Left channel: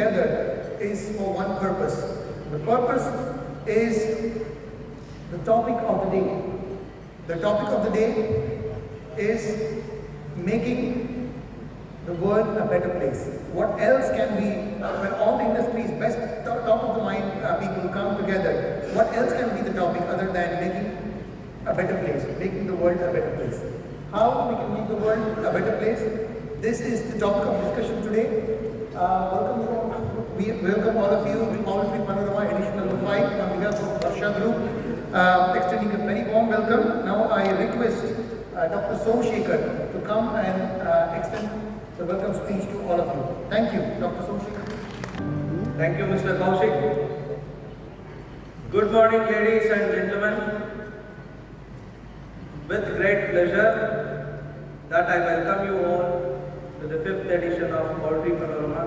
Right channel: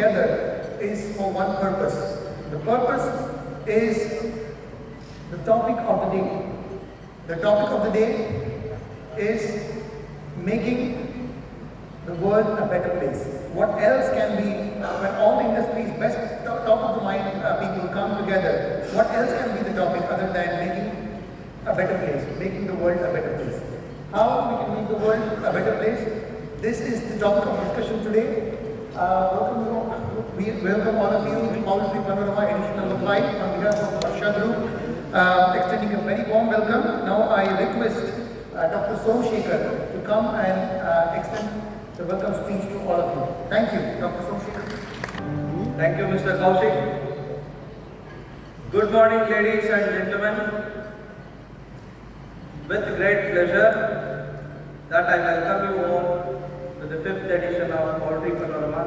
together is for one purpose. The purpose is the topic of the day. The topic of the day is making the world a better place. What else can be, when all the industry's best top of the mind people come together, what else can be the topic other than making a better place, making the world a better place? How we can make the world a better place? This is the topic of discussion today. We welcome all of you to Poetry Panorama edition number 5 on behalf of Varsha Group, extending a very warm welcome. Now I request Dr. Cheong to come and extend the welcome speech to all of you. Thank you, Dr. Cheong. Thank you, Mr. Kaushik. Good morning, ladies and gentlemen. With great pleasure that I welcome you all to the 5th edition of Poetry Panorama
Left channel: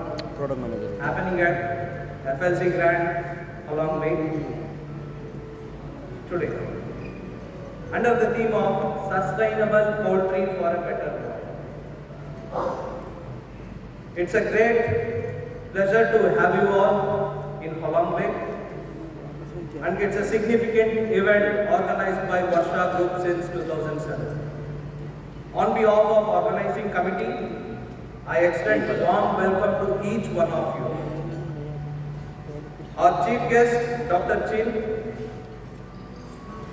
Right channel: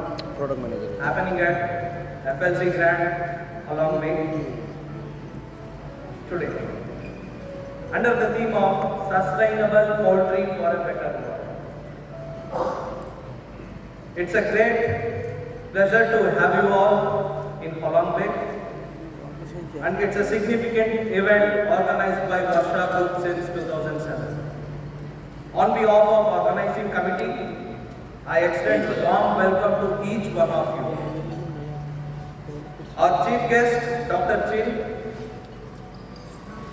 happening at FLC Grand along Way today. Under the theme of Sustainable Poetry for a Better World. It's a great pleasure to have you all in Holland Bay, and it's a significant event organized by Varsha Group since 2007. On behalf of organizing committee, I extend a warm welcome to each one of you. Our chief guest, Dr. Cheong,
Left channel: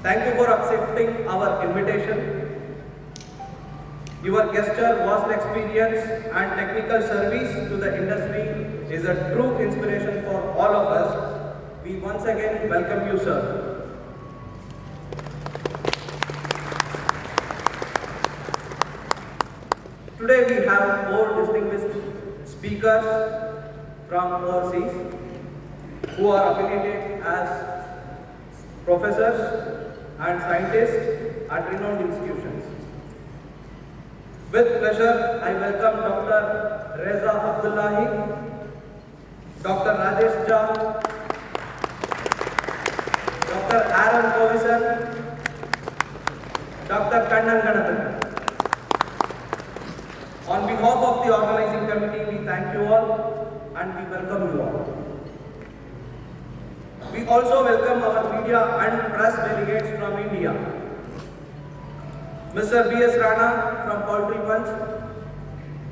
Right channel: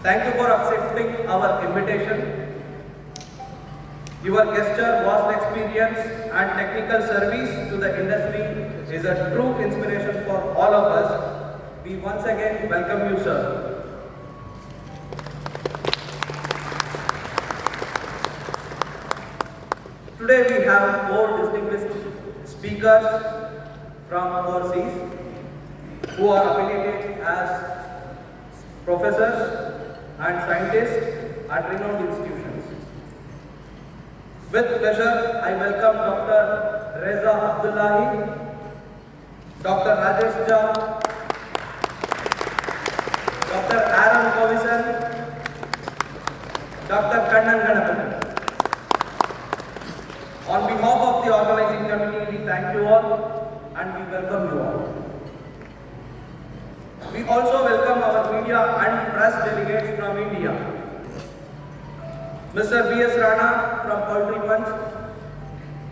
thank you for accepting our invitation. Your gesture, vast experience and technical service to the industry is a true inspiration for all of us. We once again welcome you, sir. Today we have 4 distinguished speakers from overseas who are affiliated as professors and scientists at renowned institutions. With pleasure, I welcome Dr. Reza Abdullahi, Dr. Rajesh Cheong, Dr. Aaron Kovison, Dr. Kannan Ganapathy. On behalf of the organizing committee, we thank you all and we welcome you all. We also welcome our media and press delegates from India. Mr. B.S. Rana from Poetry Punch,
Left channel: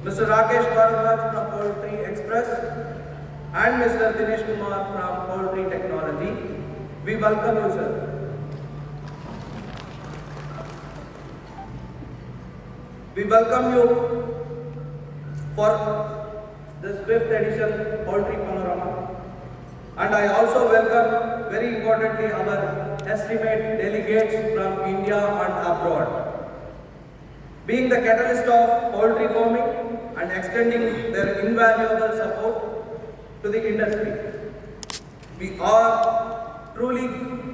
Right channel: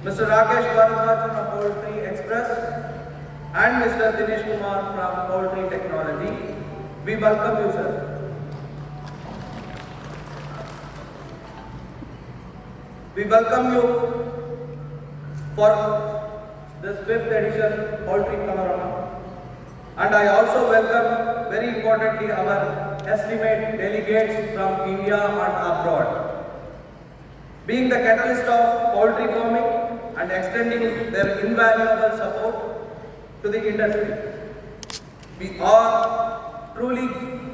Mr. Rakesh Bharadwaj from Poetry Express, and Mr. Dinesh Kumar from Poetry Technology. We welcome you, sir. We welcome you for this 5th edition Poetry Panorama. And I also welcome, very importantly, our estimate delegates from India and abroad. Being the catalyst of poetry forming and extending their invaluable support to the industry, we are truly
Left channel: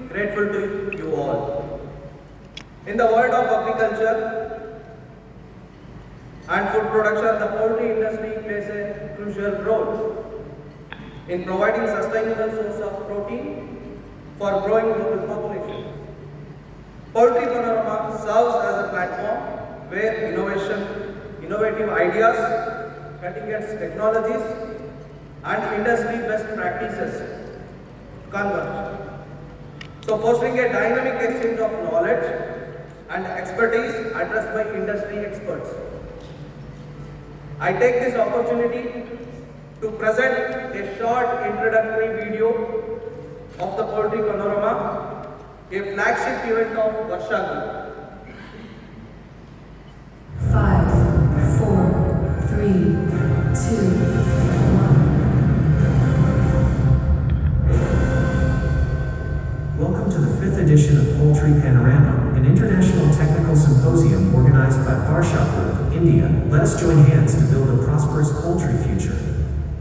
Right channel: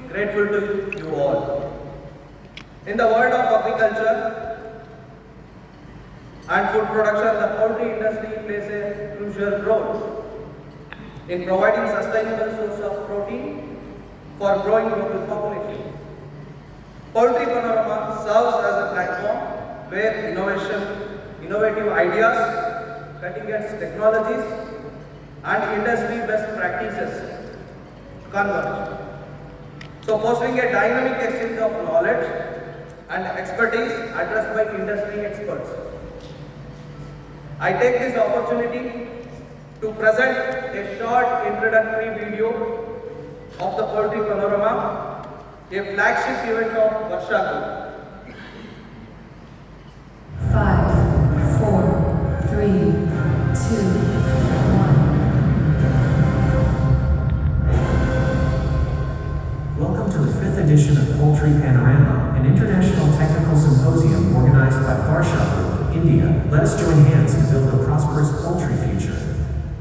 grateful to you all. In the world of agriculture and food production, the poultry industry plays a crucial role in providing sustainable source of protein for growing global population. Poetry Panorama serves as a platform where innovative ideas, cutting-edge technologies, and industry best practices converge. So, fostering a dynamic exchange of knowledge and expertise addressed by industry experts. I take this opportunity to present a short introductory video of the Poetry Panorama, a flagship event of Varsha Group. 5, 4, 3, 2, Welcome to the 5th edition of Poultry Panorama, an international technical symposium organized by Varsha Group, India. Let us join hands and build a prosperous poultry future.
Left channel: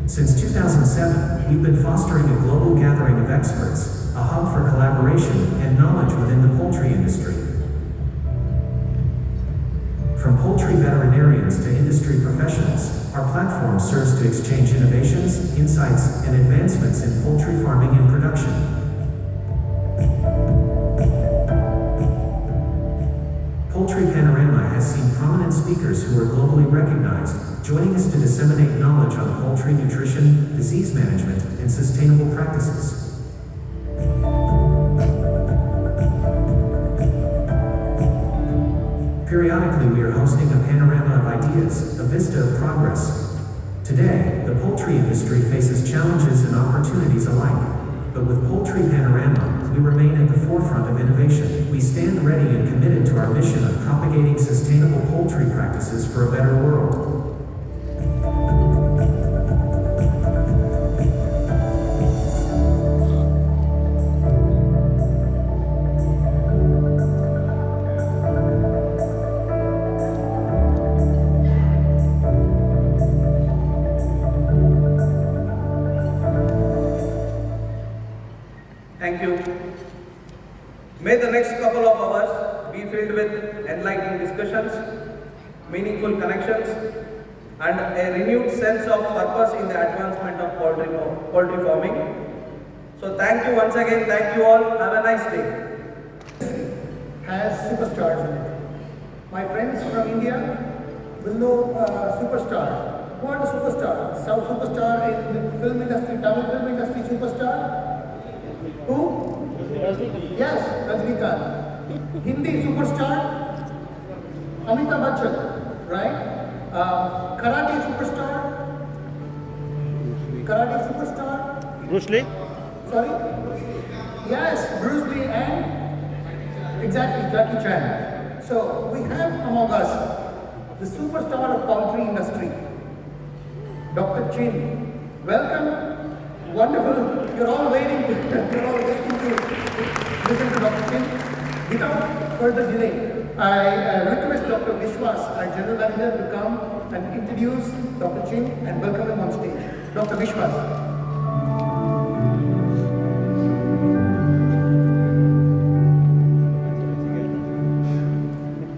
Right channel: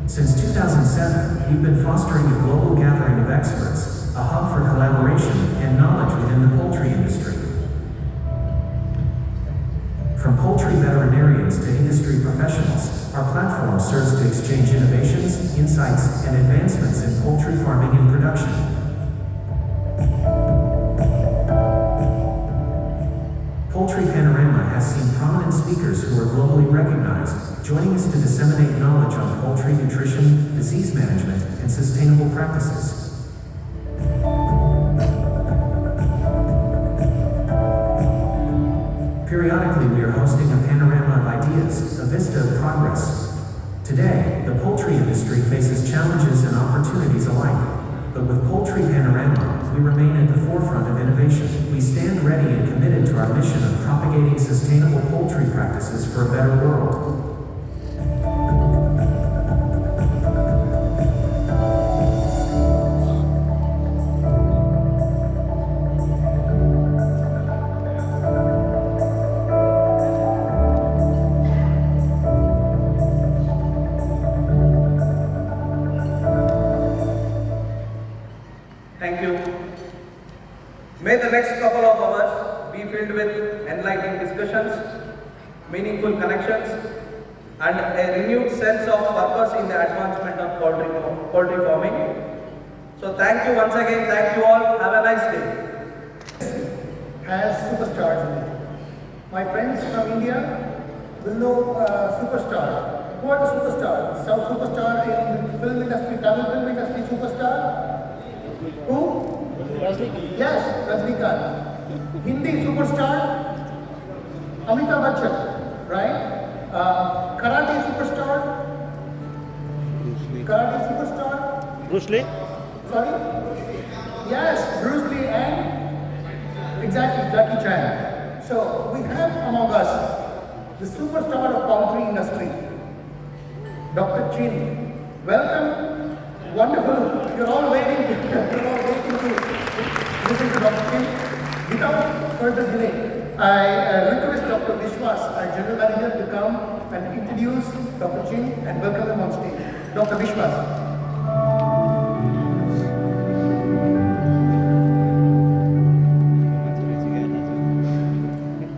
Since 2007, we've been fostering a global gathering of experts, a hub for collaboration and knowledge within the poultry industry. From poultry veterinarians to industry professionals, our platform serves to exchange innovations, insights, and advancements in poultry farming and production. Poultry Panorama has seen prominent speakers who are globally recognized, joining us to disseminate knowledge on poultry nutrition, disease management, and sustainable practices. Periodically, we are hosting a panorama of ideas, a vista of progress. Today, the poultry industry faces challenges and opportunities alike. But with Poultry Panorama, we remain at the forefront of innovation. We stand ready and committed to our mission of propagating sustainable poultry practices for a better world. Thank you. May the next couple of hours be filled with enlightening discussions, meaningful connections, and a renewed sense of purpose in the advancement of poultry farming. So thank you once again. Thank you all. Have a nice day. Has superstars in it. My friends from India will know superstar. What is superstar? South superstar in the film industry, Tamil film industry superstar. Who? Yes, Rajnikant. Hindi superstar, Amitabh Bachchan, right? Karate superstar. Karate superstar. Bruce Lee? Sorry? Yes, Bruce Lee and exactly Jackie Chan. So we have among us the superstar of poultry industry, Dr. Chin. Welcome. Wonderful. You're all waiting to listen to Dr. Chin. Without further delay, I request Dr. Vishwas, our General Manager, to come and introduce Dr. Chin and welcome him on stage. Dr. Vishwas.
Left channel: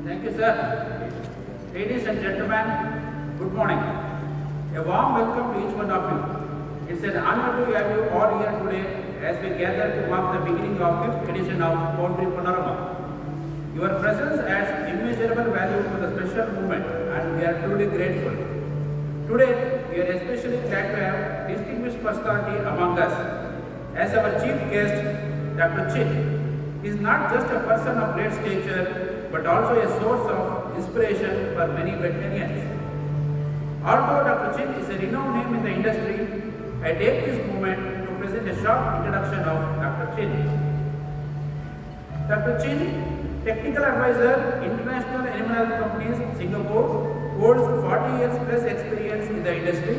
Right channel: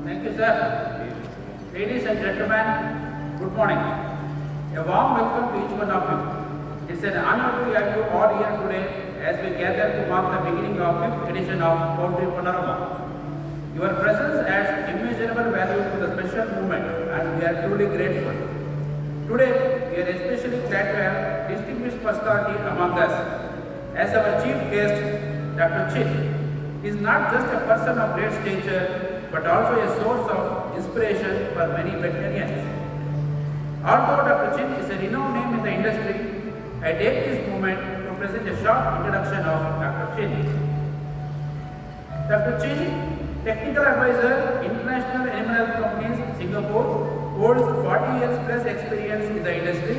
Thank you, sir. Ladies and gentlemen, good morning. A warm welcome to each one of you. It's an honor to have you all here today as we gather to mark the beginning of 5th edition of Poultry Panorama. Your presence adds immeasurable value to the special movement and we are truly grateful. Today, we are especially glad to have distinguished personality among us. As our chief guest, Dr. Chin is not just a person of great stature but also a source of inspiration for many veterinarians. Although Dr. Chin is a renowned name in the industry, I take this moment to present a short introduction of Dr. Chin. Dr. Chin, Technical Advisor, International Animal Health Companies, Singapore, holds 40 years plus experience in the industry.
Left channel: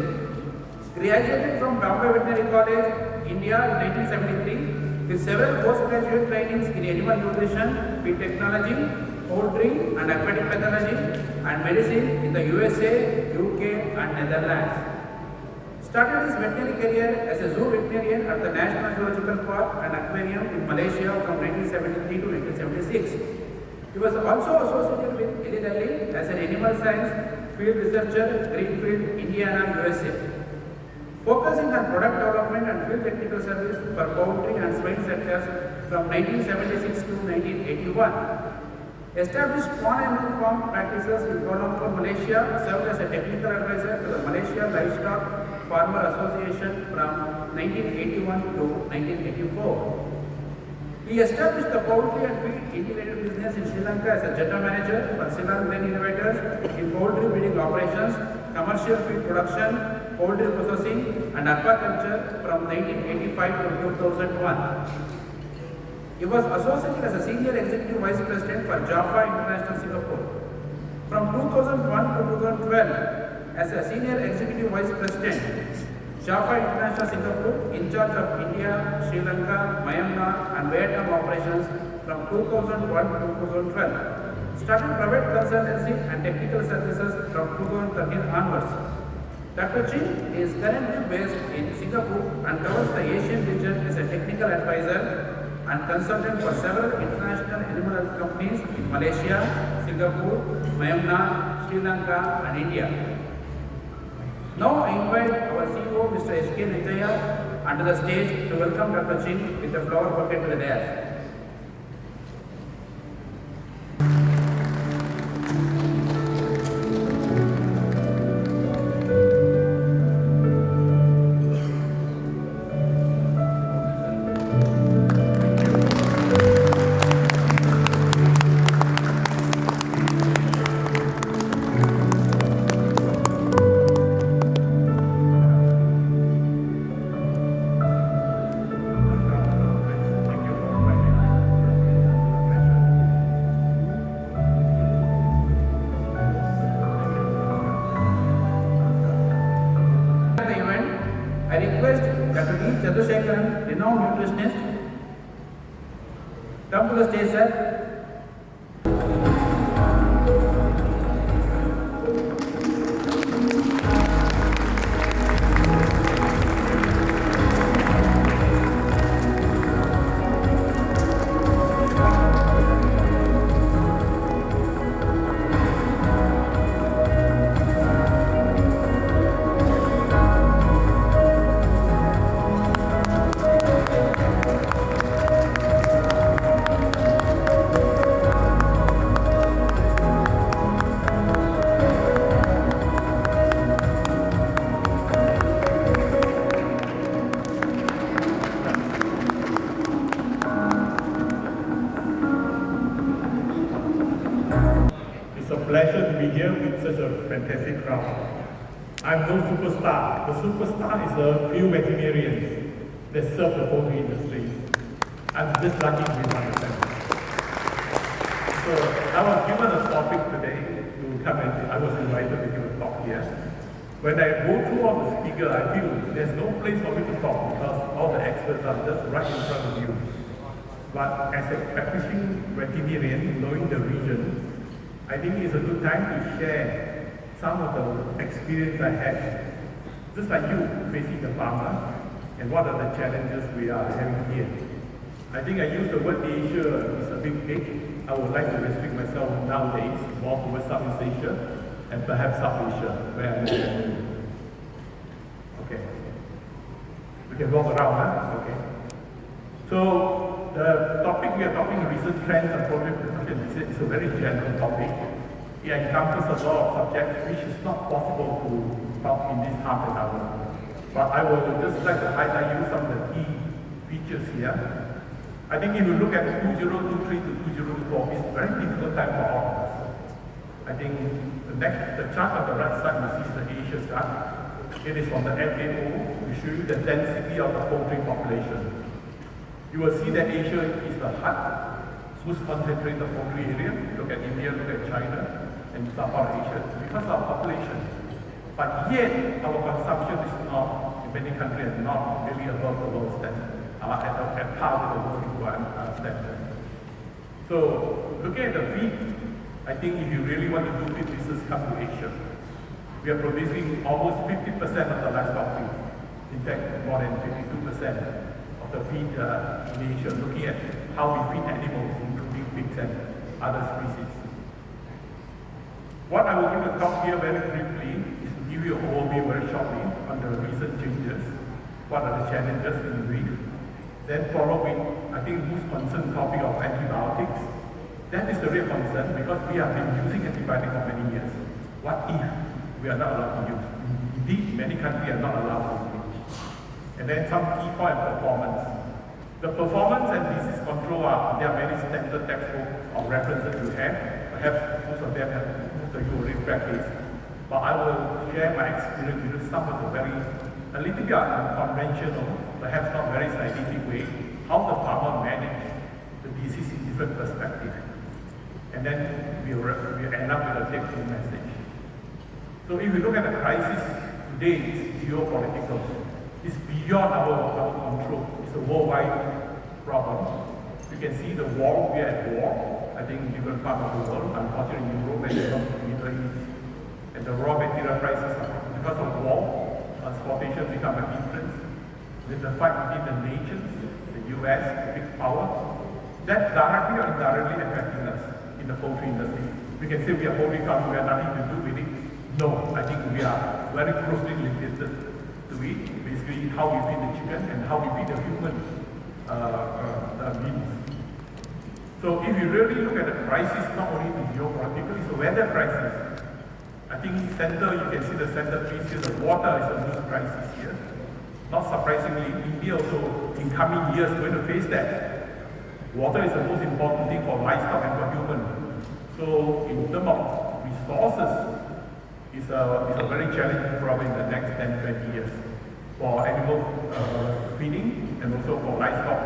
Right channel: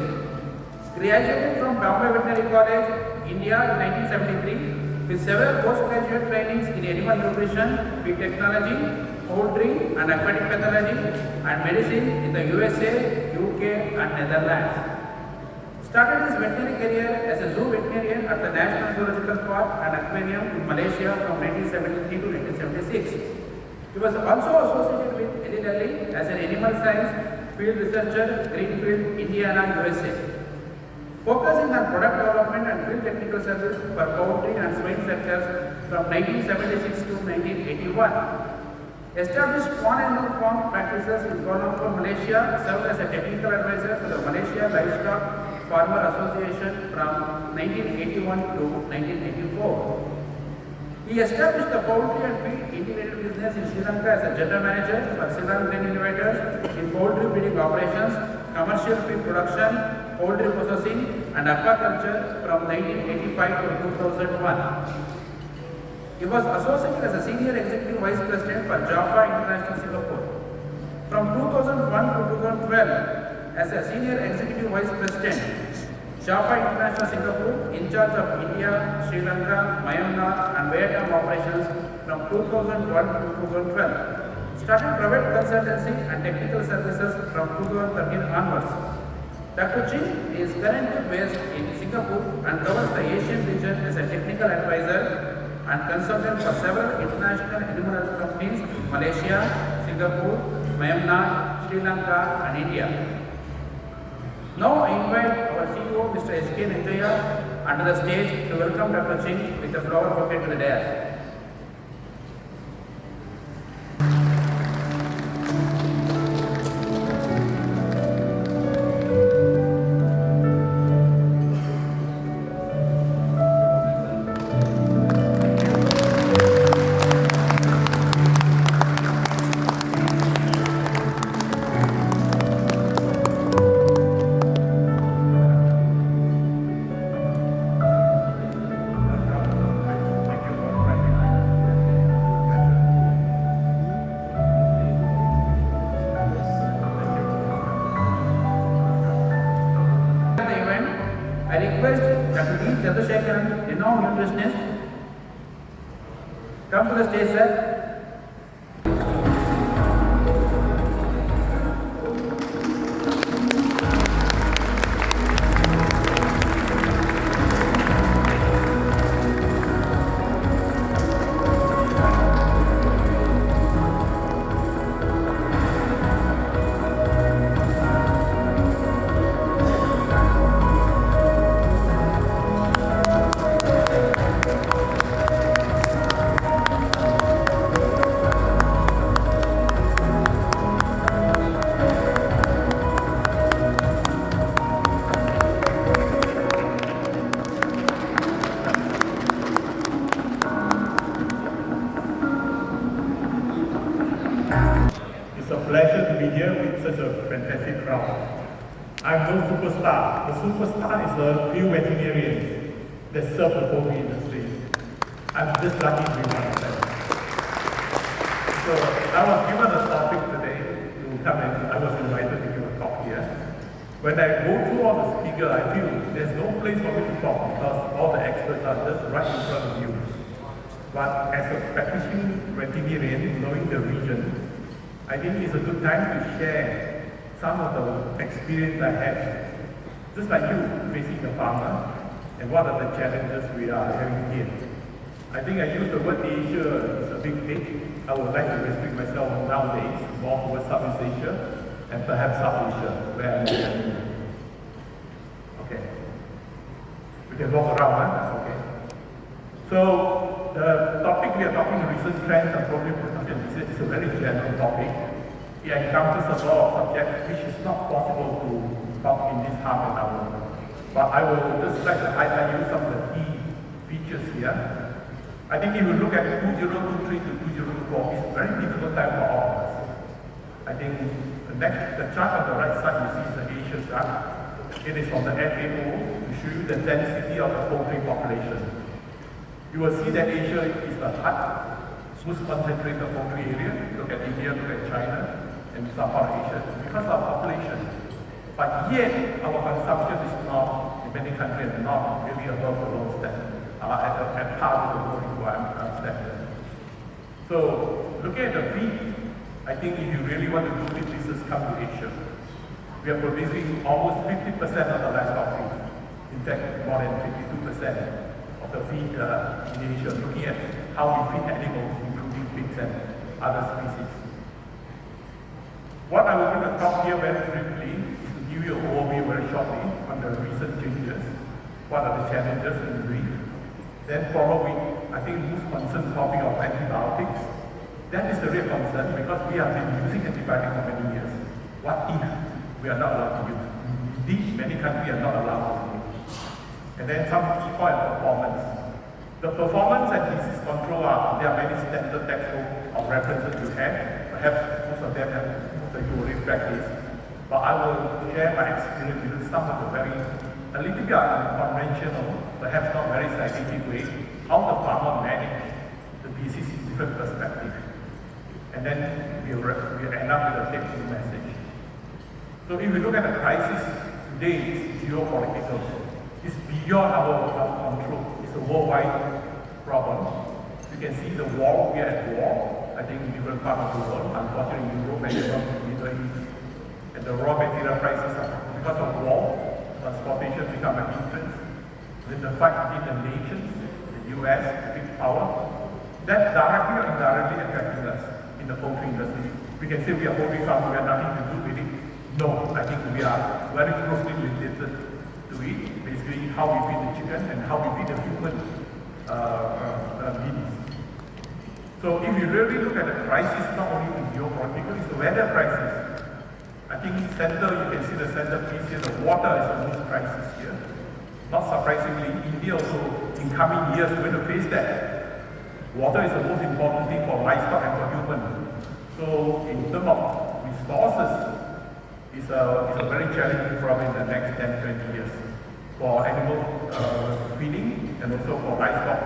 Graduated from Bombay Veterinary College, India in 1973, with several postgraduate trainings in animal nutrition, feed technology, poultry and aquatic pathology, and medicine in the USA, UK, and Netherlands. Started his veterinary career as a zoo veterinarian at the National Zoological Park and Aquarium in Malaysia from 1973 to 1976. He was also associated with Eli Lilly as an animal science field researcher, Greenfield, Indiana, USA. Focusing on product development and field technical service for poultry and swine sectors from 1976 to 1981. Established spawn animal farm practices in Kuala Lumpur, Malaysia, served as a technical advisor to the Malaysia Livestock Farmer Association from 1981 to 1984. He established the poultry and feed integrated business in Sri Lanka as a general manager for Sri Lankan innovators in poultry breeding operations, commercial feed production, poultry processing, and aquaculture from 1985 to 2001. He was associated as a senior executive vice president for Jaffa International Singapore. From 2001 to 2012, as a senior executive vice president, Jaffa International Singapore, in charge of India, Sri Lanka, Myanmar, and Vietnam operations from 2001 to 2012. Started private consultancy and technical services from 2013 onwards. Dr. Chin is currently based in Singapore and covers the Asian region as a technical advisor and consultant for several international animal health companies in Malaysia, Singapore, Myanmar, Sri Lanka, and India. Now I invite our CEO, Mr. S.K. Nithya, onto the stage to welcome Dr. Chin with a flower bouquet to the dais. I request Dr. D. Chandrasekharan, renowned nutritionist, come to the stage, sir. It's a pleasure to be here with such a fantastic crowd. I'm no superstar. The superstar is the few veterinarians that serve the poultry industry. I'm just lucky to be myself. So I was given a topic today to come and I was invited to give a talk here. When I go through all the speakers, I feel there's no place for me to talk because all the experts are just right in front of you. But as a practicing veterinarian, knowing the region, I think it's a good time to share some of the experience I had, just like you, facing the farmer, and what are the challenges we are having here. I think I use the word Asia is a big hit. I would like to restrict myself nowadays more towards Southeast Asia and perhaps South Asia, where I live. Okay. We can walk around, huh? Okay. So the topic we are talking, the recent trends of poultry production, is a very general topic. It encompasses a lot of subjects which is not possible to talk in this half an hour. But I will just like to highlight you some of the key features here. I think if you look at 2023 to 2024, it's a very difficult time for all of us. I think the chart on the right side you see is the Asia chart. It is from the FAO to show you the density of the poultry population. You will see that Asia is the hut, most concentrated poultry area. Look at India, look at China, and some part of Asia, because of population. But yet, our consumption is not, in many countries, not really above the world standard, at par with the world standard. So, looking at the feed, I think if you really want to do feed business, come to Asia. We are producing almost 50% of the livestock feed. In fact, more than 52%. Of the feed in Asia, looking at how we feed animals, including pigs and other species. What I will do to talk here very briefly is to give you an overview very shortly on the recent changes, what are the challenges in brief. Then probably, I think most concerned topic of antibiotics. That is the real concern because we have been using antibiotics for many years. What if we are not allowed to use? Indeed, many countries are not allowed to use. And then some key point performance. The performance and disease control there are very standard textbook or references we have. Perhaps most of them have most of you already practiced. But I will share my experience with some of the very a little bit unconventional, perhaps not very scientific way, how the farmer manage the disease in different perspectives. And then we end up with a take-home message. So if we look at the crisis today, it's geopolitical. It's beyond our control. It's a worldwide problem. You can see the war, we are at war, I think in different parts of the world, unfortunately in Europe and Europe, Middle East. And the raw material prices are, because of war, transportation become an influence. With the fight between the nations, the US, the big power, that directly or indirectly affecting us in the poultry industry. We can say we are poultry farmers, we have nothing to do with it. No, I think we are very closely related to it. Basically, how we feed the chicken and how we feed the human beings. So if you really look at the crisis, not only in geopolitical, it's the weather crisis. I think in center, you can see the center piece here, the water is the most crisis here. Not surprisingly, India also, in coming years, going to face that. Water is the most important thing for livestock and for human. So in terms of resources, it's a very challenging problem in the next 10, 20 years. For animal feeding and also for livestock,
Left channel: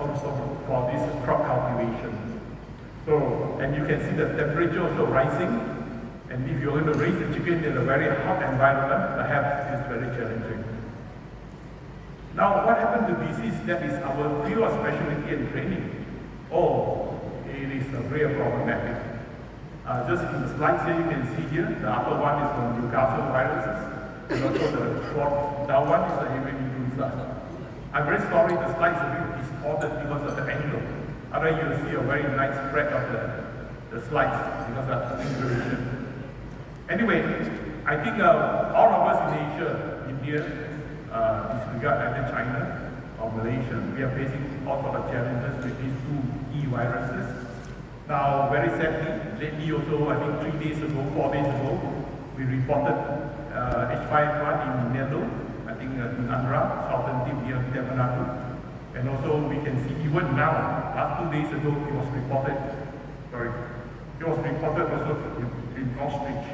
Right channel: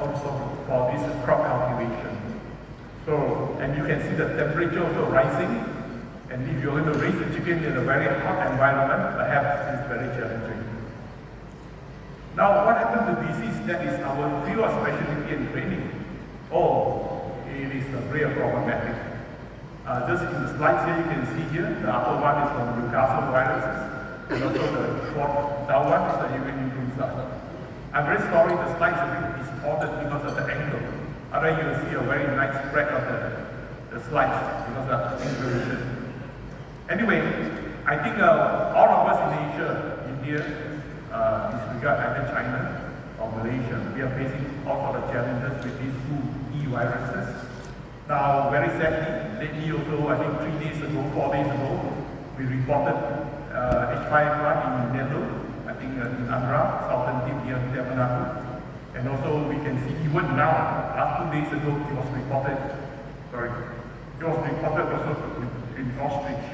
also for this crop cultivation. So, and you can see the temperature also rising. And if you're going to raise the chicken in a very hot environment, perhaps it's very challenging. Now, what happened to disease? That is our field of specialty and training. Oh, it is a real problematic. Just in the slides here, you can see here, the upper one is from Newcastle viruses, and also the short down one is the avian influenza. I'm very sorry the slides are a bit distorted because of the angle. Otherwise, you will see a very nice spread of the slides because of the resolution. Anyway, I think all of us in Asia, India, disregard either China or Malaysia, we are facing all sorts of challenges with these two key viruses. Now, very sadly, lately also, I think 3 days ago, 4 days ago, we reported H5N1 in Nelo, I think in Andhra, southern tip near Tamil Nadu. And also we can see even now, last 2 days ago, it was reported also in Ostrich.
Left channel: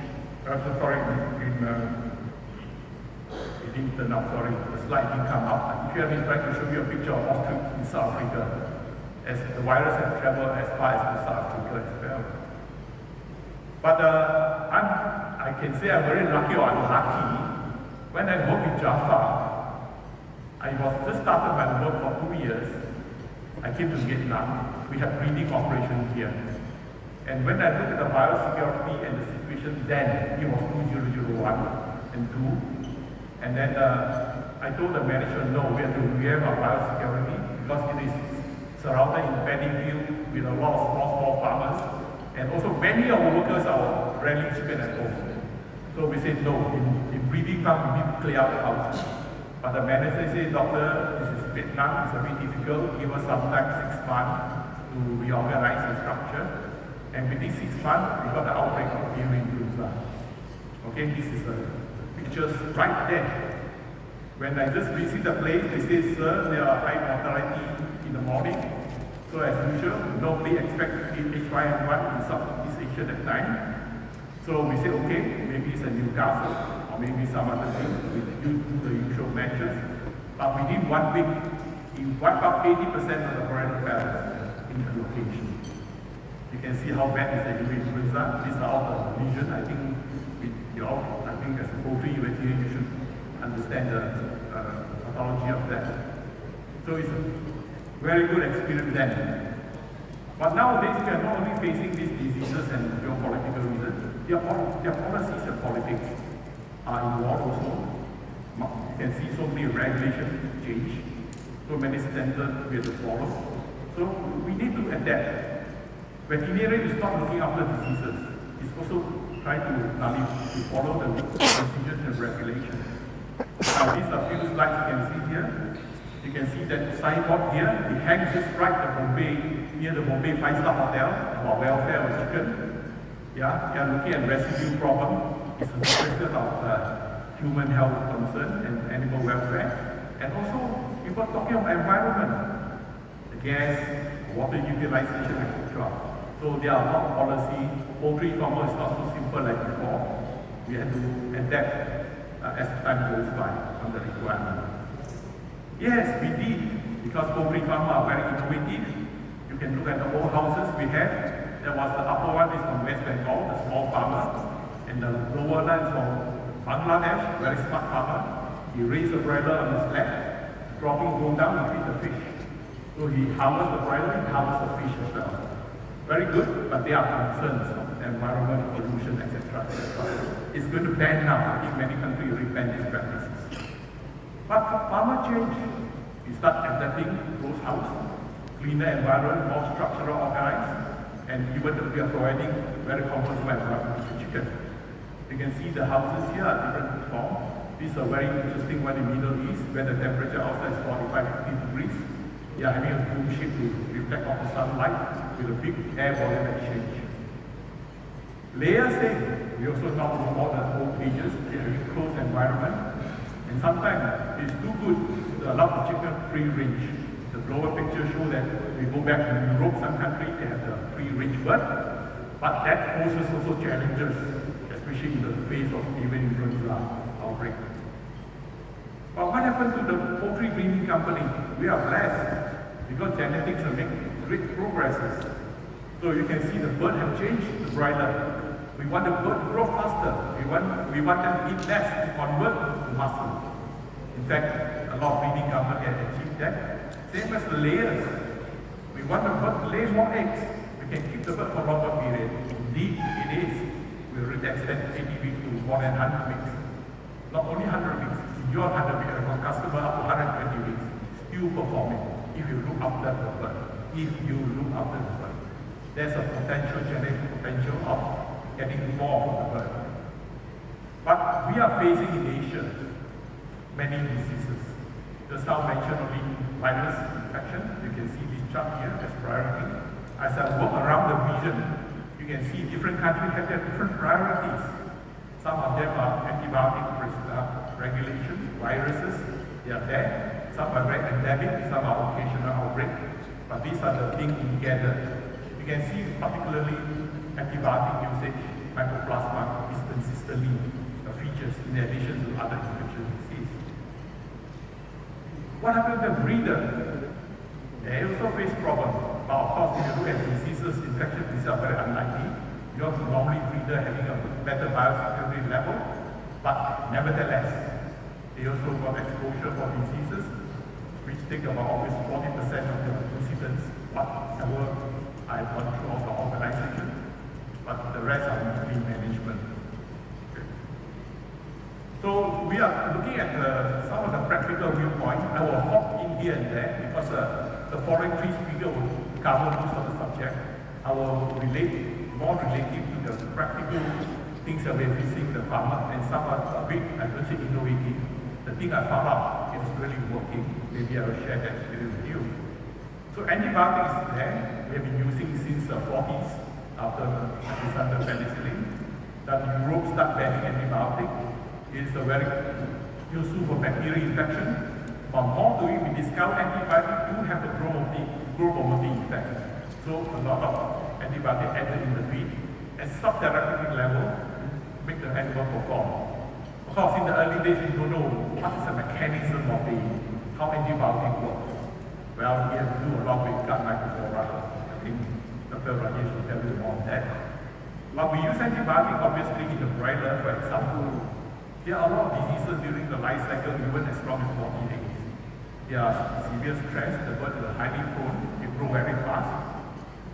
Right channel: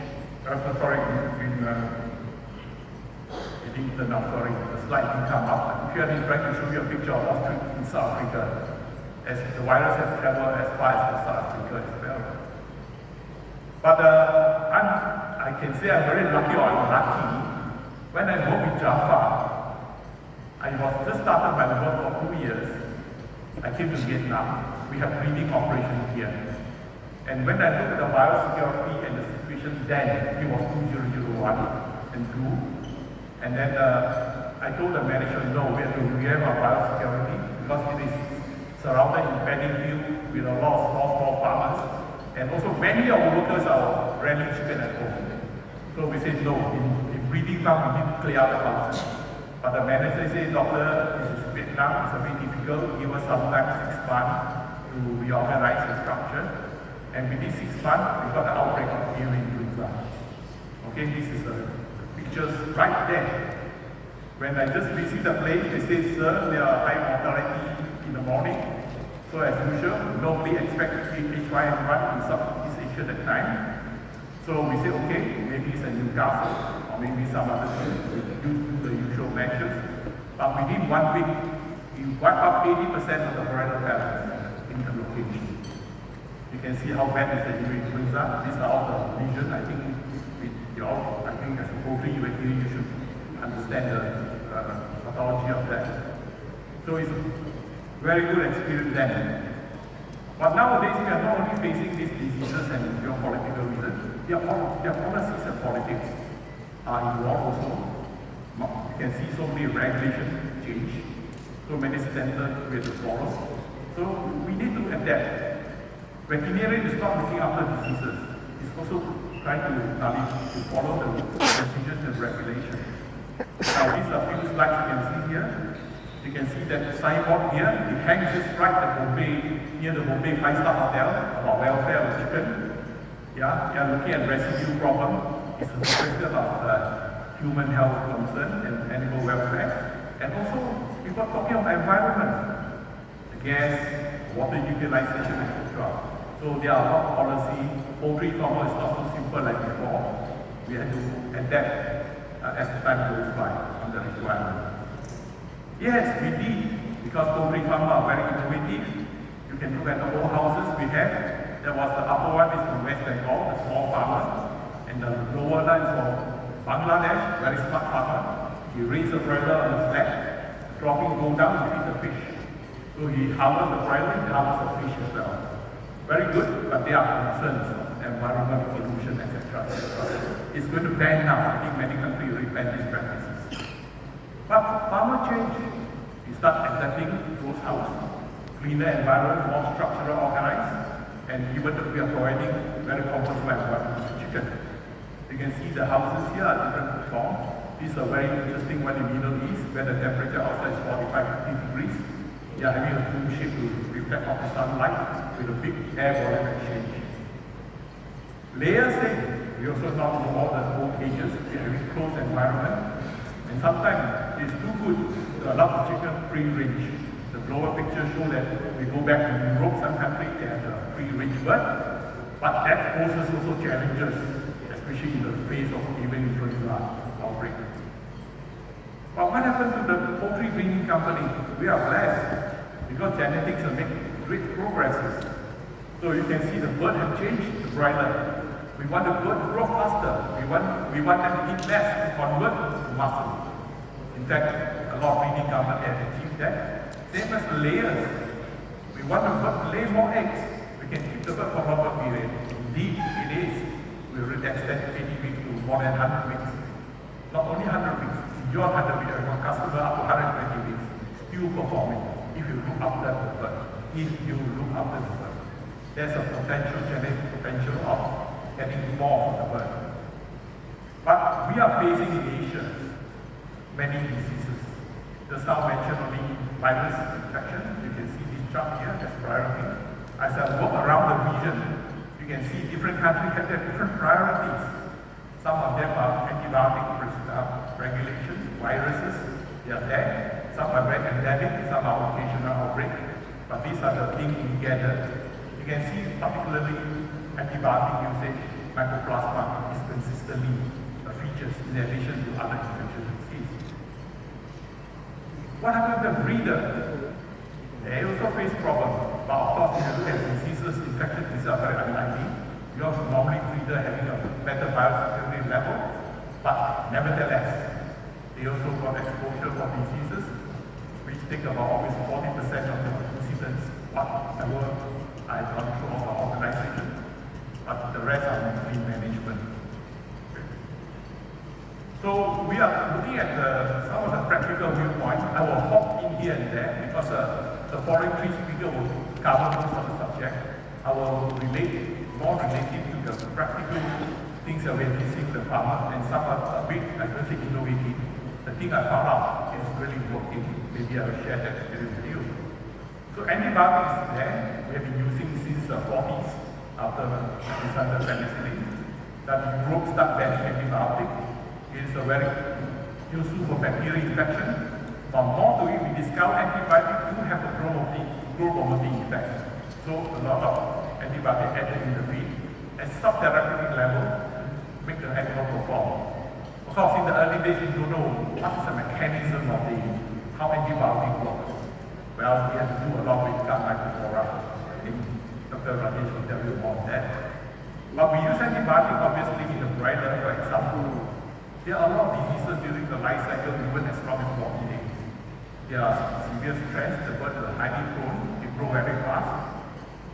It didn't turn up, sorry, the slide didn't come up. Here I'm trying to show you a picture of Ostrich in South Africa, as the virus has traveled as far as South Africa as well. But I can say I'm very lucky or unlucky. When I worked with Jaffa, I was just started my work for 2 years. I came to Vietnam. We had breeding operation here. And when I looked at the biosecurity and the situation then, it was 2001 and 2. And then I told the manager, no, we have our biosecurity because it is surrounded in paddy field with a lot of small farmers. And also many of the workers are running chicken at home. So we said, no, in breeding farm, we need to clear out the house. But the manager said, doctor, this is Vietnam, it's a bit difficult. Give us some time, 6 months, to reorganize the structure. And within 6 months, we got the outbreak of avian influenza. Okay, this is the pictures right there. When I just visit the place, they say, sir, there are high mortality in the morning. So as usual, nobody expected H5N1 in Southeast Asia at that time. So we say, okay, maybe it's a Newcastle, or maybe some other thing, we do the usual measures. But within 1 week, you wipe out 80% of the varietal virus in the location. You can see how bad is the avian influenza. These are all the lesions. I think I think as a poultry evacuation, you should understand the pathology of that. So it's a very good experience then. But nowadays, we are not only facing these diseases and geopolitical reasons, their policies and politics are involved also. You can see so many regulations change, so many standards we have to follow. So we need to adapt. Veterinarian is not looking after diseases. It's also trying to follow the procedures and regulations. Now these are few slides you can see here. You can see that the signboard here, it hangs just right at Bombay, near the Bombay 5-star hotel, about welfare of chicken. Yeah, they are looking at residue problem. It's a question of human health concern and animal welfare. And also, people are talking of environment, gas, water utilization, etc. So there are a lot of policy. Poultry farmer is not so simple like before. We have to adapt as time goes by on the requirement. Yes, we did, because poultry farmers are very innovative. You can look at the old houses we had. There was the upper one is from West Bengal, the small farmer, and the lower one is from Bangladesh, very smart farmer. He raised the broiler on his leg, dropping go down and feed the fish. So he harvests the broiler and harvests the fish as well. Very good, but there are concerns, environmental pollution, etc. It's going to ban now. I think many countries already ban these practices. But farmer change. We start adapting those houses, cleaner environment, more structural organized, and even we are providing very comfortable environment to chicken. You can see the houses here are different forms. These are very interesting one in the Middle East, where the temperature outside is 45-50 degrees. We are having a clean sheet to reflect off the sunlight with a big air volume exchange. Layer thing, we also talk about all the old cages, we have a closed environment, and sometimes it's too good to allow the chicken free range. The lower picture shows that we go back to Europe, some countries they have the free range bird, but that poses also challenges, especially in the face of avian influenza outbreak. But what happened to the poultry breeding company? We are blessed because genetics are making great progresses. So you can see the bird have changed the broiler. We want the bird to grow faster. We want them to eat less to convert to muscle. In fact, a lot of leading companies have achieved that. Same as layers. We want the bird to lay more eggs. We can keep the bird for longer period. Indeed, it is. We will extend 80 weeks to more than 100 weeks. Not only 100 weeks, beyond 100 weeks, I got customer up to 120 weeks, still performing if you look after the bird. If you look after the bird. There's a potential, genetic potential of getting more from the bird. But we are facing in Asia many diseases. Just now mentioned only virus infection. You can see this chart here as priority. As I walk around the region, you can see different countries have their different priorities. Some of them are antibiotic regulation, viruses, they are there. Some are very endemic, some are occasional outbreak. But these are the things we gather. You can see particularly antibiotic usage, mycoplasma is consistently features in addition to other infectious diseases. What happened to the breeder? They also face problems. But of course, if you look at diseases, infection is very unlikely. Because normally breeder having a better biosecurity level, but nevertheless, they also got exposure for diseases, which take about almost 40% of the incidents, whatever I gone through of our organization, but the rest are in management. So we are looking at some of the practical viewpoints. I will hop in here and there because the foreign key speaker will cover most of the subject. I will relate more relating to the practical things that we're facing the farmer, and some are a bit, I don't say innovative. The thing I found out is really working. Maybe I will share that experience with you. So antibiotics is there. We have been using since the 40s after the penicillin. That Europe started banning antibiotics. It's a very useful for bacterial infection. But more to it, we discover antibiotics do have a growth-promoting effect. So a lot of antibiotics added in the feed at subtherapeutic level make the animal perform. Of course, in the early days, you don't know what is the mechanism of how antibiotics work. Well, we have to do a lot with gut microflora. I think Dr. Rajesh will tell you more on that. But we use antibiotics obviously in the broiler, for example. There are a lot of diseases during the life cycle, even as long as 40 days. There are severe stress, the birds are highly prone, they grow very fast.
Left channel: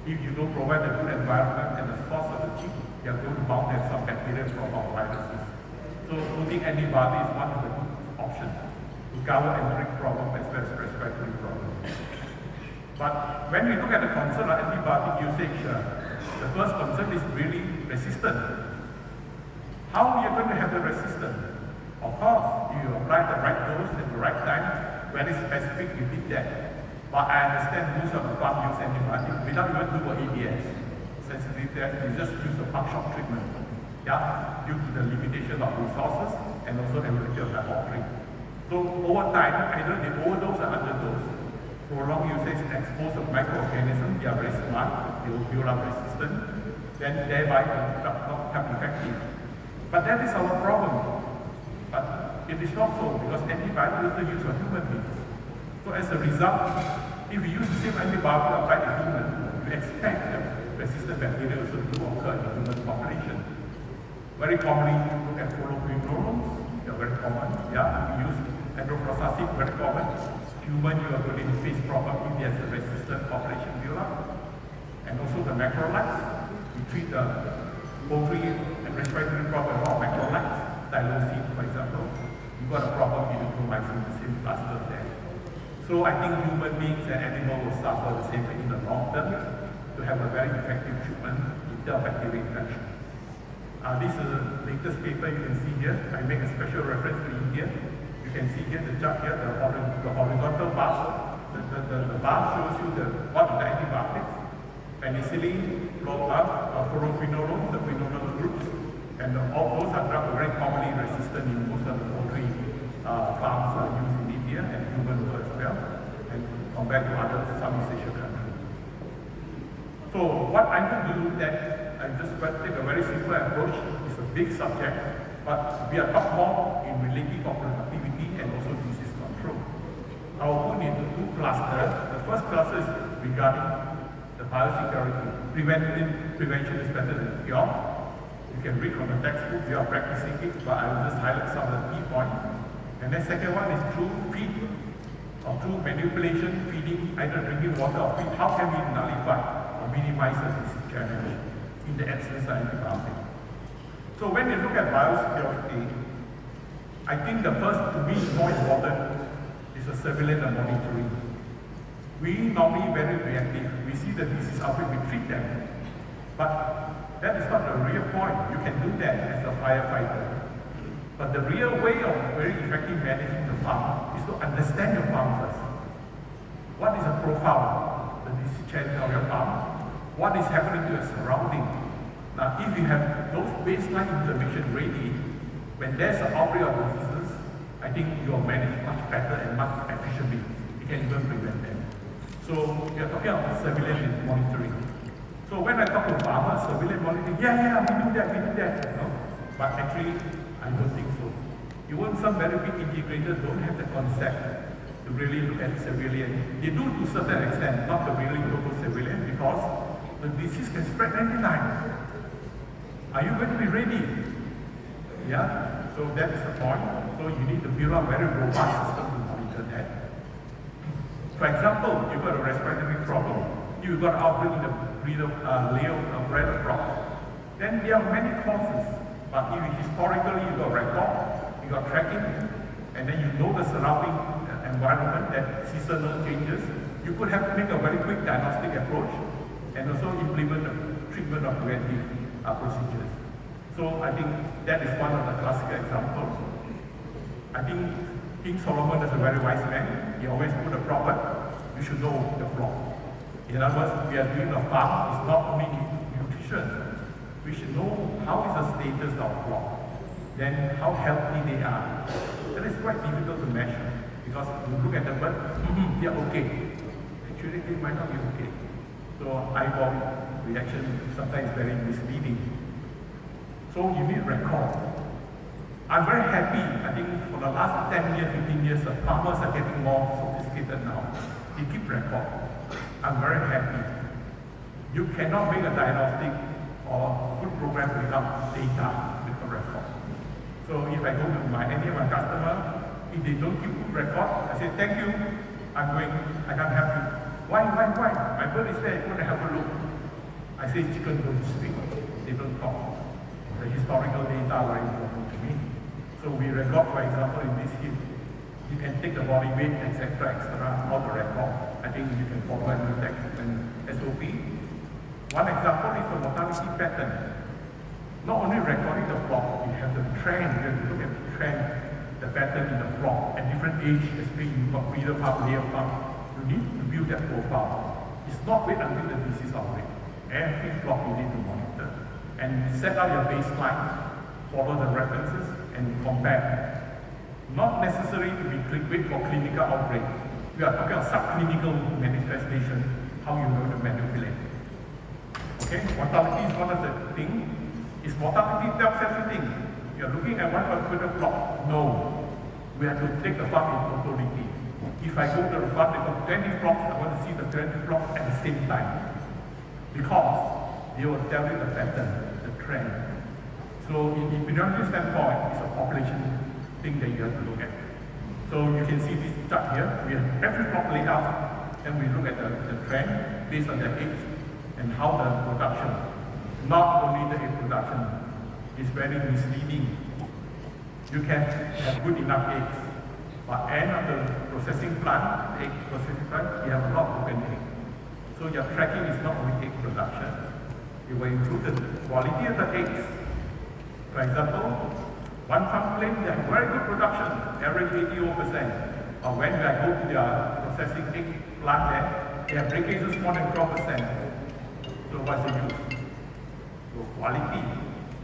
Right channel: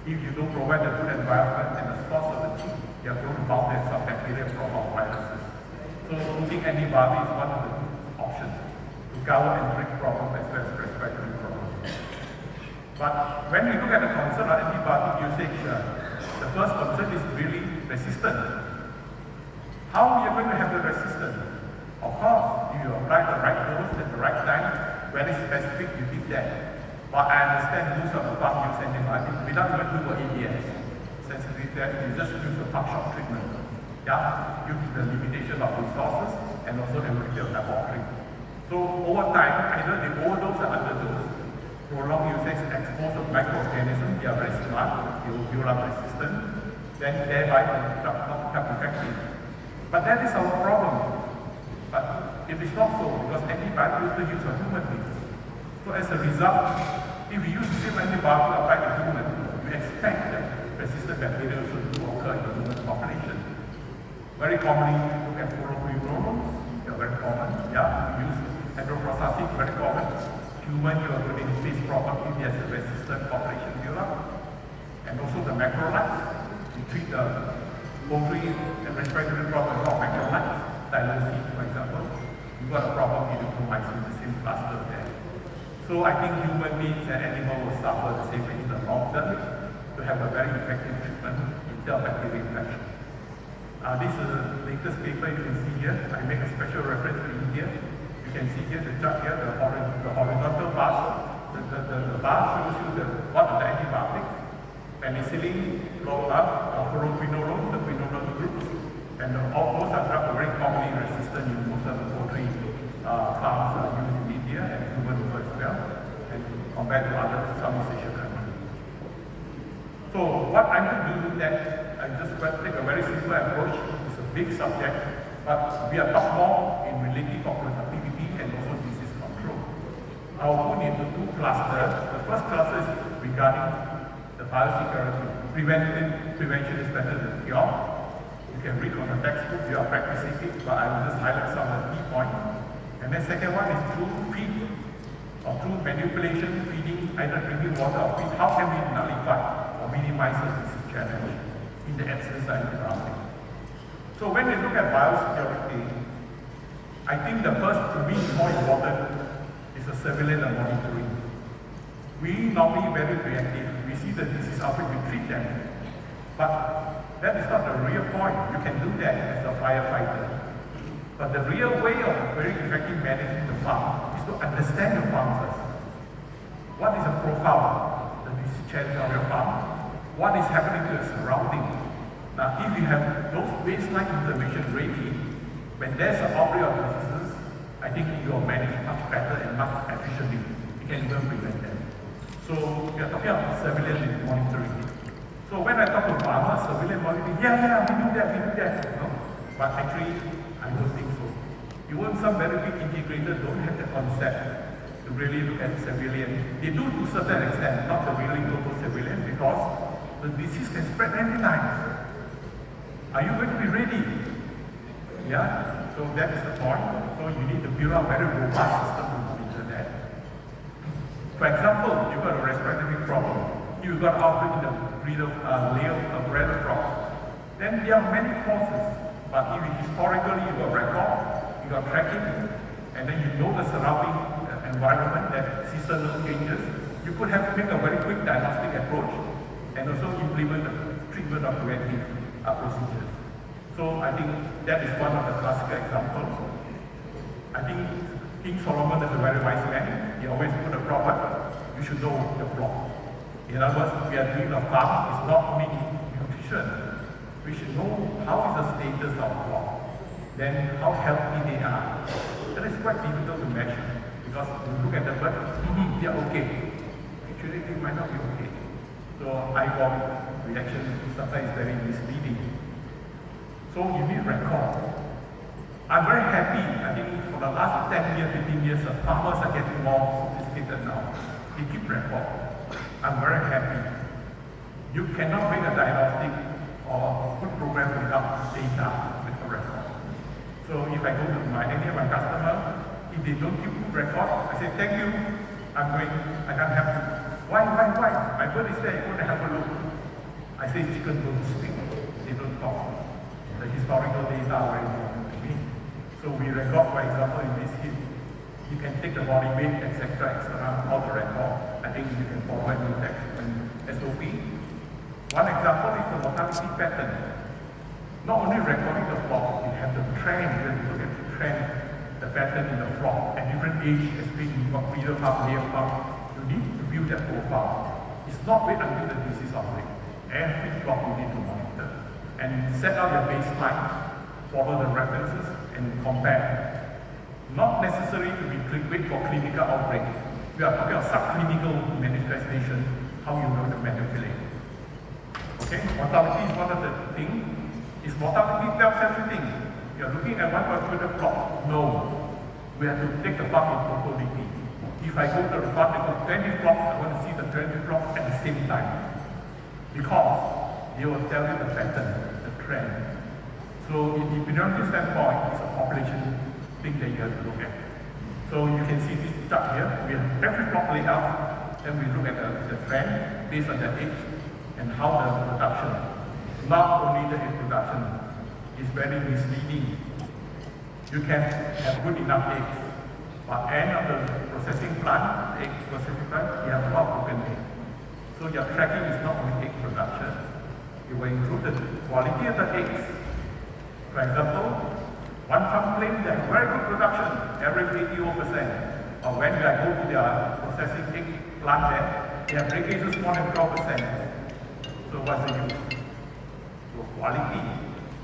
If you don't provide a good environment and a source of the chick, they are going to bound have some bacteria or viruses. So using antibiotics is one of the options to cover endemic problems as well as respiratory problems. But when we look at the concern of antibiotic usage, the first concern is really resistance. How we are going to have the resistance? Of course, if you apply the right dose at the right time, very specific, you did that. But I understand most of the farm use antibiotics without even doing ABS. Sensitive test, we just use the pump shot treatment. Yeah, due to the limitation of resources and also the ability of laboratory. So over time, either they overdose or underdose. Prolonged usage expose of microorganisms, they are very smart, they will build up resistance, then thereby not become effective. But that is our problem. But it is not so, because antibiotics also used for human beings. So as a result, if you use the same antibiotic applied to humans, you expect that resistant bacteria to occur in the human population. Very commonly, look at fluoroquinolones, they're very common. Yeah, we use hydrofluorostic, very common. Human, you are going to face probably there's a resistant population build-up. And also the macrolides, we treat the poultry and respiratory problem of macrolides, tylosin, for example. You've got a problem with erythromycin, the same cluster there. So I think human beings and animals will suffer the same thing in the long term to have a very effective treatment in terms of bacterial infection. This is the latest paper you can see here. I make a special reference to India. You can see here the chart here, the horizontal bars. The bar shows you what are the antibiotics. Penicillin, fluoroquinolones, the quinolone groups, and all those are drugs very commonly resistant in most of the poultry farms are used in India and human as well, and compared to other Southeast Asian countries. So what I'm going to do that I just take a very simple approach. It's a big subject, but we are talking more in relative of productivity and also disease control. I'll put into two clusters. The first cluster is regarding the biosecurity. Prevention is better than cure. You can read from the textbook, we are practicing it, but I will just highlight some of the key points. And then second one is through feed or through manipulation, feeding, either drinking water or feed. How can we nullify or minimize the disease challenge in the absence of antibiotics? So when we look at biosecurity, I think the first, to me, more important is the surveillance and monitoring. We normally very reactive. We see the disease outbreak, we treat them. But that is not the real point. You can do that as a firefighter. But the real way of very effective managing the farm is to understand the farm first. What is the profile, the disease challenge of your farm? What is happening to your surrounding? Now, if you have those baseline information ready, when there's an outbreak of diseases, I think you will manage much better and much efficiently. You can even prevent them. So we are talking about surveillance and monitoring. So when I talk to farmers, surveillance monitoring, yeah, we do that. No? But actually, I don't think so. Even some very big integrators don't have the concept to really look at surveillance. They do to a certain extent, not the really global surveillance, because the disease can spread anytime. Are you going to be ready? Yeah? So that is the point. So you need to build a very robust system to monitor that. For example, you've got a respiratory problem. You've got outbreak in the breed of layer of red crops. Then there are many causes. But if historically you got record, you got tracking, and then you know the surrounding environment, that seasonal changes, you could have to make a very quick diagnostic approach and also implement the treatment of preventive procedures. So I think that is one of the classical examples. I think King Solomon is a very wise man. He always put a proverb, we should know the flock. In other words, we are doing a farm, it's not only nutrition. We should know how is the status of flock, then how healthy they are. That is quite difficult to measure because you look at the bird, they are okay. Actually, they might not be okay. So eyeball reaction sometimes is very misleading. So you need record. I'm very happy. I think for the last 10 years, 15 years, the farmers are getting more sophisticated now. They keep record. I'm very happy. You cannot make a diagnostic or good program without data with a record. So if I go to any of my customer, if they don't keep good record, I say, thank you, I can't help you. Why? My bird is there, go and have a look. I say, chicken don't speak, they don't talk. The historical data are very important to me. So we record, for example, in this case, you can take the body weight, etc., all the record. I think you can provide with that and SOP. One example is the mortality pattern. Not only recording the flock, we have the trend, when we look at the trend, the pattern in the flock at different age, especially you've got breeder pup, layer pup, you need to build that profile. It's not wait until the disease outbreak. Every flock you need to monitor. And set out your baseline, follow the references, and compare. Not necessary to wait for clinical outbreak. We are talking about subclinical manifestation, how you know to manipulate. Okay, mortality is one of the things. Is mortality tells everything? You're looking at one particular flock. No. We have to take the farm in totality. If I go to the farm, they got 20 flocks, I want to see the 20 flocks at the same time. Because they will tell you the pattern, the trend. So in epidemiology standpoint, it's a population thing that you have to look at. So you can see this chart here. We have every flock laid out, then we look at the trend based on their age, and how the production, not only the reproduction, is very misleading. You can have good enough eggs, but end of the processing plant, egg processing plant, you have a lot of broken eggs. So your tracking is not only egg production, it will improve the quality of the eggs. For example, one farm claims they have very good production, average 81%. But when I go to their processing egg plant there, they have breakages more than 12%. So what's the use? So quality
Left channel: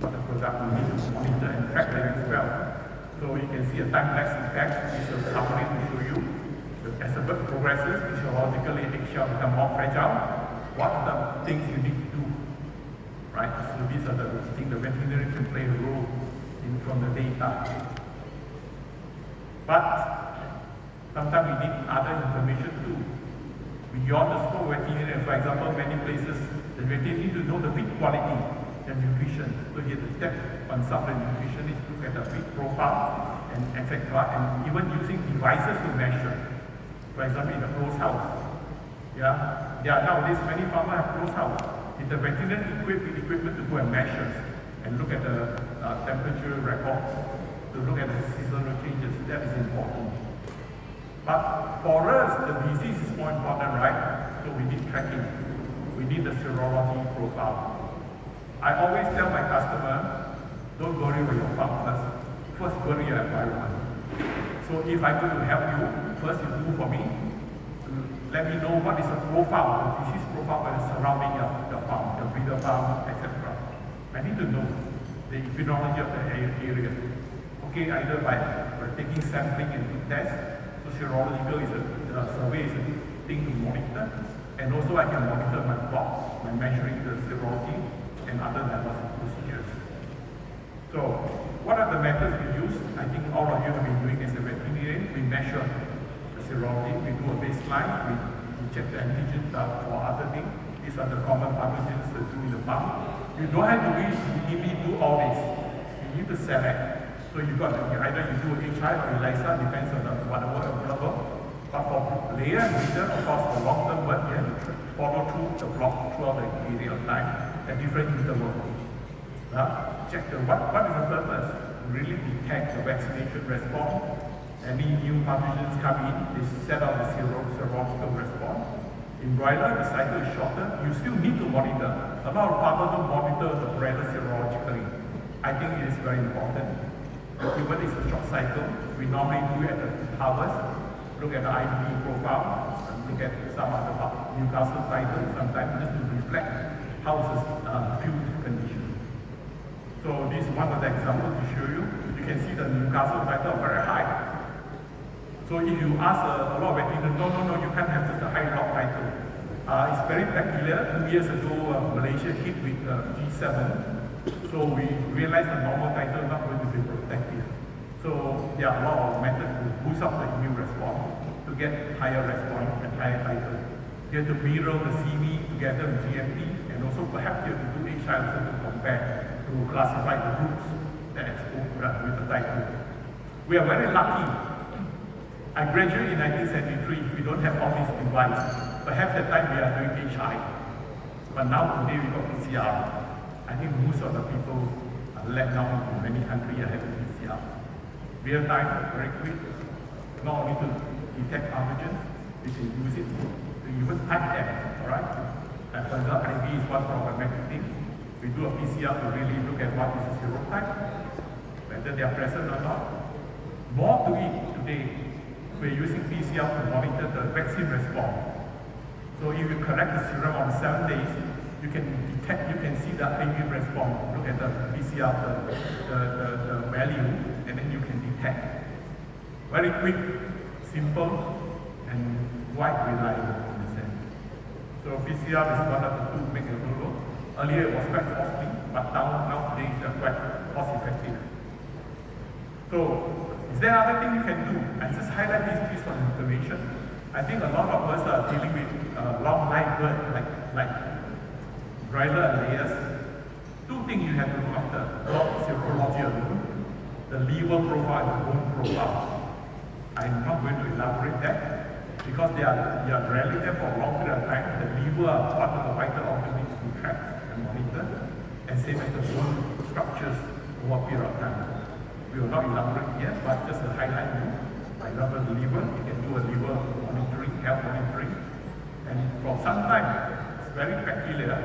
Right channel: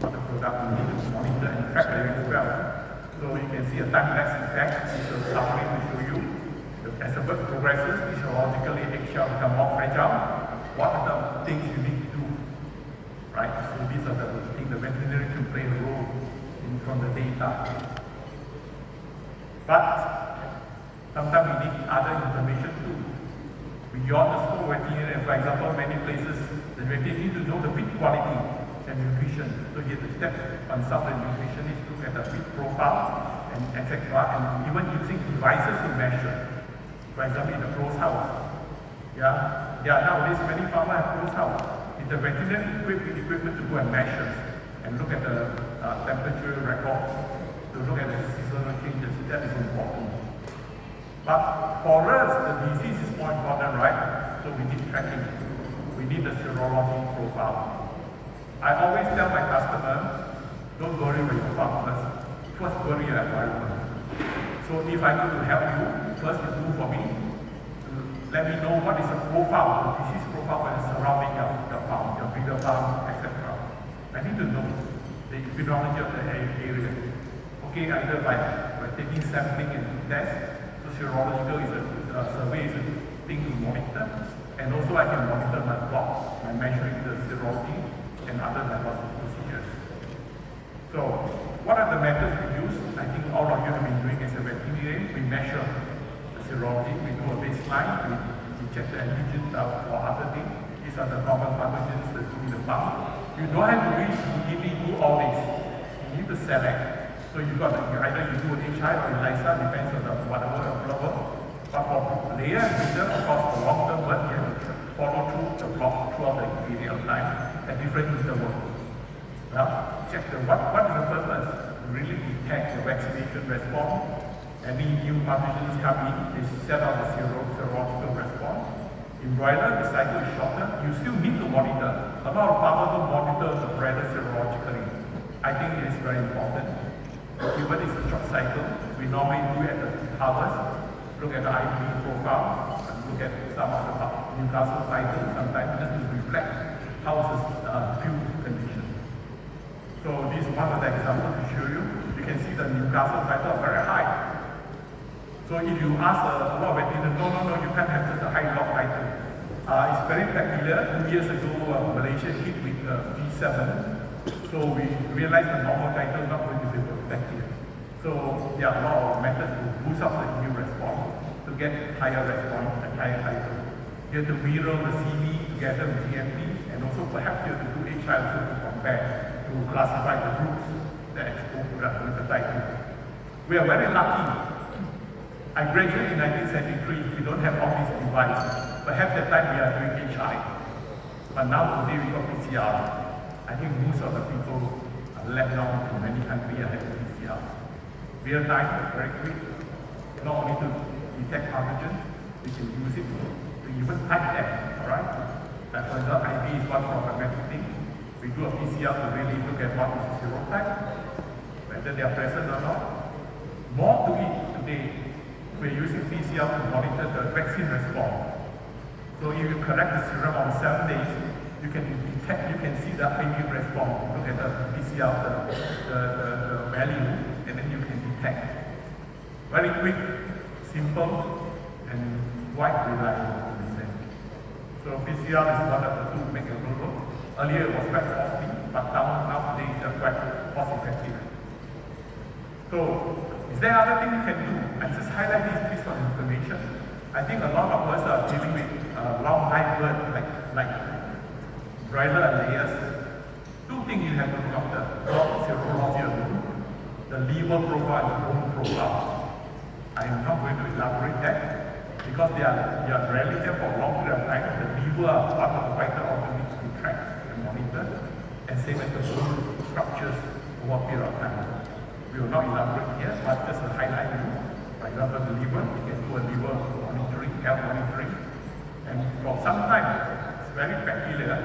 of the product we need to monitor and track them as well. So you can see a time-lapse effect. This is summary to show you. As the bird progresses, physiologically eggshell become more fragile. What are the things you need to do? Right? So these are the things the veterinarian can play a role in from the data. But sometimes we need other information too. Beyond the scope of veterinarian, for example, many places, the veterinarian need to know the feed quality and nutrition. So you have to step on some of the nutritionists, look at the feed profile, and etc. And even using devices to measure. For example, in the closed house. Nowadays many farmers have closed house. With the veterinary equipment to go and measure and look at the temperature records, to look at the seasonal changes, that is important. But for us, the disease is more important, right? So we need tracking. We need the serology profile. I always tell my customer, don't worry about your farmers, first worry your environment. So if I need to help you, first you do for me, to let me know what is the profile, the disease profile that is surrounding your farm, your bigger farm, etc. I need to know the epidemiology of the area. Okay, either by taking sampling and test, so serological is a survey is a thing to monitor, and also I can monitor my plots by measuring the serology and other diagnostic procedures. So, what are the methods we use? I think all of you have been doing as a veterinarian. We measure the serology, we do a baseline, we check the antigens or other things. These are the common pathogens that do in the farm. You don't have to really do all this. You need to select. So you got either you do a HI or ELISA, depends on the whatever available. But for layer and leader, of course, the long-term work here, follow through the block throughout the period of time at different intervals. Check what is the purpose? Really detect the vaccination response. Any new pathogens come in, they set out the serological response. In broiler, the cycle is shorter. You still need to monitor. A lot of farmers don't monitor the broiler serologically. I think it is very important. Even if it's a short cycle, we normally do at the harvest, look at the IgG profile, and look at some of the Newcastle cycles, sometimes just to reflect how is the field condition. So this is one of the examples to show you. You can see the Newcastle cycle very high. So if you ask a lot of veterinarians, no, you can't have such a high log cycle. It's very peculiar. 2 years ago, Malaysia hit with G7. So we realized the normal cycle is not going to be protective. So a lot of methods to boost up the immune response to get higher response and higher cycle. You have to mirror the CV together with GMP, and also perhaps you have to do HI also to compare, to classify the groups that expose hepatitis B. We are very lucky. I graduated in 1973. We don't have all these devices. Perhaps at that time we are doing HI. But now today we got PCR. I think most of the people are let down in many countries ahead of PCR. Real time, very quick, not only to detect pathogens, we can use it to even type them, alright? Like for example, ID is one problematic thing. We do a PCR to really look at what is the serotype, whether they are present or not. More to it today, we're using PCR to monitor the vaccine response. So if you collect the serum on 7 days, you can detect, you can see the immune response. Look at the PCR, the value, and then you can detect. Very quick, simple, and quite reliable in a sense. So PCR is one of the tools make it work. Earlier it was quite costly, but nowadays it's quite cost effective. So, is there other thing you can do? I just highlight this piece of information. I think a lot of us are dealing with wildlife bird like broiler layers. Two things you have to look after: not serology, the liver profile and the bone profile. I am not going to elaborate that because they are rarely there for a long period of time. The liver are part of the vital organs to track and monitor, and same as the bone structures over a period of time. We will not elaborate here, but just to highlight you. For example, the liver, you can do a liver monitoring, health monitoring, and for some time, it's very peculiar.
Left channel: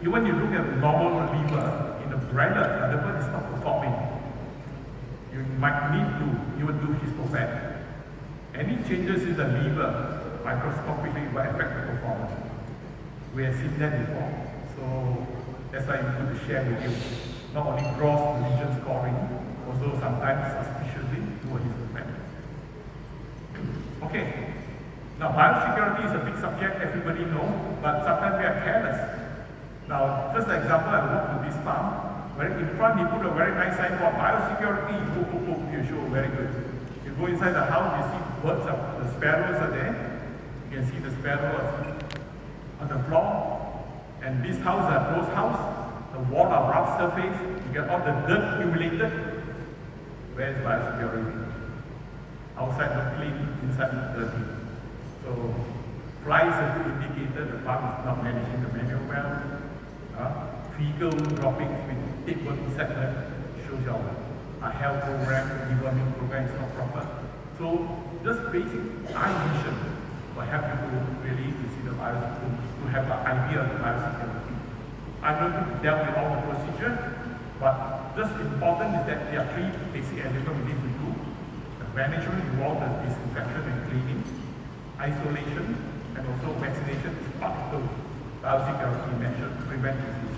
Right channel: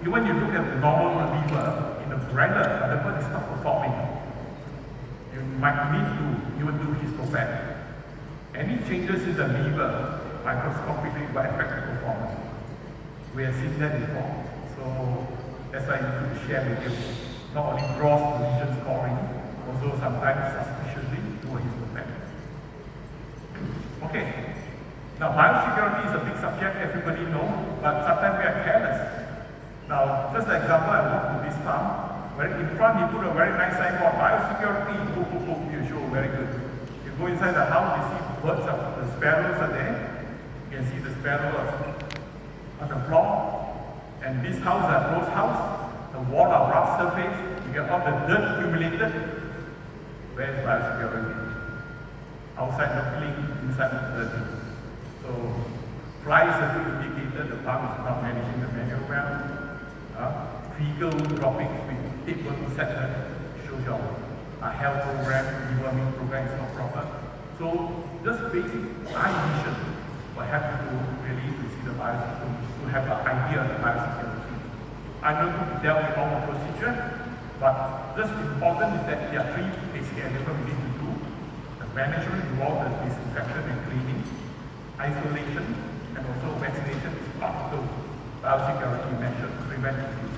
Even you look at the normal liver in the broiler, the liver is not performing. You might need to even do histopath. Any changes in the liver microscopically will affect the performance. We have seen that before. So that's why we need to share with you. Not only gross lesion scoring, also sometimes suspiciously do a histopath. Okay. Now biosecurity is a big subject, everybody knows, but sometimes we are careless. Now, first example, I walked to this farm, where in front he put a very nice sign called biosecurity, you show very good. You go inside the house, you see birds, the sparrows are there. You can see the sparrows on the floor. And this house is a closed house, the wall are rough surface, you get all the dirt accumulated. Where is biosecurity? outside the clean, inside the dirty. So fly is a good indicator the farm is not managing the manual well. Fecal droppings with tapeworm insect shows our health program, deworming program is not proper. So just basic mission will help you to really to see the biosystem, to have an idea of the biosystem. I'm not going to delve in all the procedure, but just important is that there are three basic elements we need to do. The management involves the disinfection and cleaning, isolation, and also vaccination is part of the biosecurity measure to prevent disease.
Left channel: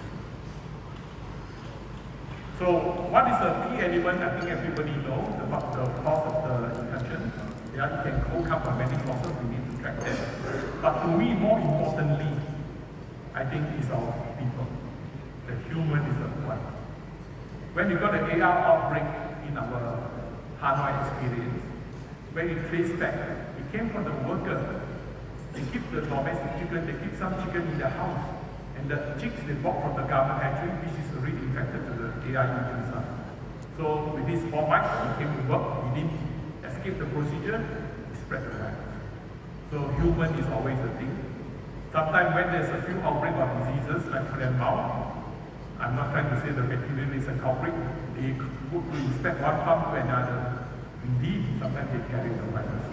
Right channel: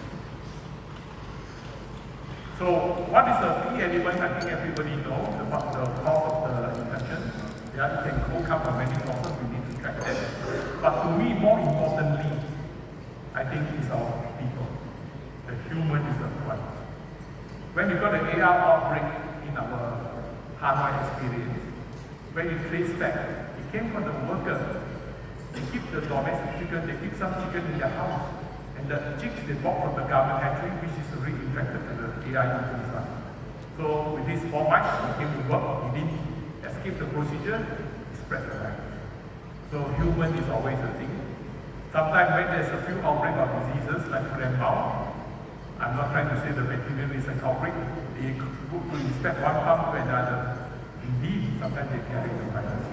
So what is the key element? I think everybody knows about the cause of the infection. Yeah, it can come from many causes, we need to track that. But to me, more importantly, I think is our people. The human is the one. When we got the AR outbreak in our Hanoi experience, when we traced back, it came from the worker. They keep the domestic chicken, they keep some chicken in their house. And the chicks they bought from the government factory, which is already infected with the AI influenza. So with this format, we came to work, we didn't escape the procedure, we spread the virus. So human is always the thing. Sometimes when there's a few outbreak of diseases like foot and mouth, I'm not trying to say the bacteria is a culprit. They go to inspect one farm to another. Indeed, sometimes they carry the virus.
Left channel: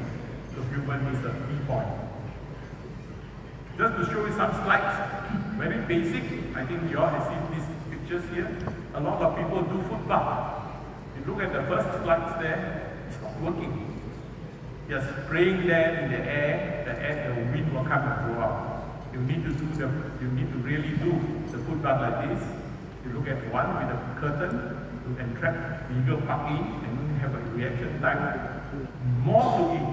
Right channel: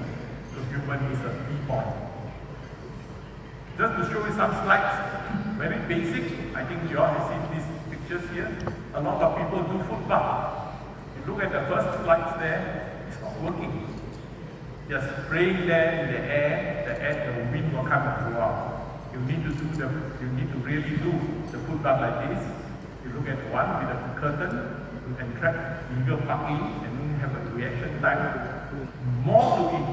So human is a key point. Just to show you some slides, very basic. I think you all have seen these pictures here. A lot of people do foot bath. You look at the first slides there, it's not working. Just spraying there in the air, the wind will come and go out. You need to really do the foot bath like this. You look at one with a curtain, you can track legal parking, and then you have a reaction time. More to eat.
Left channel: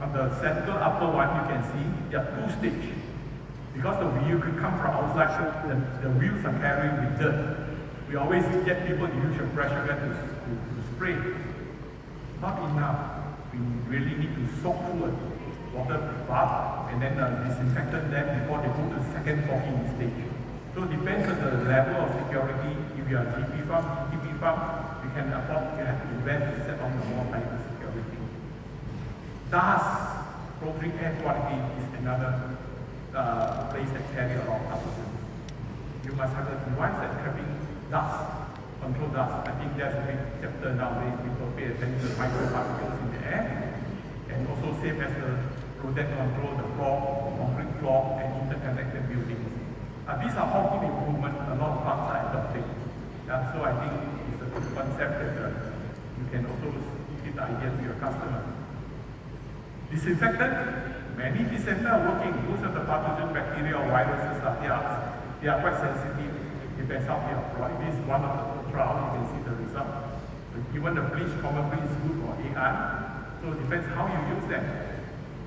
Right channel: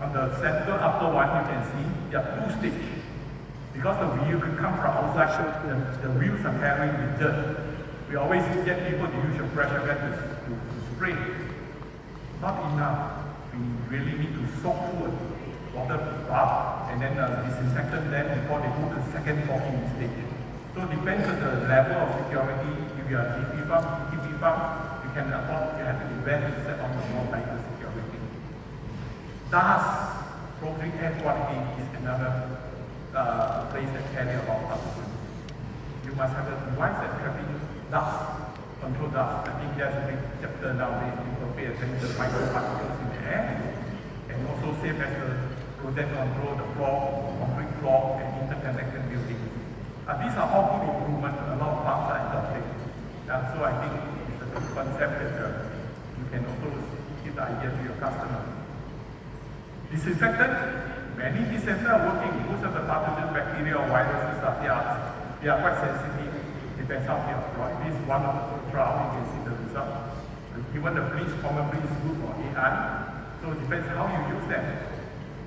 On the center upper one, you can see there are two stages. Because the wheel could come from outside, the wheels are carrying with dirt. We always get people to use a pressure gun to spray. Not enough. We really need to soak through water bath and then disinfect them before they go to the second walking stage. So it depends on the level of security. If you are GP farm, GTP farm, we can afford to have to invest to set on the more tighter security. Dust, poultry air quality is another place that carry a lot of pathogens. You must have a device that's having dust, control dust. I think there's a big chapter nowadays. People pay attention to the microparticles in the air, and also same as the protect control the floor, concrete floor, and interconnected buildings. These are all good improvements. A lot of farms are adopting. So I think it's a good concept that you can also give the idea to your customer. Disinfectant, many disinfectants are working. Most of the pathogen, bacteria or viruses they are quite sensitive. Depends how they are. This is one of the trials, you can see the result. Even the bleach probably is good for AI. So it depends how you use them.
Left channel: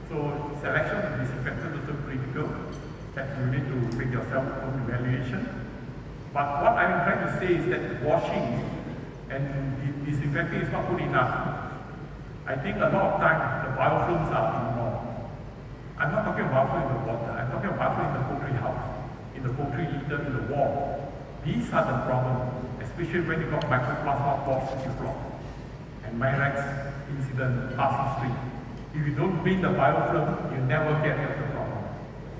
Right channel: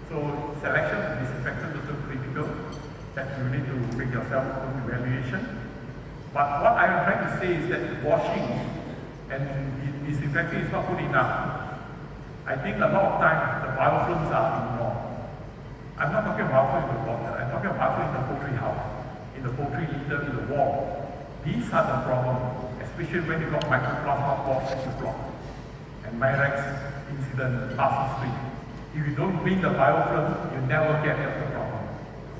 So selection of disinfectant is so critical that you need to make yourself own evaluation. But what I'm trying to say is that washing and disinfecting is not good enough. I think a lot of times the biofilms are ignored. I'm not talking about biofilm in the water, I'm talking about biofilm in the poultry house, in the poultry litter, in the wall. These are the problems, especially when you got mycoplasma box to block and Myrex incident last week. If you don't clean the biofilm, you never get at the problem.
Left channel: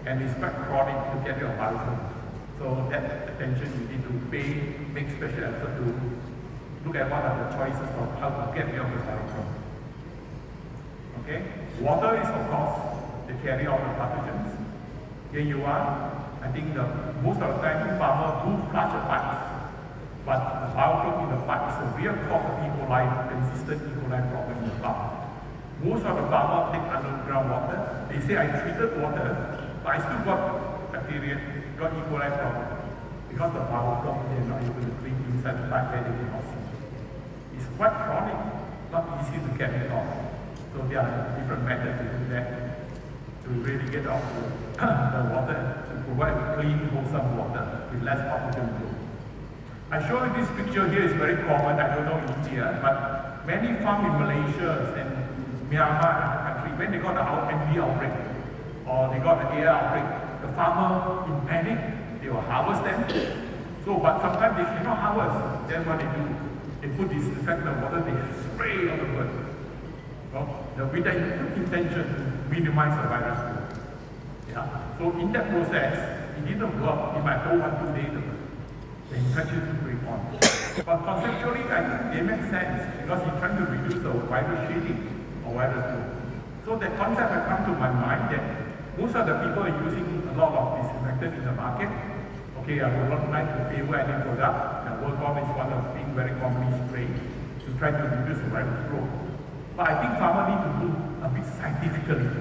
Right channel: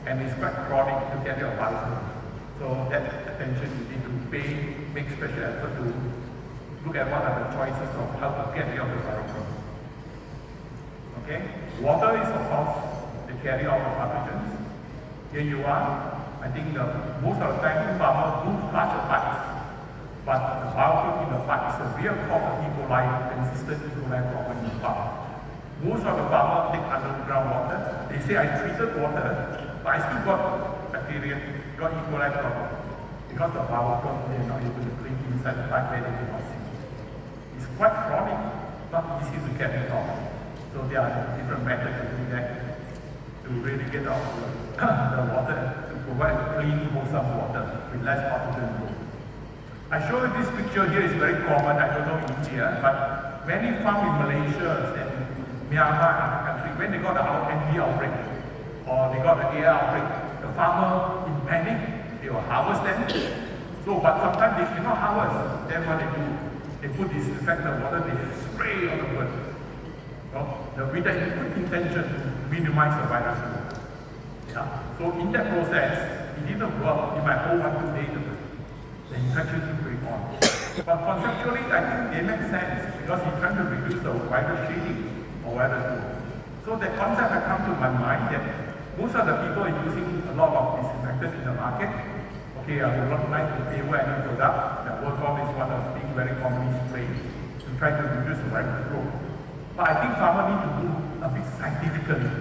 And it's quite chronic to get your biofilm. So that attention you need to pay, make special effort to look at what are the choices of how to get rid of the biofilm. Okay? Water is of course the carrier of the pathogens. Here you are. I think most of the time farmers do flush the pipes, but the biofilm in the pipe is a real cause of E. coli, consistent E. coli problem in the farm. Most of the farmers take underground water. They say I treated water, but I still got bacteria, got E. coli problem. Because the biofilm they are not able to clean inside the pipe where they cannot see. It's quite chronic, not easy to get it off. So there are different methods to do that, to really get out the water, to provide clean, wholesome water with less pathogen load. I show you this picture here is very common, I don't know in India, but many farms in Malaysia and Myanmar country, when they got the MV outbreak, or they got the AI outbreak, the farmer in panic, they will harvest them. So, but sometimes they cannot harvest, then what they do, they put disinfectant water, they spray on the bird. with the good intention to minimize the virus growth. Yeah. So in that process, it didn't work. It might hold 1-2 days. The infection is going on. But conceptually, I think they make sense because you're trying to reduce the virus shedding or virus growth. So the concept has come to my mind that most of the people are using a lot of disinfectant in the market. Okay, I will not like the table any product. Work-on is one of the things very commonly sprayed to try to reduce the virus growth. But I think farmers need to do a bit scientifically.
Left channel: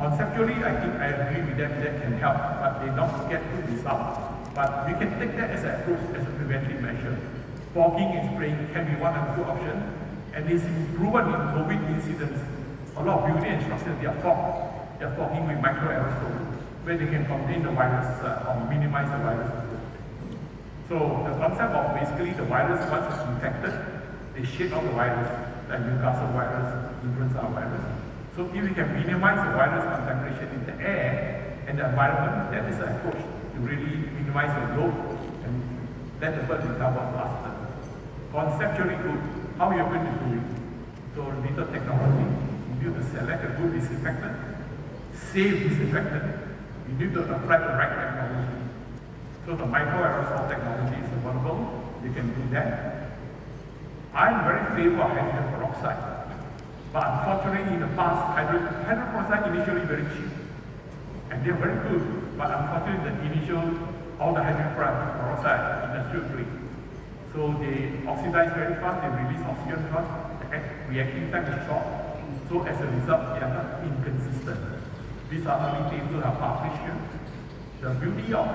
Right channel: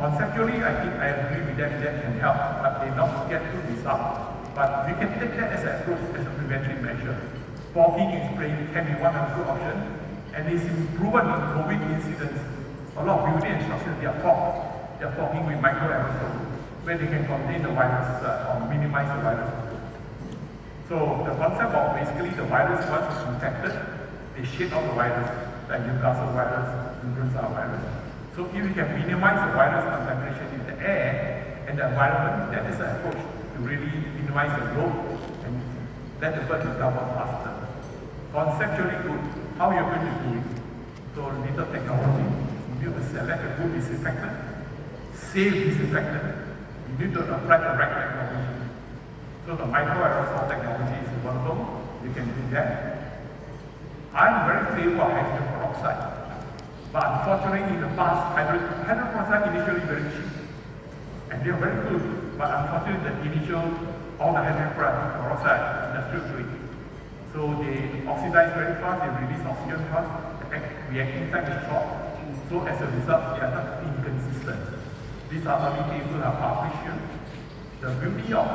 Conceptually, I think I agree with that can help, but they not get good results. But we can take that as an approach, as a preventive measure. Fogging and spraying can be one of the good options, and it's proven in COVID incidents. A lot of building and structures, they are fogging with microaerosols, where they can contain the virus or minimize the virus. So the concept of basically the virus once it's infected, they shed out the virus, like Newcastle virus, influenza virus. So if we can minimize the virus concentration in the air and the environment, that is an approach to really minimize the growth and let the bird recover faster. Conceptually good, how you're going to do it? So little technology, you need to select a good disinfectant, safe disinfectant, you need to apply the right technology. So the microaerosol technology is available, we can do that. I'm very favor of hydrogen peroxide, but unfortunately in the past, hydrogen peroxide initially very cheap, and they're very good, but unfortunately the initial, all the hydrogen peroxide industrial grade. So they oxidize very fast, they release oxygen fast, the reaction time is short, so as a result, they are not inconsistent. These are only papers are published here. The beauty of,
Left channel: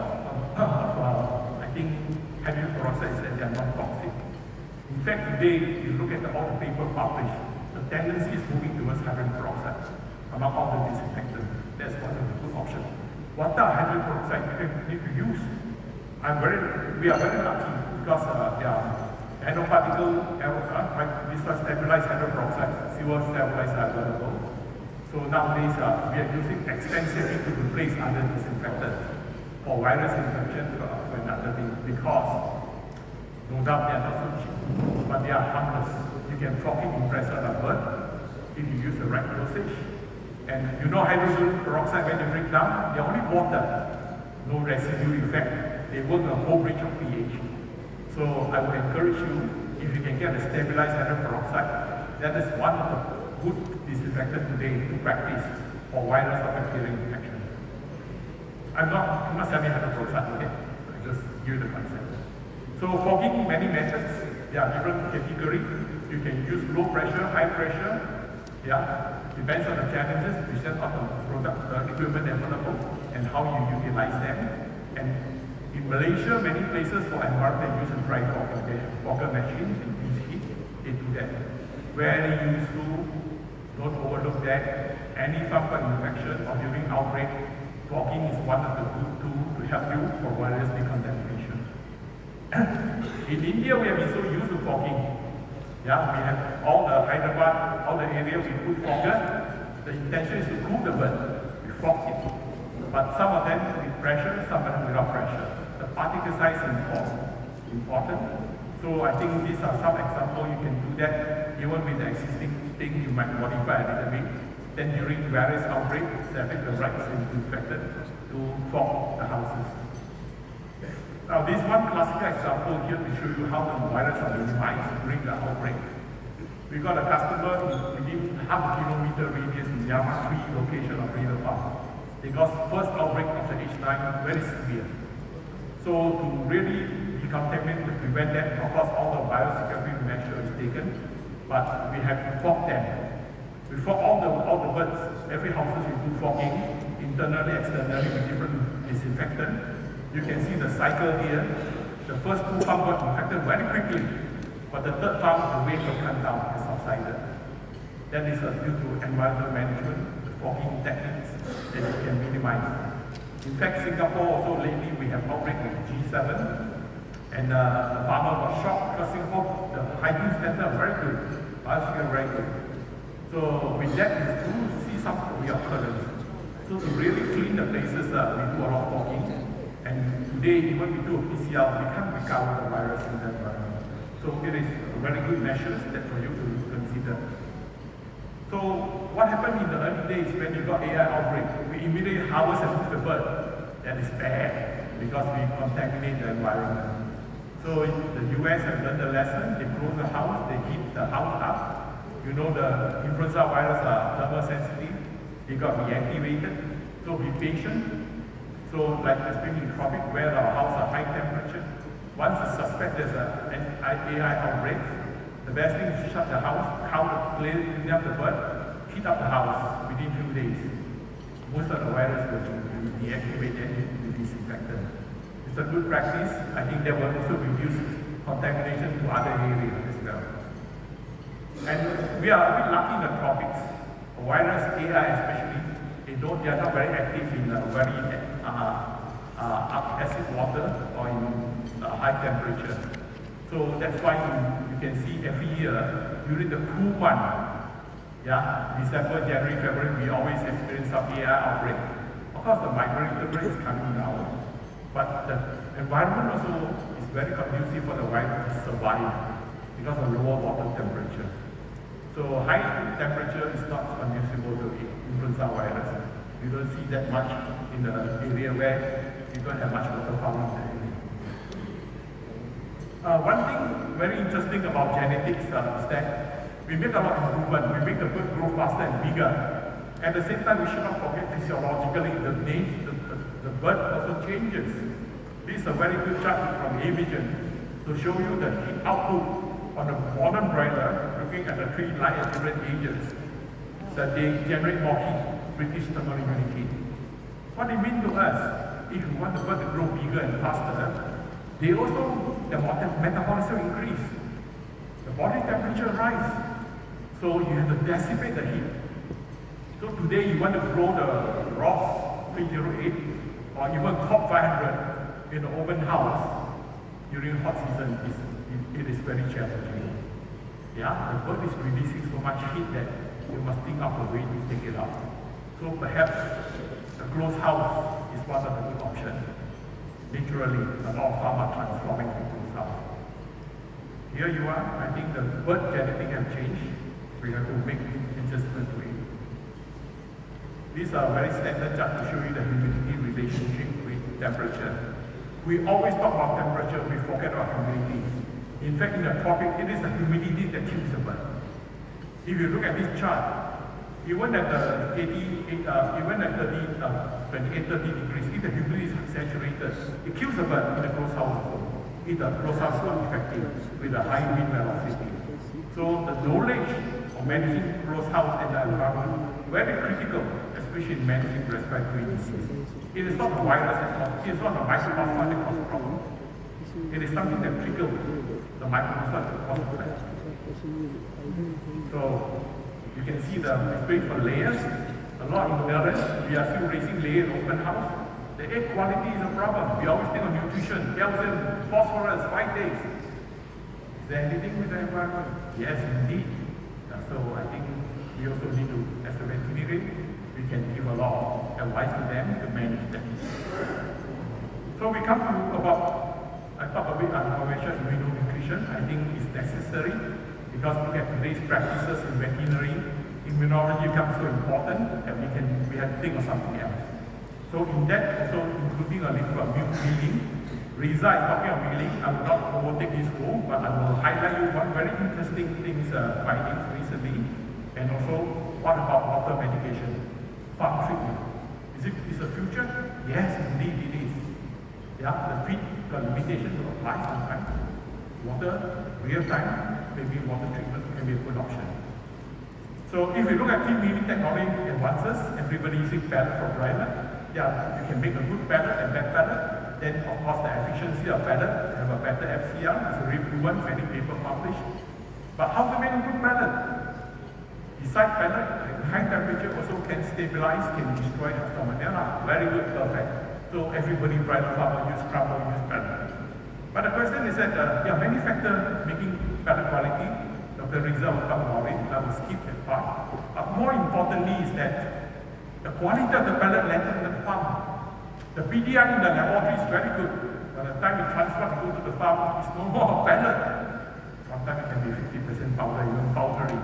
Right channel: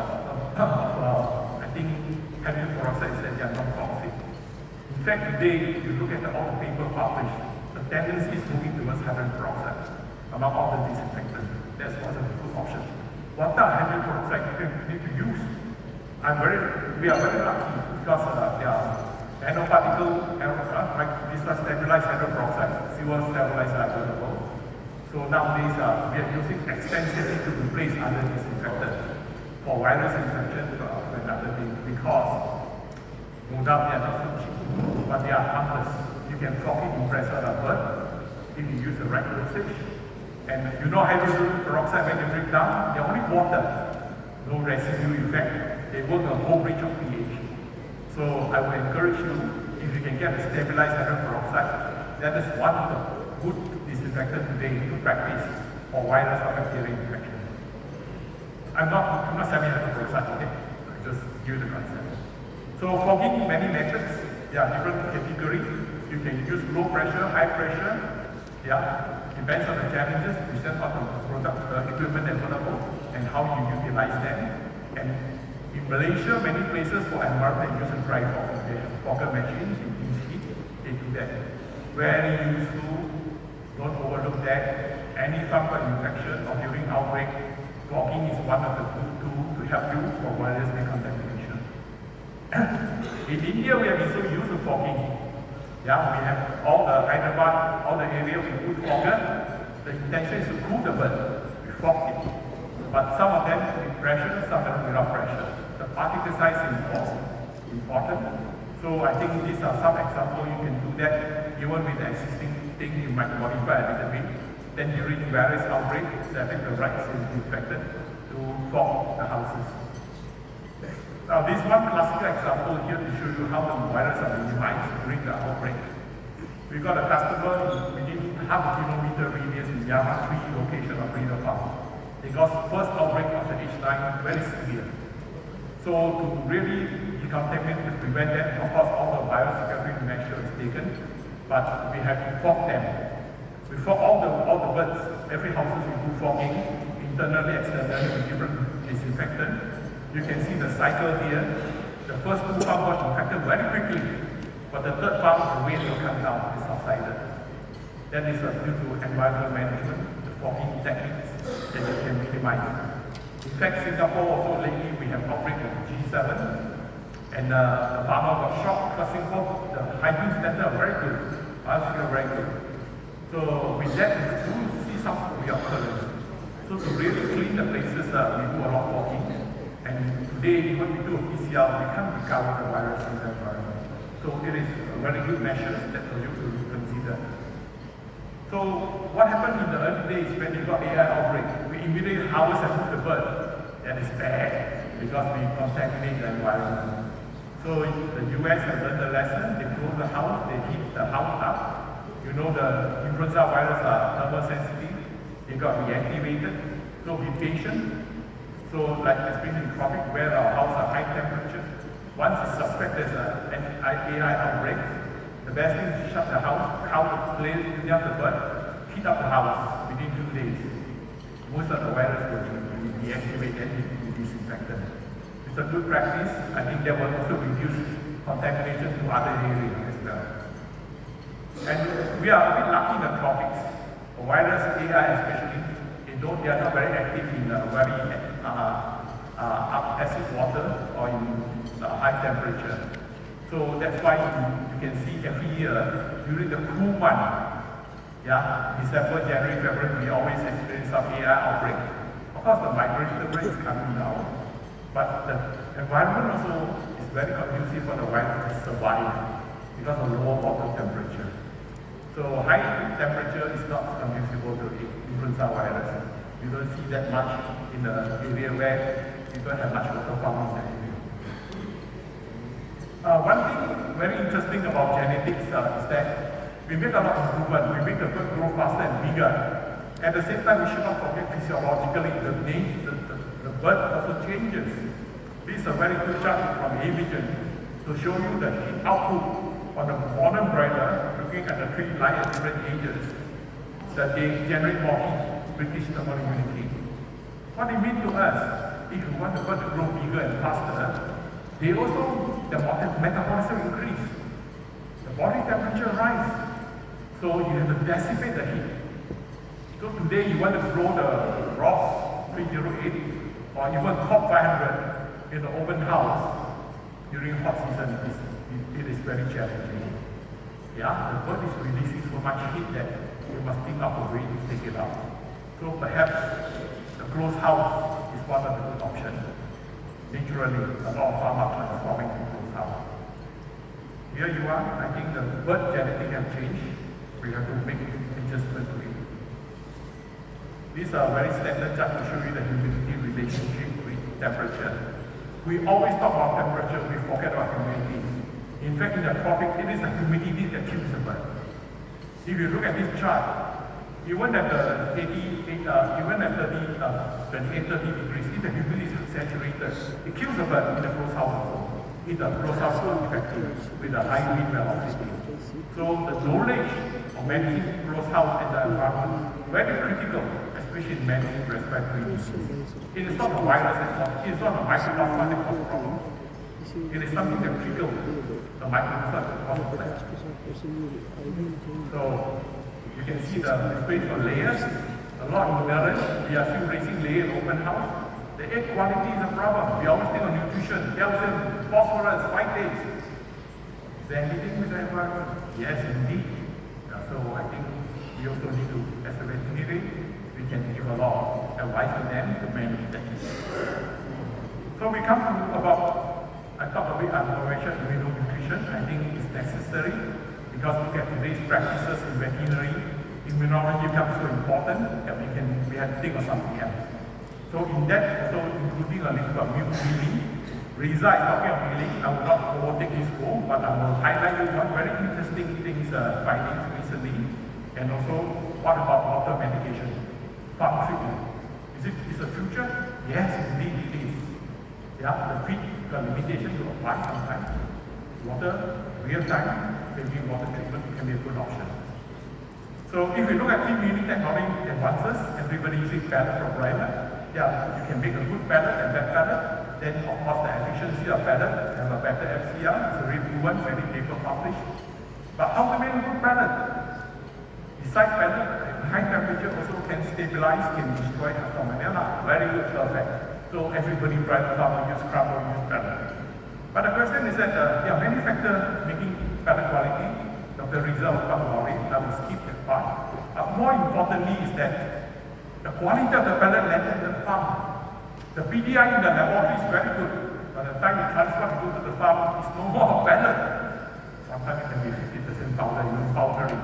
I think, hydrogen peroxide is that they are not toxic. In fact, today, if you look at all the papers published, the tendency is moving towards hydrogen peroxide among all the disinfectants. That's one of the good options. What type of hydrogen peroxide do you need to use? We are very lucky because there are nanoparticle, this was stabilized hydrogen peroxide, fuel stabilizer available. So nowadays, we are using extensively to replace other disinfectants for virus infection and other things because no doubt they are not so cheap, but they are harmless. You can properly compress a bird if you use the right dosage. And you know hydrogen peroxide, when they break down, they're only water, no residue effect. They work a whole range of pH. So I would encourage you, if you can get a stabilized hydrogen peroxide, that is one of the good disinfectant today to practice for virus or bacterial infection. I'm not selling hydrogen peroxide today, just give the concept. So fogging many methods, there are different categories. You can use low pressure, high pressure, depends on the challenges, depends on the product equipment available and how you utilize them. And in Malaysia, many places for environment use a dry fogger machines with these heat, they do that. Very useful, don't overlook that. Any fungal infection or during outbreak, fogging is one of the good tools to help you for virus decontamination. In India, we have been so used to fogging. We have all the Hyderabad, all the area we put fogger. The intention is to cool the bird, we fog it. But some of them with pressure, some of them without pressure. The particle size is important. So I think these are some examples you can do that even with the existing thing you might modify a little bit. Then during various outbreaks, set the right disinfectant to fog the houses. Now this one classical example here to show you how the virus are minimized during the outbreak. We got a customer within half a kilometer radius in Yamasi location of Reno Park. Because first outbreak after H9 very severe. So to really decontaminate, to prevent that, of course all the biosecurity measure is taken, but we have to fog them. We fog all the birds, every house will do fogging, internally, externally with different disinfectant. You can see the cycle here. The first two farms got infected very quickly, but the third farm, the weight will come down, is subsided. That is due to environmental management, the fogging techniques that we can minimize. In fact, Singapore also lately we have outbreak of G7, and the farmer got shocked because Singapore, the hygiene standards are very good, biosecurity very good. So with that, we do see some reoccurrence. So to really clean the places, we do a lot of fogging. And today, when we do a PCR, we can't recover the virus in that environment. So it is a very good measure that for you to consider. So what happened in the early days when we got AI outbreak? We immediately harvest and cook the bird. That is bad because we contaminate the environment. So the US has learned a lesson. They close the house, they heat the house up. You know the influenza virus are thermosensitive. They got reactivated. So be patient. So like especially in tropic where our house are high temperature. Once you suspect there's an AI outbreak, the best thing is to shut the house, clean up the bird, heat up the house within 2 days. Most of the virus will be deactivated and will be disinfected. It's a good practice. I think that will also reduce contamination to other areas as well. And we are a bit lucky in the tropics. The virus, AI especially, they are not very active in very acid water or in high temperature. So that's why you can see every year during the cool month, December, January, February, we always experience some AI outbreak. Of course, the migration rate is coming down, but the environment also is very conducive for the virus to survive because of lower water temperature. So high temperature is not conducive to influenza virus. You don't see that much in the area where you don't have much water problem in the area. One thing very interesting about genetics is that we make a lot of improvement. We make the bird grow faster and bigger. At the same time, we should not forget physiologically the bird also changes. This is a very good chart from A-Vision to show you the heat output on the pollen broiler, looking at the tree line at different ages, that they generate more heat, British thermal immunity. What it means to us, if you want the bird to grow bigger and faster, they also, the metabolism increase. The body temperature rise. So you have to dissipate the heat. So today you want to grow the Ross 308 or even top 500 in the open house during hot season, it is very challenging. The bird is releasing so much heat that we must think of a way to take it out. So perhaps the closed house is one of the good options. Naturally, about how much transforming people's house. Here you are, I think the bird genetic have changed. We have to make adjustment to it. These are very standard chart to show you the humidity relationship with temperature. We always talk about temperature, we forget about humidity. In fact, in the tropic, it is the humidity that kills the bird. If you look at this chart, even at the 28, even at 28, 30 degrees, if the humidity is saturated, it kills the bird in the closed house. In the closed house, so effective with a high wind velocity. So the knowledge of managing closed house and the environment very critical, especially in managing respiratory disease. It is not a virus, it is not a microbiome that causes problems. It is something that triggers the microbiome that causes problems. So you can see the space for layers. A lot of ignorance. We are still raising layer in open house. The egg quality is a problem. We always think of nutrition, calcium, phosphorus, phytates. Is there anything with the environment? Yes, indeed. So I think we also need to, as a veterinarian, we can give a lot of advice to them to manage that. So we come to about, I talk a bit about immunonutrition. I think it's necessary because we get today's practices in veterinary. Immunology becomes so important that we have to think of something else. So in that, also including a little of milk breeding. Riza is talking of breeding. I will not overtake his role, but I will highlight you one very interesting things findings recently. And also, what about water medication? Farm treatment. Is it the future? Yes, indeed it is. The limitation to apply sometimes. Water, real time, maybe water treatment can be a good option. So if we look at team breeding technology advances, everybody uses pellet for broiler. You can make a good pellet and bad pellet. Then of course the efficiency of pellet have a better FCR, it's already proven, many paper published. But how to make a good pellet? Besides pellet, high temperature also can stabilize, can destroy the salmonella. Very good, perfect. So everybody tries to use scrubber, use pellet. But the question is that there are many factors making pellet quality. Dr. Riza will talk about it, I will skip that part. But more importantly is that the quality of the pellet left in the farm. The PDI in the laboratory is very good. By the time it transfers to the farm, it's no more pellet. Sometimes it can be 50% powder, even powdery.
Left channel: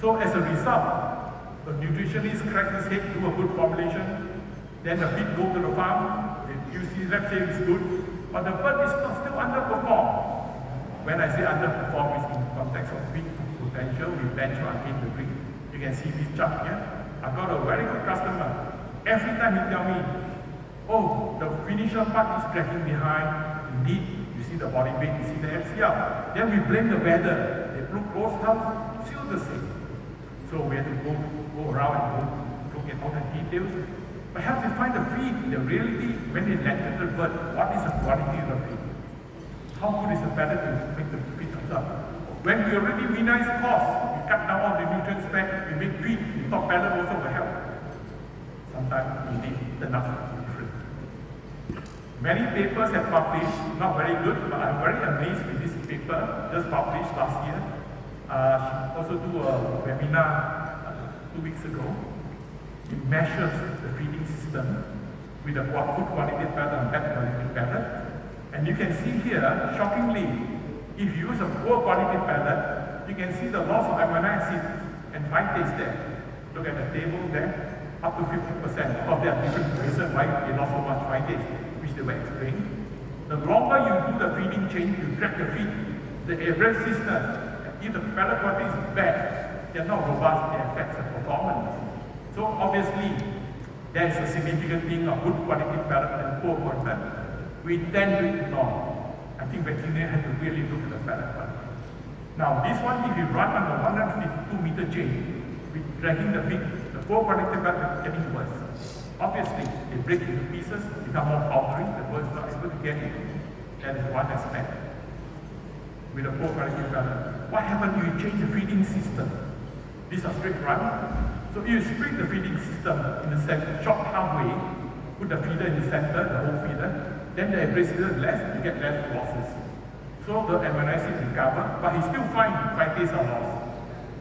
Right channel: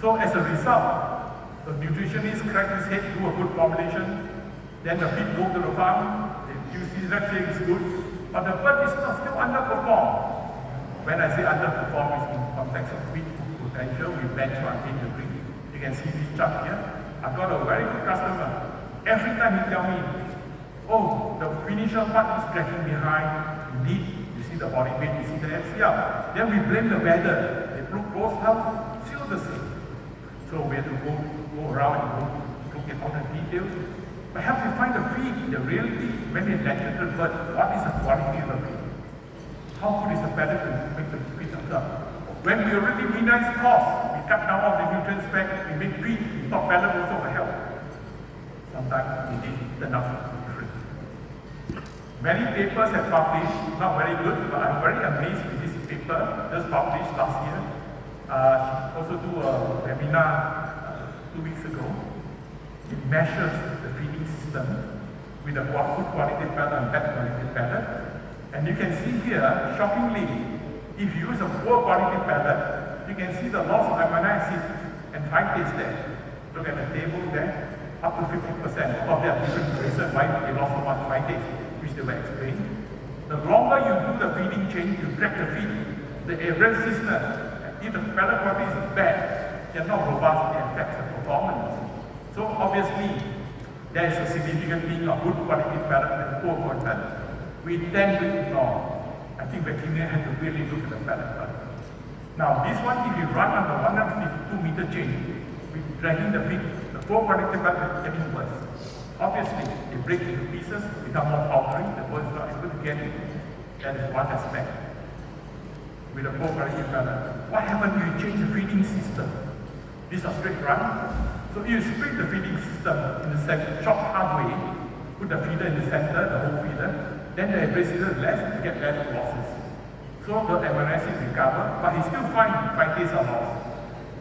So So as a result, the nutritionist crack his head, do a good formulation, then the feed go to the farm, you see, let's say it's good, but the bird is still underperformed. When I say underperform, it's in context of feed potential, we benchmark the breed. You can see this chart here. I've got a very good customer. Every time he tell me, oh, the finisher part is dragging behind. Indeed, you see the body weight, you see the LCR. Then we blame the weather. They look both health, still the same. So we have to go around and look at all the details. Perhaps you find the feed, the reality, when we lecture the bird, what is the quality of the feed? How good is the paddock to make the feed up? When we already minimize costs, we cut down all the nutrient spec, we make feed, we thought paddock also will help. Sometimes we need the enough nutrient. Many papers have published, not very good, but I'm very amazed with this paper, just published last year. Also do a webinar 2 weeks ago. It measures the feeding system with a good quality paddock and bad quality paddock. And you can see here, shockingly, if you use a poor quality paddock, you can see the loss of amino acids and phytase there. Look at the table there, up to 50%. Of course, there are different reasons why they lost so much phytase, which they will explain. The longer you do the feeding chain, you drag the feed, the resistance, if the paddock quality is bad, they're not robust, they affect the performance. So obviously, there is a significant thing of good quality paddock and poor quality. We tend to ignore. I think veterinarian have to really look at the paddock. Now this one, if you run on the 152-meter chain, with dragging the feed, the poor quality paddock is getting worse. Obviously, they break into pieces, become more powdery, the birds are not able to get it. That is one aspect. With a poor quality paddock. What happens if you change the feeding system? This is a straight run. So if you split the feeding system in the center, chop halfway, put the feeder in the center, the whole feeder, then the abrasive less, you get less losses. So the amino acid recover, but it's still fine if phytase are lost.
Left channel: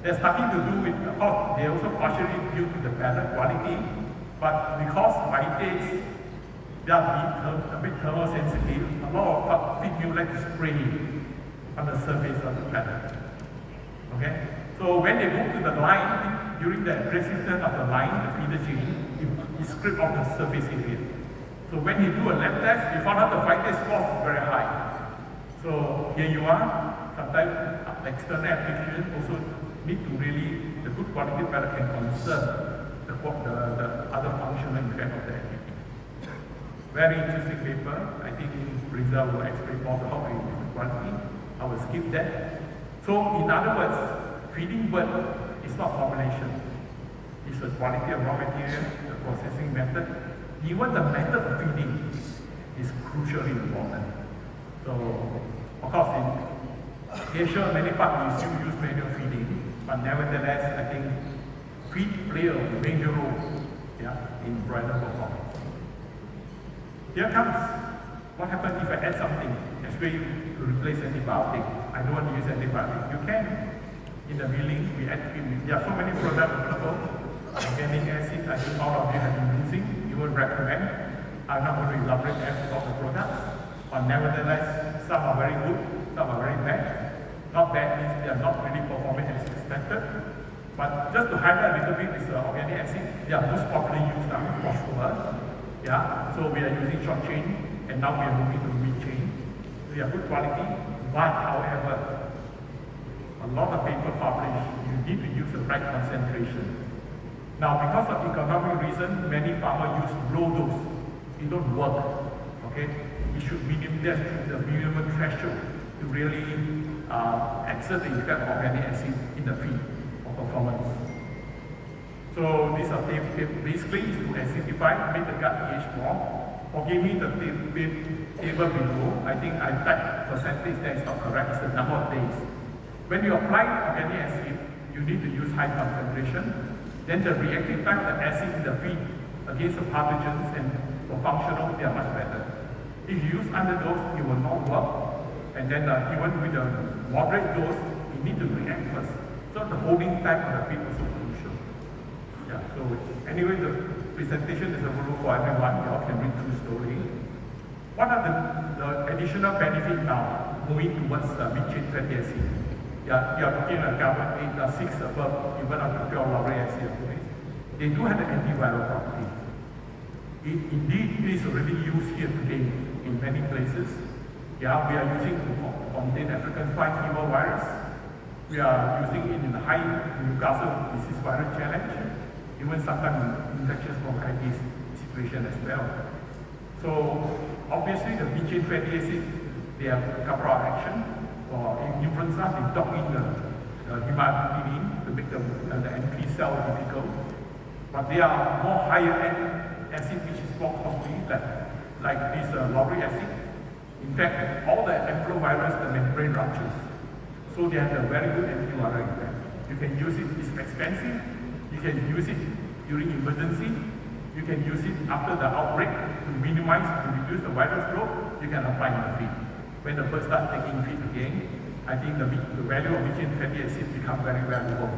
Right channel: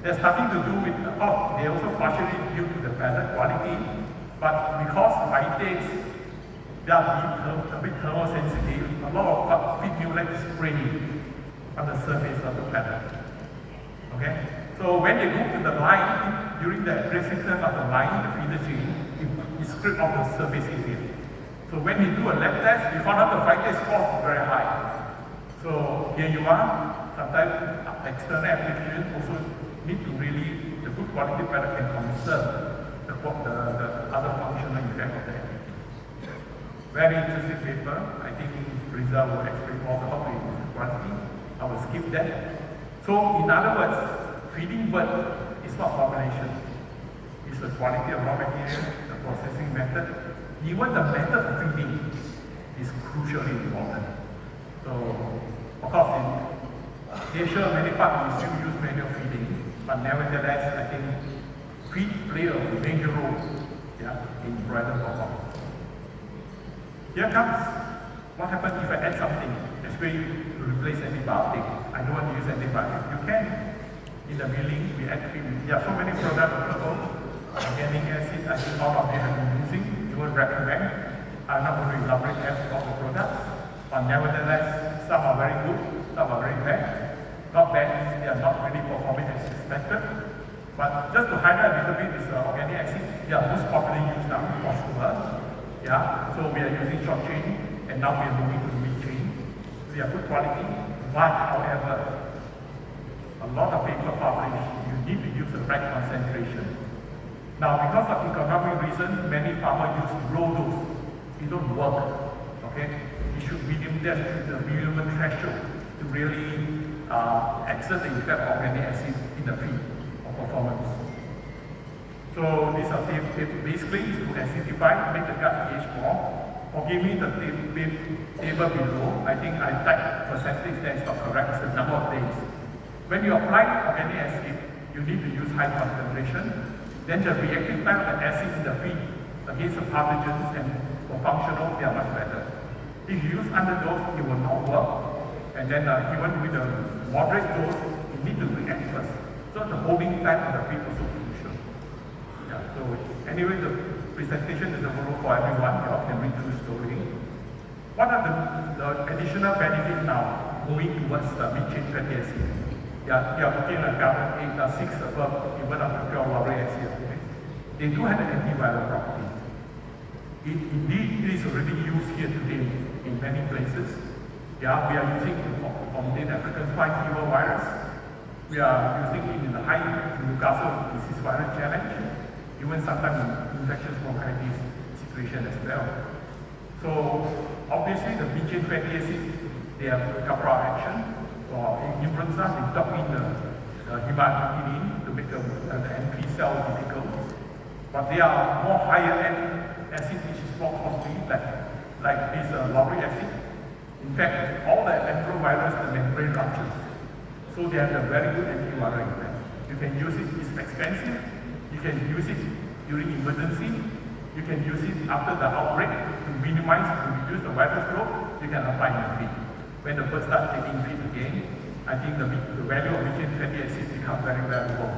There's nothing to do with the hot. They also partially due to the paddock quality, but because phytase, they are a bit thermosensitive, a lot of feed meal like spray on the surface of the paddock. Okay? So when they move to the line, during the resistance of the line, the feeder chain, you strip off the surface area. So when you do a lab test, you found out the phytase score is very high. So here you are, sometimes external application also need to really, the good quality paddock can conserve the other functional effect of that. Very interesting paper. I think Rizal will explain more about the quality. I will skip that. So in other words, feeding bird is not formulation. It's the quality of raw material, the processing method. Even the method of feeding is crucially important. So, of course, in Asia, many parts we still use manual feeding, but nevertheless, I think feed play a major role in broiler performance. Here comes what happens if I add something, especially to replace antibiotic. I don't want to use antibiotic. You can. In the milling, we actually, there are so many products, organic acid, I think all of you have been using. You will recommend. I'm not going to elaborate all the products, but nevertheless, some are very good, some are very bad. Not bad means they are not really performing as expected. But just to highlight a little bit is organic acid. They are most popularly used now in phosphorus. So we are using short chain, and now we are moving to mid chain. So they are good quality, but however, a lot of paper published, you need to use the right concentration. Now, because of economic reasons, many farmers use low dose. It don't work. Okay? We should minimize the minimum threshold to really exert the effect of organic acid in the feed of performance. So these are basically is to acidify, make the gut pH more. Forgive me the table below. I think I typed percentage that is not correct. It's the number of days. When you apply organic acid, you need to use high concentration. Then the reactive time of the acid in the feed against the pathogens and for functional, they are much better. If you use underdose, it will not work. And then even with a moderate dose, you need to react first. So the holding time of the feed is also crucial. So anyway, the presentation is available for everyone. You all can read through the story. What are the additional benefits now moving towards mid-chain fatty acid? you are looking at carbon 6 above, even up to pure lauric acid. They do have an antiviral property. Indeed, it is already used here today in many places. Yeah, we are using it to contain African swine fever virus. We are using it in the high Newcastle disease virus challenge, even sometimes in infectious bronchitis situation as well. So obviously the B-chain fatty acid, they have a couple of action. For influenza, we dump in the hematidine to make the NP cell difficult. But they are more higher end acid which is more costly, like this lauric acid. In fact, all the enterovirus, the membrane ruptures. So they have a very good antiviral effect. You can use it, it's expensive. You can use it during emergency. You can use it after the outbreak to minimize and reduce the virus growth. You can apply in the feed. When the birds start taking feed again, I think the value of B-chain fatty acid becomes very valuable.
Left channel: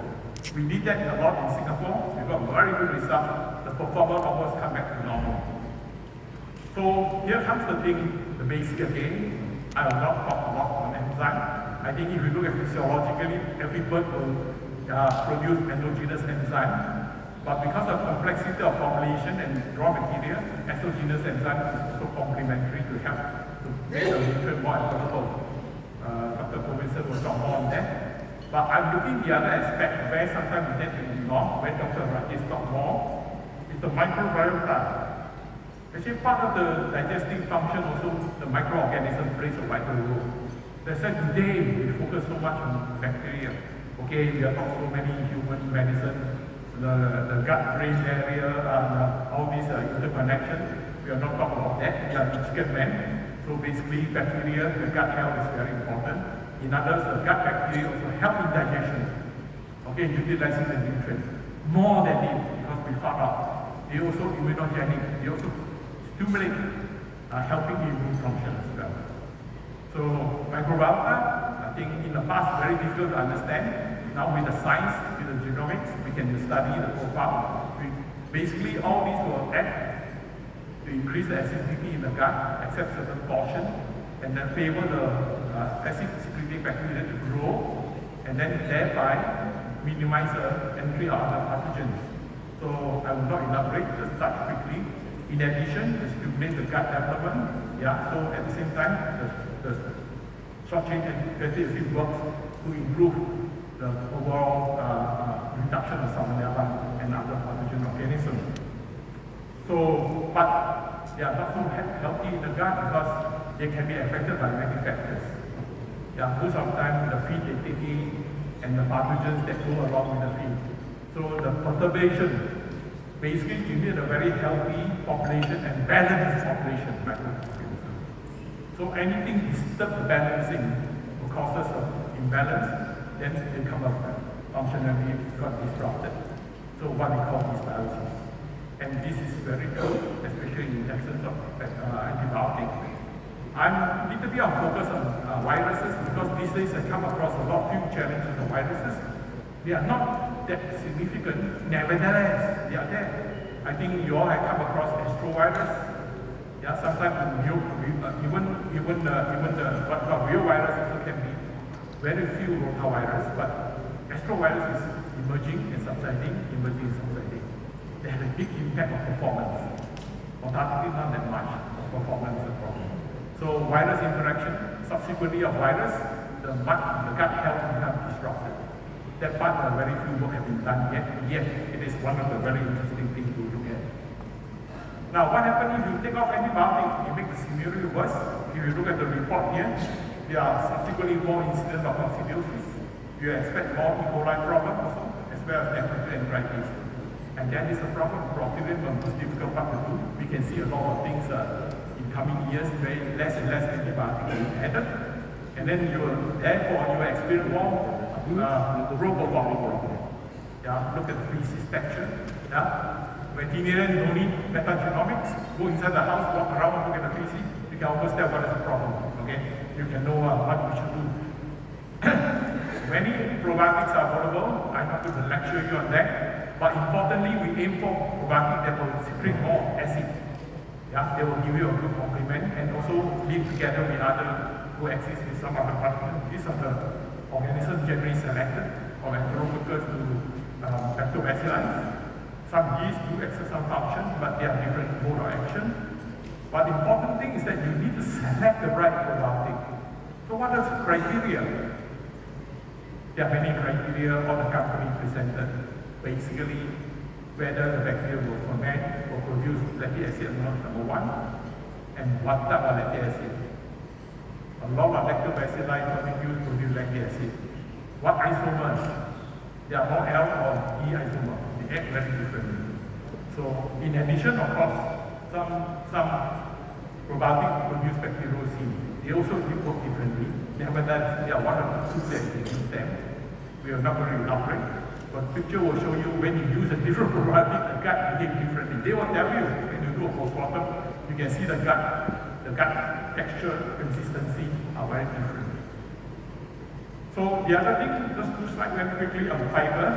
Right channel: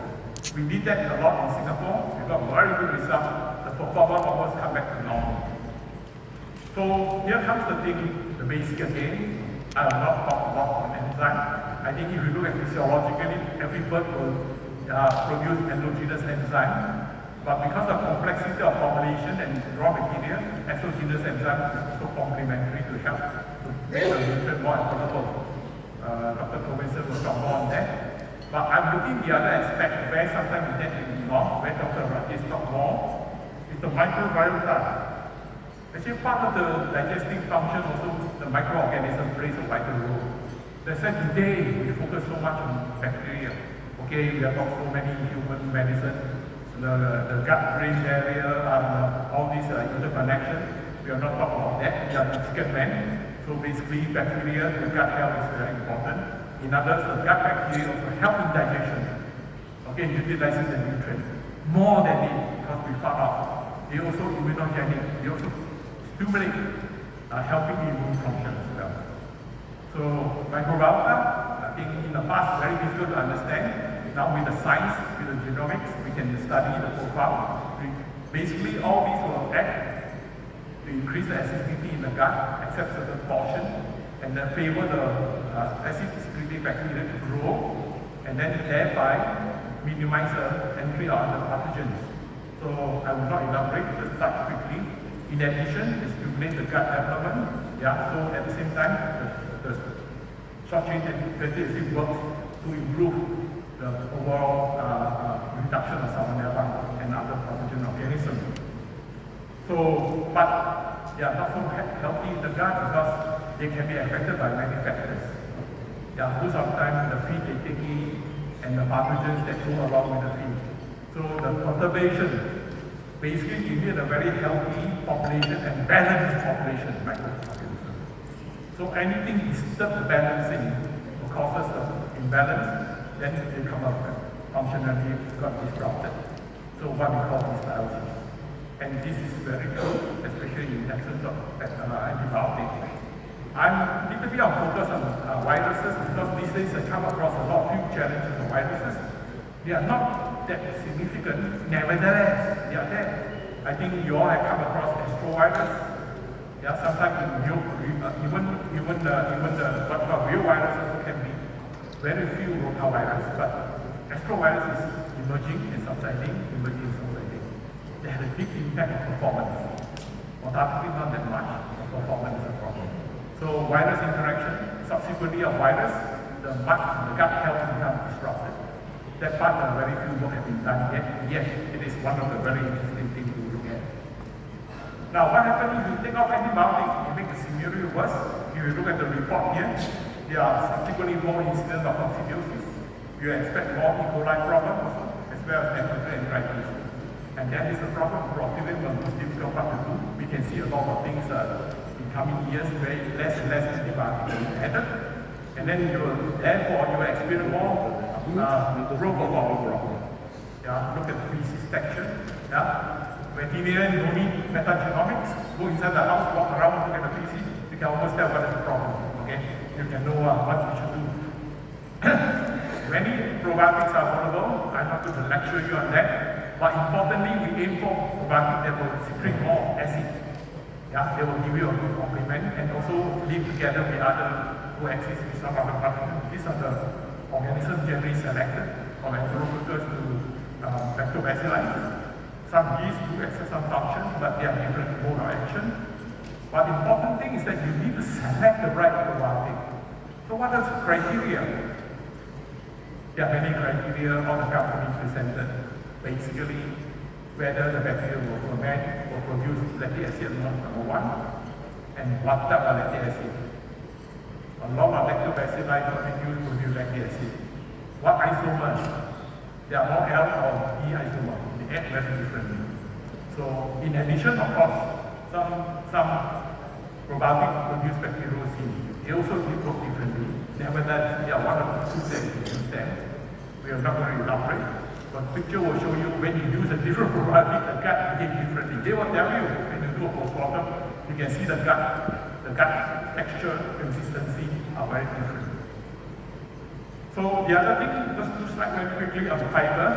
We did that a lot in Singapore. We got very good results. The performance almost come back to normal. So here comes the thing, the basic again. I will not talk a lot on enzyme. I think if you look at physiologically, every bird will produce endogenous enzyme. But because of complexity of formulation and raw material, exogenous enzyme is also complementary to help to make the nutrient more available. Dr. Professor will talk more on that. But I'm looking the other aspect where sometimes we get to ignore, where Dr. Rakesh talk more, is the microbiota. Actually, part of the digestive function also, the microorganism plays a vital role. That's why today we focus so much on bacteria. Okay, we have got so many human medicine, the gut-brain barrier, all these interconnections. We are not talking about that. We are the chicken man. So basically, bacteria, the gut health is very important. In others, the gut bacteria also help in digestion. Okay, utilizing the nutrients more than it, because we found out they also immunogenic. They also stimulate helping immune function as well. So microbiota, I think in the past very difficult to understand. Now with the science, with the genomics, we can study the profile. Basically, all these will act to increase the acidity in the gut, accept certain portion, and then favor the acid-secreting bacteria to grow, and then thereby minimize the entry of the pathogens. So I will not elaborate, just touch quickly. In addition, to stimulate the gut development, so at the same time, the short-chain fatty acid works to improve the overall reduction of salmonella and other pathogen organisms. So, but not so healthy in the gut because they can be affected by many factors. Most of the time the feed they take in and the pathogens that go along with the feed. So the conservation, basically you need a very healthy population and balanced population of microorganisms. So anything disturb the balancing or causes of imbalance, then they come up functionally got disrupted. So what we call dysbiosis. And this is very true, especially in absence of antibiotics. I'm a bit focused on viruses because these days I come across a lot of few challenges of viruses. They are not that significant, nevertheless, they are there. I think you all have come across astrovirus. Sometimes even the what about real virus also can be very few rotavirus, but astrovirus is emerging and subsiding, emerging and subsiding. They have a big impact on performance. Mortality not that much, but performance is a problem. So virus interaction, subsequently of virus, the gut health becomes disrupted. That part very few work have been done yet. Yes, it is one of the very interesting things to look at. Now, what happens if you take off antibiotics? You make the scenario worse. If you look at the report here, there are subsequently more incidents of coccidiosis. You expect more E. coli problems as well as enteritis. And that is a problem. Clostridium is difficult part to do. We can see a lot of things in coming years, very less and less antibiotics added. And then therefore you will experience more robot problem. Look at species section. Veterinarian don't need metagenomics. Go inside the house, walk around, look at the species. You can almost tell what is the problem. Okay, you can know what you should do. Many probiotics are available. I'm not going to lecture you on that. But importantly, we aim for probiotics that will secrete more acid. They will give you a good complement and also link together with other coexist with some other pathogens. These are the organisms generally selected from enterococcal to lactobacilli. Some yeast do exercise some function, but they have different mode of action. But the important thing is that you need to select the right probiotic. So what are the criteria? There are many criteria all the companies presented. Basically, whether the bacteria will ferment or produce lactic acid number one, and what type of lactic acid. A lot of lactobacilli produce lactic acid. What isomers? There are more L or E isomers. They act very differently. So, in addition, of course, some probiotics produce bacteriocin. They also work differently. Nevertheless, they are one of the two that you use them. We are not going to elaborate. But picture will show you when you use a different probiotic, the gut behaves differently. They will tell you when you do a postmortem, you can see the gut texture, consistency are very different. So the other thing, just to slide very quickly on the fiber,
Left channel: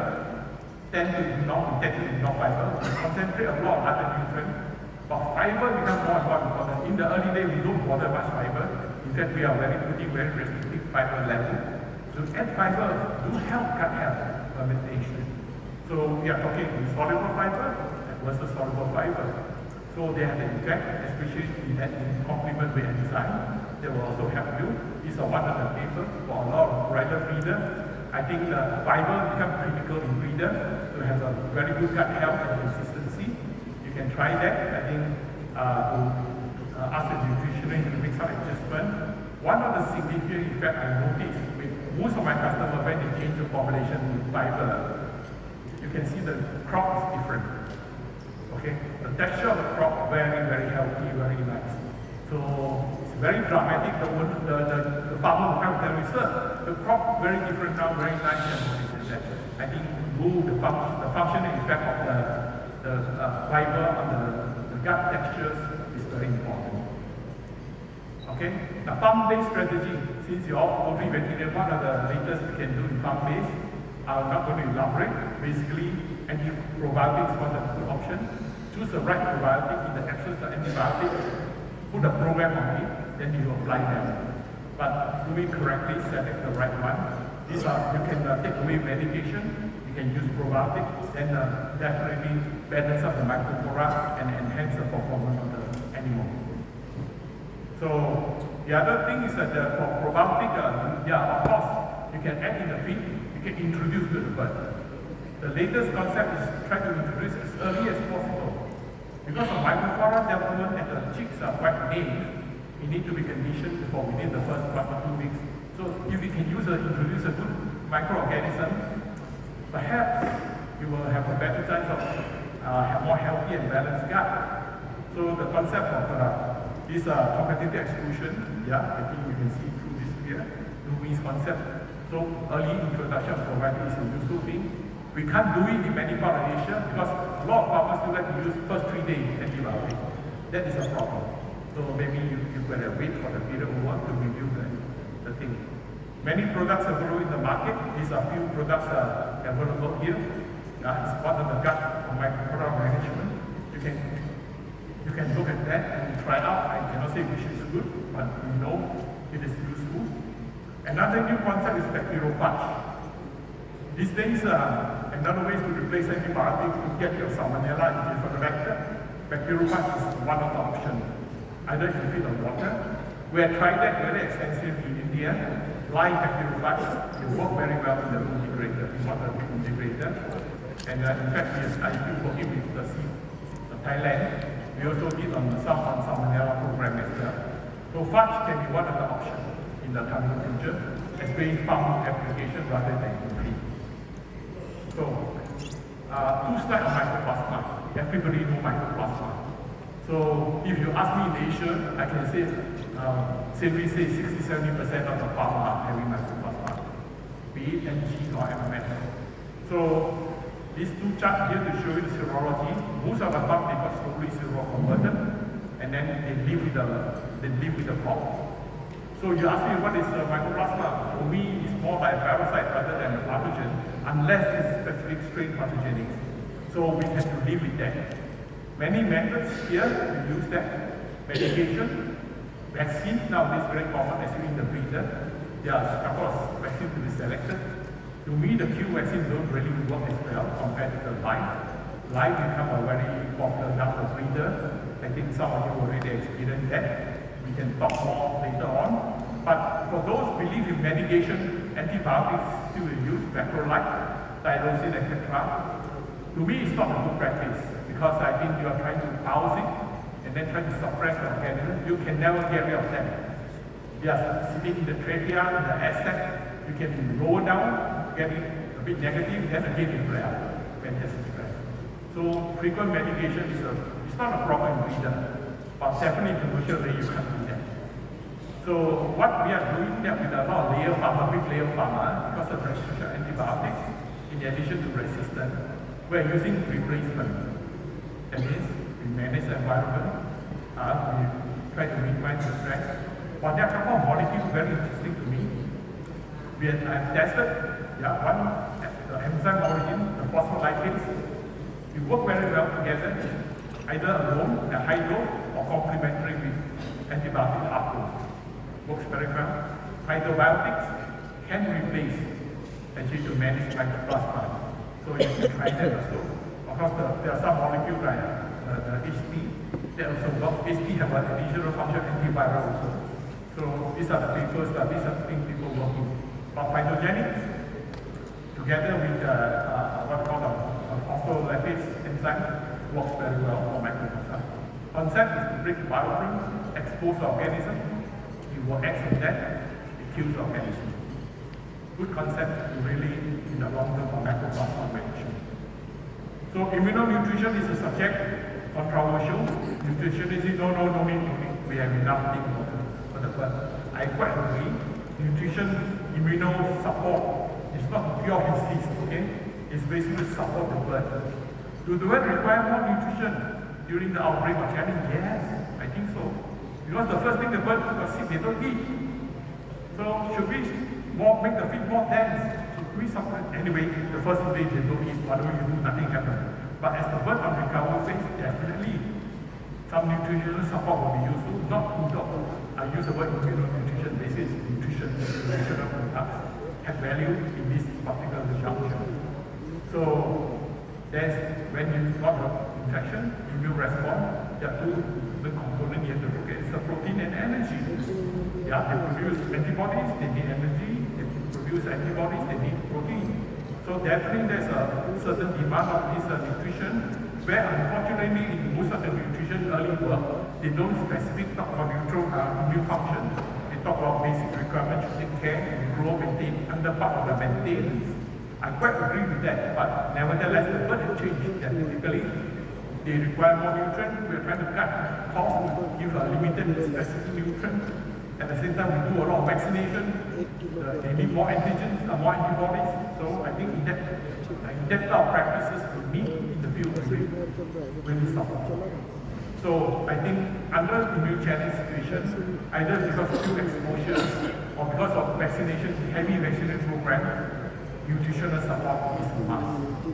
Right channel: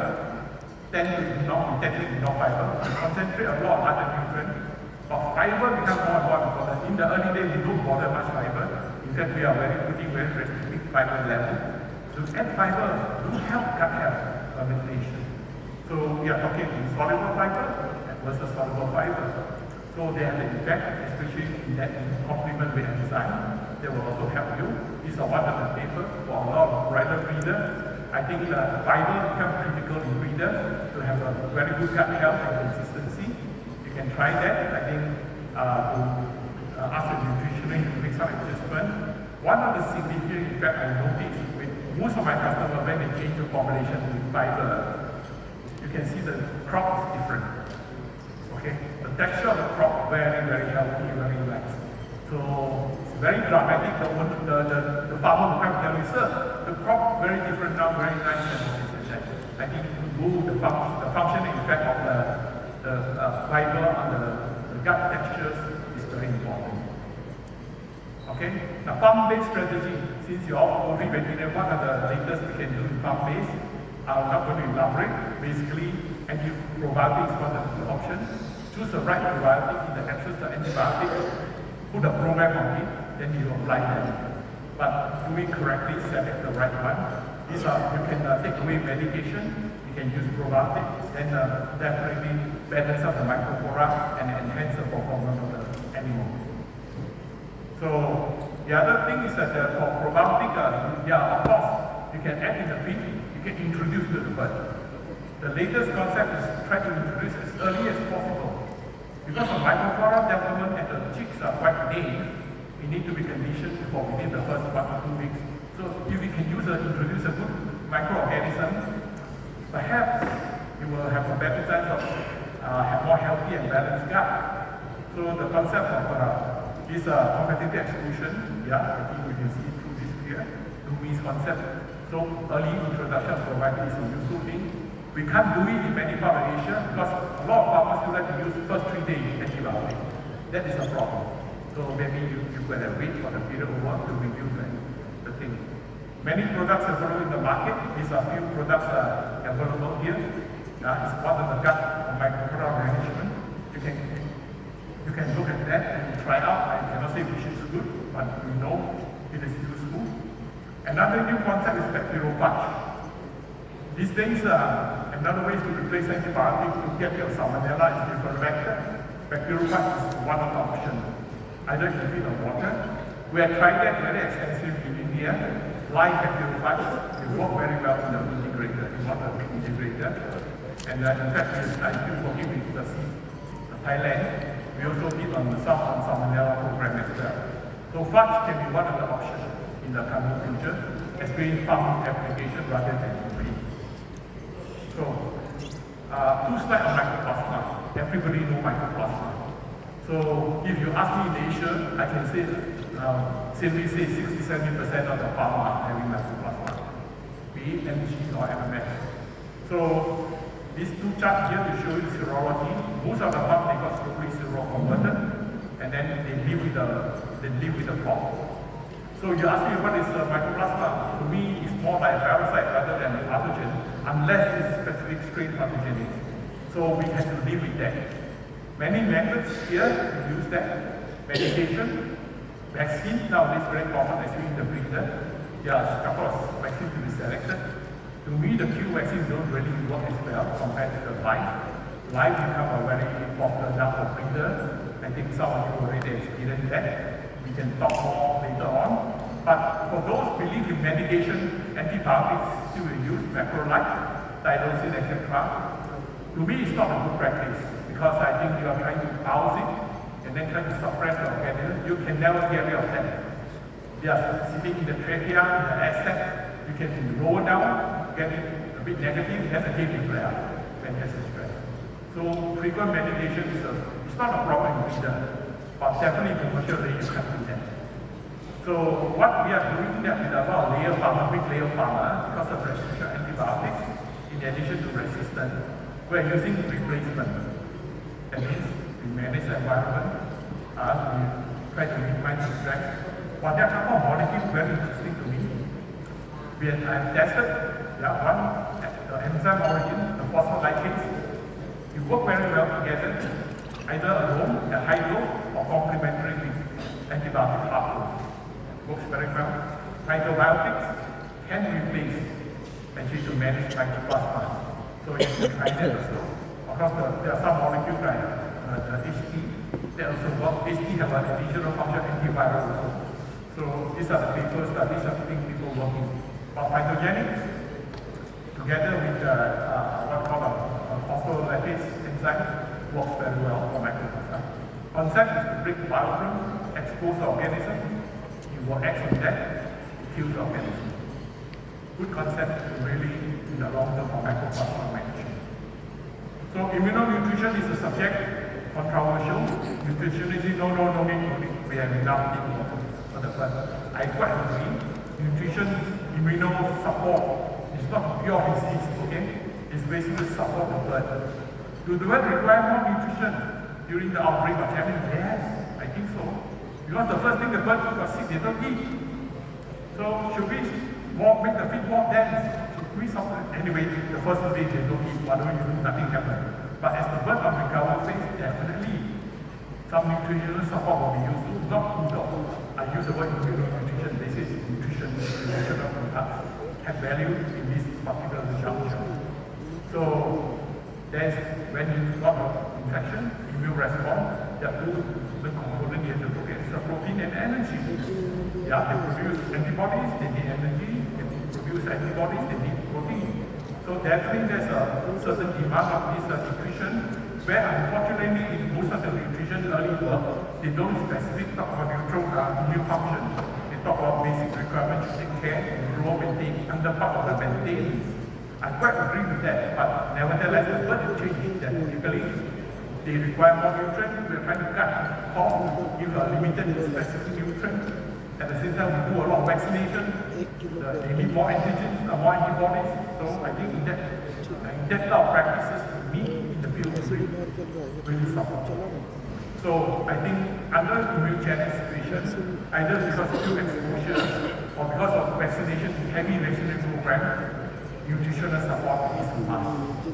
tend to not integrate enough fiber. We concentrate a lot of other nutrients, but fiber becomes more and more important. In the early days, we don't bother much fiber. In fact, we are putting very specific fiber level. So add fiber do help gut health fermentation. So we are talking insoluble fiber versus soluble fiber. So they have an effect, especially in that in complement with enzyme. They will also help you. These are one of the papers for a lot of private readers. I think fiber becomes critical in readers to have a very good gut health and consistency. You can try that. I think ask the nutritionist to make some adjustment. One of the significant effects I noticed with most of my customers when they change the formulation with fiber, you can see the crop is different. Okay, the texture of the crop very, very healthy, very nice. So it's very dramatic. The farmer will come tell you, sir, the crop very different now, very nice. And I think the functioning effect of the fiber on the gut textures is very important. Okay, the farm-based strategy. Since you're all only vegetarian, what are the latest you can do in farm-based? I'm not going to elaborate. Basically, anti-probiotics is one of the options. Choose the right probiotic in the access to antibiotic, put a program on it, then you apply them. But do it correctly, select the right one. These are, you can take away medication, you can use probiotic, and definitely balance up the microflora and enhance the performance of the animal. So the other thing is that for probiotic, of course, you can add in the feed, you can introduce to the bird. The latest concept is try to introduce as early as possible. Because the microflora development and the chicks are quite named, we need to be conditioned for within the first 1 or 2 weeks. So if we can introduce a good microorganism, perhaps you will have a better chance of have more healthy and balanced gut. So the concept of this competitive exclusion, I think we can see through this here, Rumi's concept. So early introduction of probiotics is a useful thing. We can't do it in many parts of Asia because a lot of farmers still like to use first 3 days antibiotics. That is a problem. So maybe you better wait for the period over to review the thing. Many products available in the market. These are few products available here. It's part of the gut and microbiome management. You can look at that and try out. I cannot say which is good, but we know it is useful. Another new concept is bacteriopatch. These things another way to replace antibiotics to get your salmonella in different vector. Bacteriopatch is one of the options. Either you feed on water. We have tried that very extensively in India. Live bacteriopatch, they work very well in the integrator, in one of the integrator. And in fact, I'm still working with Thailand. We also did on some on salmonella program as well. So fudge can be one of the options in the coming future as doing farm application rather than feed. So, 2 slides on mycoplasma. Everybody knows mycoplasma. So, if you ask me in Asia, I can say, safely say 60-70% of the farmers are having mycoplasma, be it MG or MMS. So, these 2 charts here to show you serology. Most of the farm they got totally seroconverted, and then they live with the crop. So you ask me what is mycoplasma? For me, it's more like a parasite rather than a pathogen, unless it's a specific strain pathogenic. So we have to live with that. Many methods here to use that. Medication, vaccine now is very common, especially in the breeder. there are a couple of vaccines to be selected. To me, the Q vaccines don't really work as well compared to the live. Live become a very popular now for breeder. I think some of you already experienced that. We can talk more later on. But for those who believe in medication, antibiotics still will use, macrolide, tyrosine, etc. To me, it's not a good practice because I think you are trying to house it and then trying to suppress the organism. You can never get rid of them. They are sitting in the trachea, in the asset. You can lower down, get it a bit negative, then again it flare when there's a stress. So frequent medication it's not a problem either, but definitely commercially you can't do that. So what we are doing that with our layer pharma, big layer pharma, because of resistant antibiotics, in addition to resistance, we are using replacement. That means we manage the environment, we try to minimize the stress. But there are a couple of molecules very interesting to me. We have tested, one, the enzyme origin, the phospholipids, you work very well together, either alone, a high dose, or complementary with antibiotic pathway. Works very well. Phytobiotics can replace actually to manage mycoplasma. So if you try that also. Of course, there are some molecules like HT, they also work. HT have an additional function antiviral also. So these are the papers that these are the things people working. But phytogenics, together with what called phospholipids enzyme, works very well for microbiota. Concept is to break biofilm, expose the organism, you will act on that, kill the organism. Good concept to really, in the long term, for microplasma management. So immunonutrition is a subject, controversial. Nutritionists no need, we have enough things for the blood. I quite agree. Nutrition, immuno support is not pure disease, okay? It's basically support the blood. Do the blood require more nutrition during the outbreak of famine? Yes, I think so. Because the first thing the bird was sick, they don't eat. So should we make the feed more dense? Should we support? Anyway, the first day they don't eat, whatever you do, nothing happens. But as the bird on recovery phase, definitely some nutritional support will be useful. Not I use the word nutrition, this is nutrition, nutritional products have value in this particular result. So there's when you got an infection, immune response, there are two the components you have to look at. It's the protein and energy. Yeah, they produce antibodies, they need energy, they produce antibodies, they need protein. So definitely there's a certain demand of this nutrition, where unfortunately in most of the nutrition early work, they don't specifically talk about immune function. They talk about basic requirements to take care and grow and take under part of the maintenance. I quite agree with that, but nevertheless, the bird change that typically they require more nutrients. We are trying to cut costs, give a limited specific nutrient. At the same time, we do a lot of vaccination. They need more antigens, more antibodies. So I think in that type of practices, we need in the field really support. So I think under immune challenge situations, either because of fuel exposure or because of vaccination, heavy vaccination program, nutritional support is a must.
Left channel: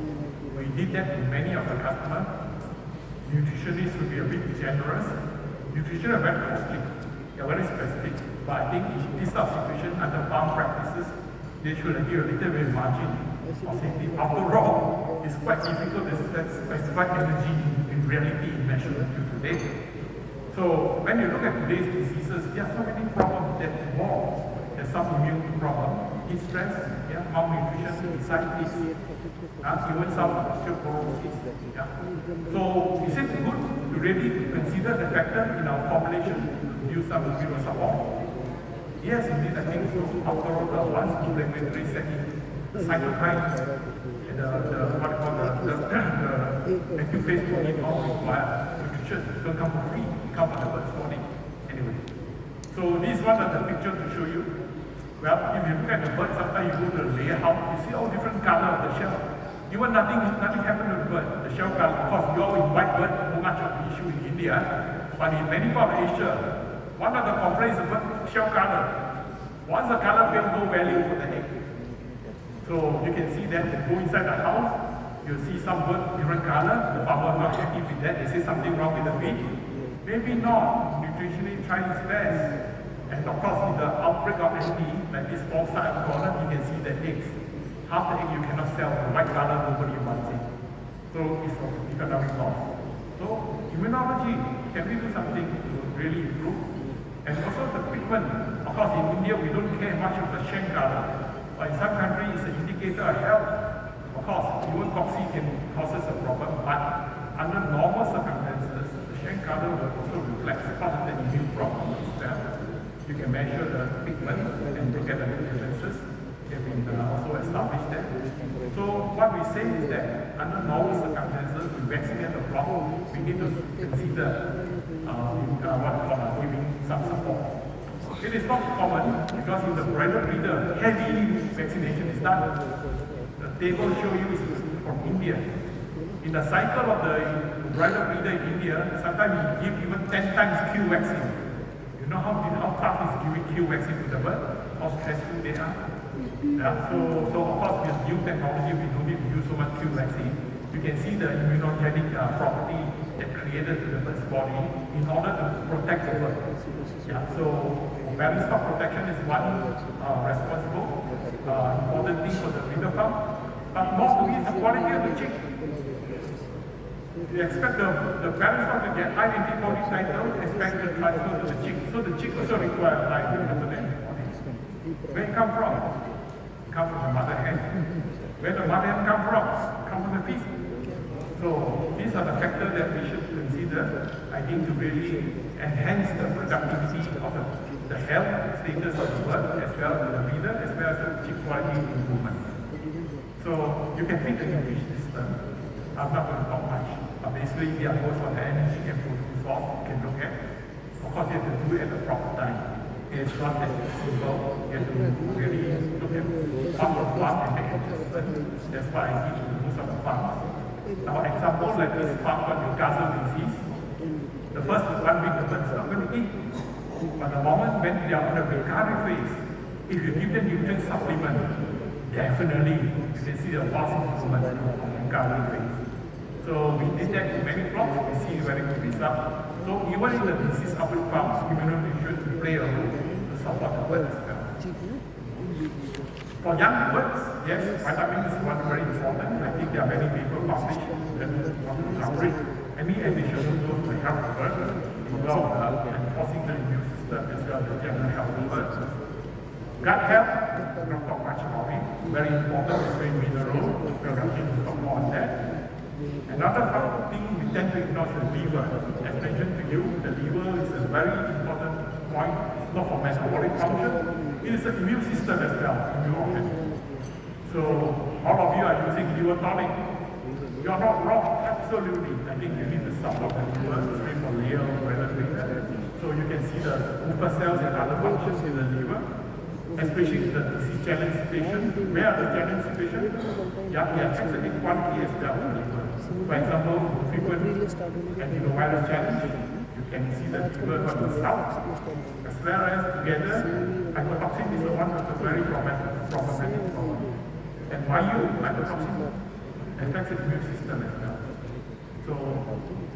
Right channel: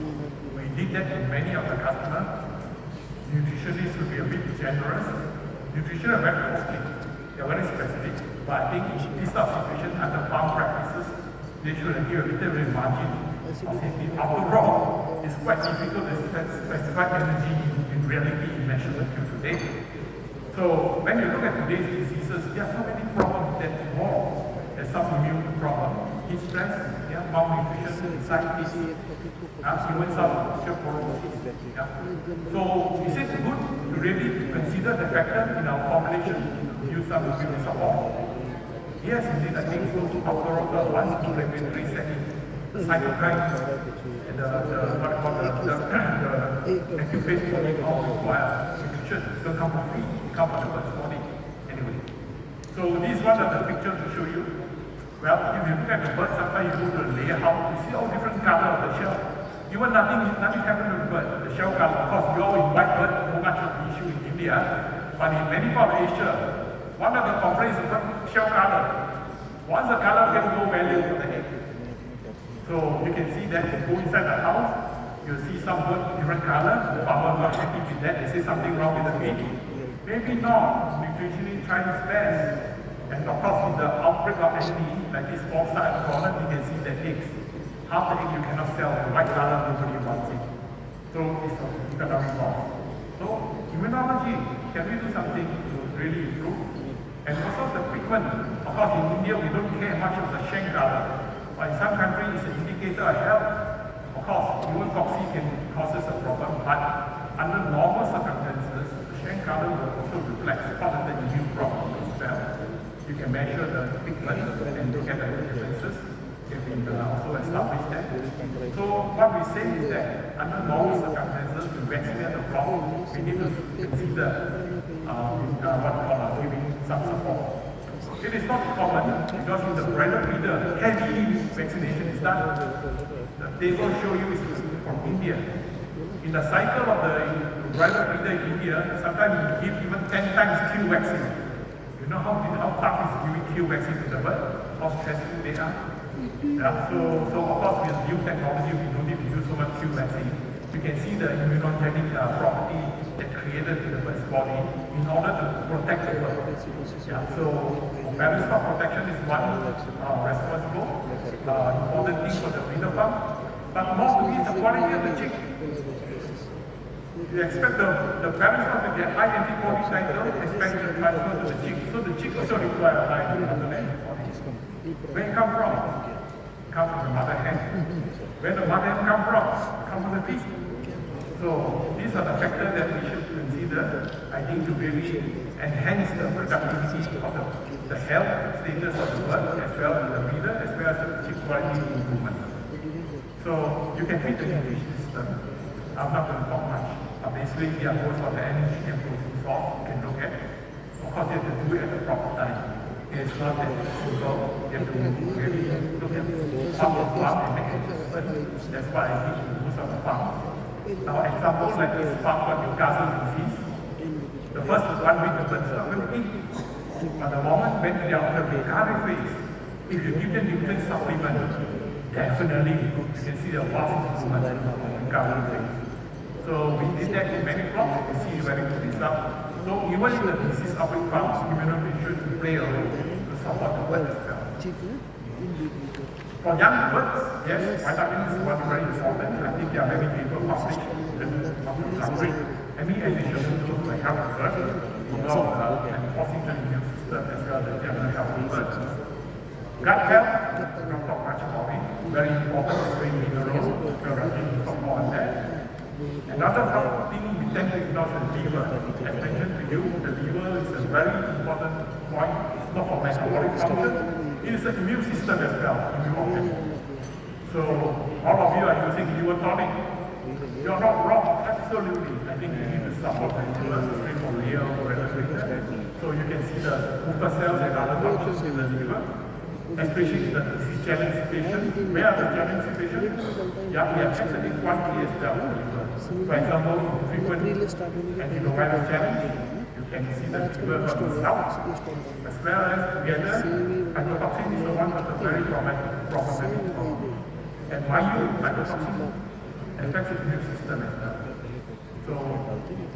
We did that in many of the customers. Nutritionists will be a bit generous. Nutrition are very positive. They're very specific. But I think in this sort of situation, under farm practices, they should give a little bit margin of safety. After all, it's quite difficult to specify energy in reality in measurement today. So when you look at today's diseases, there are so many problems that involve. There's some immune problem, heat stress, malnutrition, anxiety, even some osteoporosis. So is it good to really consider the factor in our formulation to use some immune support? Yes, indeed, I think so. After all, the ones in regulatory setting, the cytokines and the active phase protein all require nutrition. Don't come for free, come for the first morning. Anyway. So this one are the picture to show you. Well, if you look at the bird, sometimes you do the layout, you see all different color of the shell. Even nothing happened to the bird. The shell color, of course, we all in white bird, no much of the issue in India. But in many parts of Asia, one of the complaints is shell color. Once the color has no value for the egg. So you can see that you go inside the house, you see some bird different color, the farmer not happy with that, they say something wrong with the egg. Maybe not, nutritionist trying his best. And of course, in the outbreak of any, like this small side at the corner, you can see the eggs. Half the egg you cannot sell, the white color nobody wants it. So it's an economic loss. So immunology, can we do something to really improve? And also the treatment. Of course, in India, we don't care much of the Cheong color. But in some countries, it's an indicator of health. Of course, even coffee can cause a problem, but under normal circumstances, the Cheong color will also reflect part of the immune problem as well. You can measure the pigment and look at the differences. You can also establish them. So what we say is that under normal circumstances, to vaccinate the flock, we need to consider giving some support. It is not common because in the branded breeder, heavy vaccination is done. The table show you is from India. In the cycle of the branded breeder in India, sometimes you give even 10 times Q vaccine. You know how tough is giving Q vaccine to the bird? How stressful they are? Yeah, so of course with new technology, we don't need to use so much Q vaccine. You can see the immunogenic property that created in the bird's body in order to protect the bird. Yeah, so balance stock protection is one responsible, important thing for the breeder farm. But most of it is the quality of the chick. You expect the parents to get high antibody cycle, expect to transfer to the chick. So the chick also requires high antibody. Where it come from? It comes from the mother hen. Where the mother hen come from? It comes from the pig. So these are the factors that we should consider, I think, to really enhance the productivity of the health status of the bird, as well as the breeder, as well as the chick quality improvement. So you can feed the English system. I'm not going to talk much. Basically, we are going for the energy and protein source you can look at. Of course, you have to do it at the proper time. It's not that simple. You have to really look at farm to farm and make adjustments. That's why I teach you to do some farms. Now, examples like this farm for Newcastle disease. The first 1 week the bird is not going to eat. But the moment when they are in the recovery phase, if you give them nutrient supplement, definitely you can see the vast improvement in the recovery phase. So we did that in many crops to see very good result. So even in the disease outbreak farms, immunonutrients play a role to support the birds as well. For young birds, yes, vitamins is one very important. I think there are many people published in any additional to the help the bird, enforcing the immune system as well as the general health of the birds. Gut health, we don't talk much about it. Very important, it's very mineral. We're going to talk more on that. Another thing we tend to ignore is the liver. As mentioned to you, the liver is a very important point, not for metabolic function, it is the immune system as well, immune organ. So all of you are using liver tonic. You are not wrong, absolutely. I think you need to support the liver, especially for liver, so you can see the Cooper cells and other functions in the liver. Especially the challenge situation. Where are the challenge situations? Yeah, we have specific quantity as well. For example, frequent antivirus challenge, you can see the liver on the south. As well as together, mycotoxin is the one with a very problematic problem. And mycotoxin affects the immune system as well. So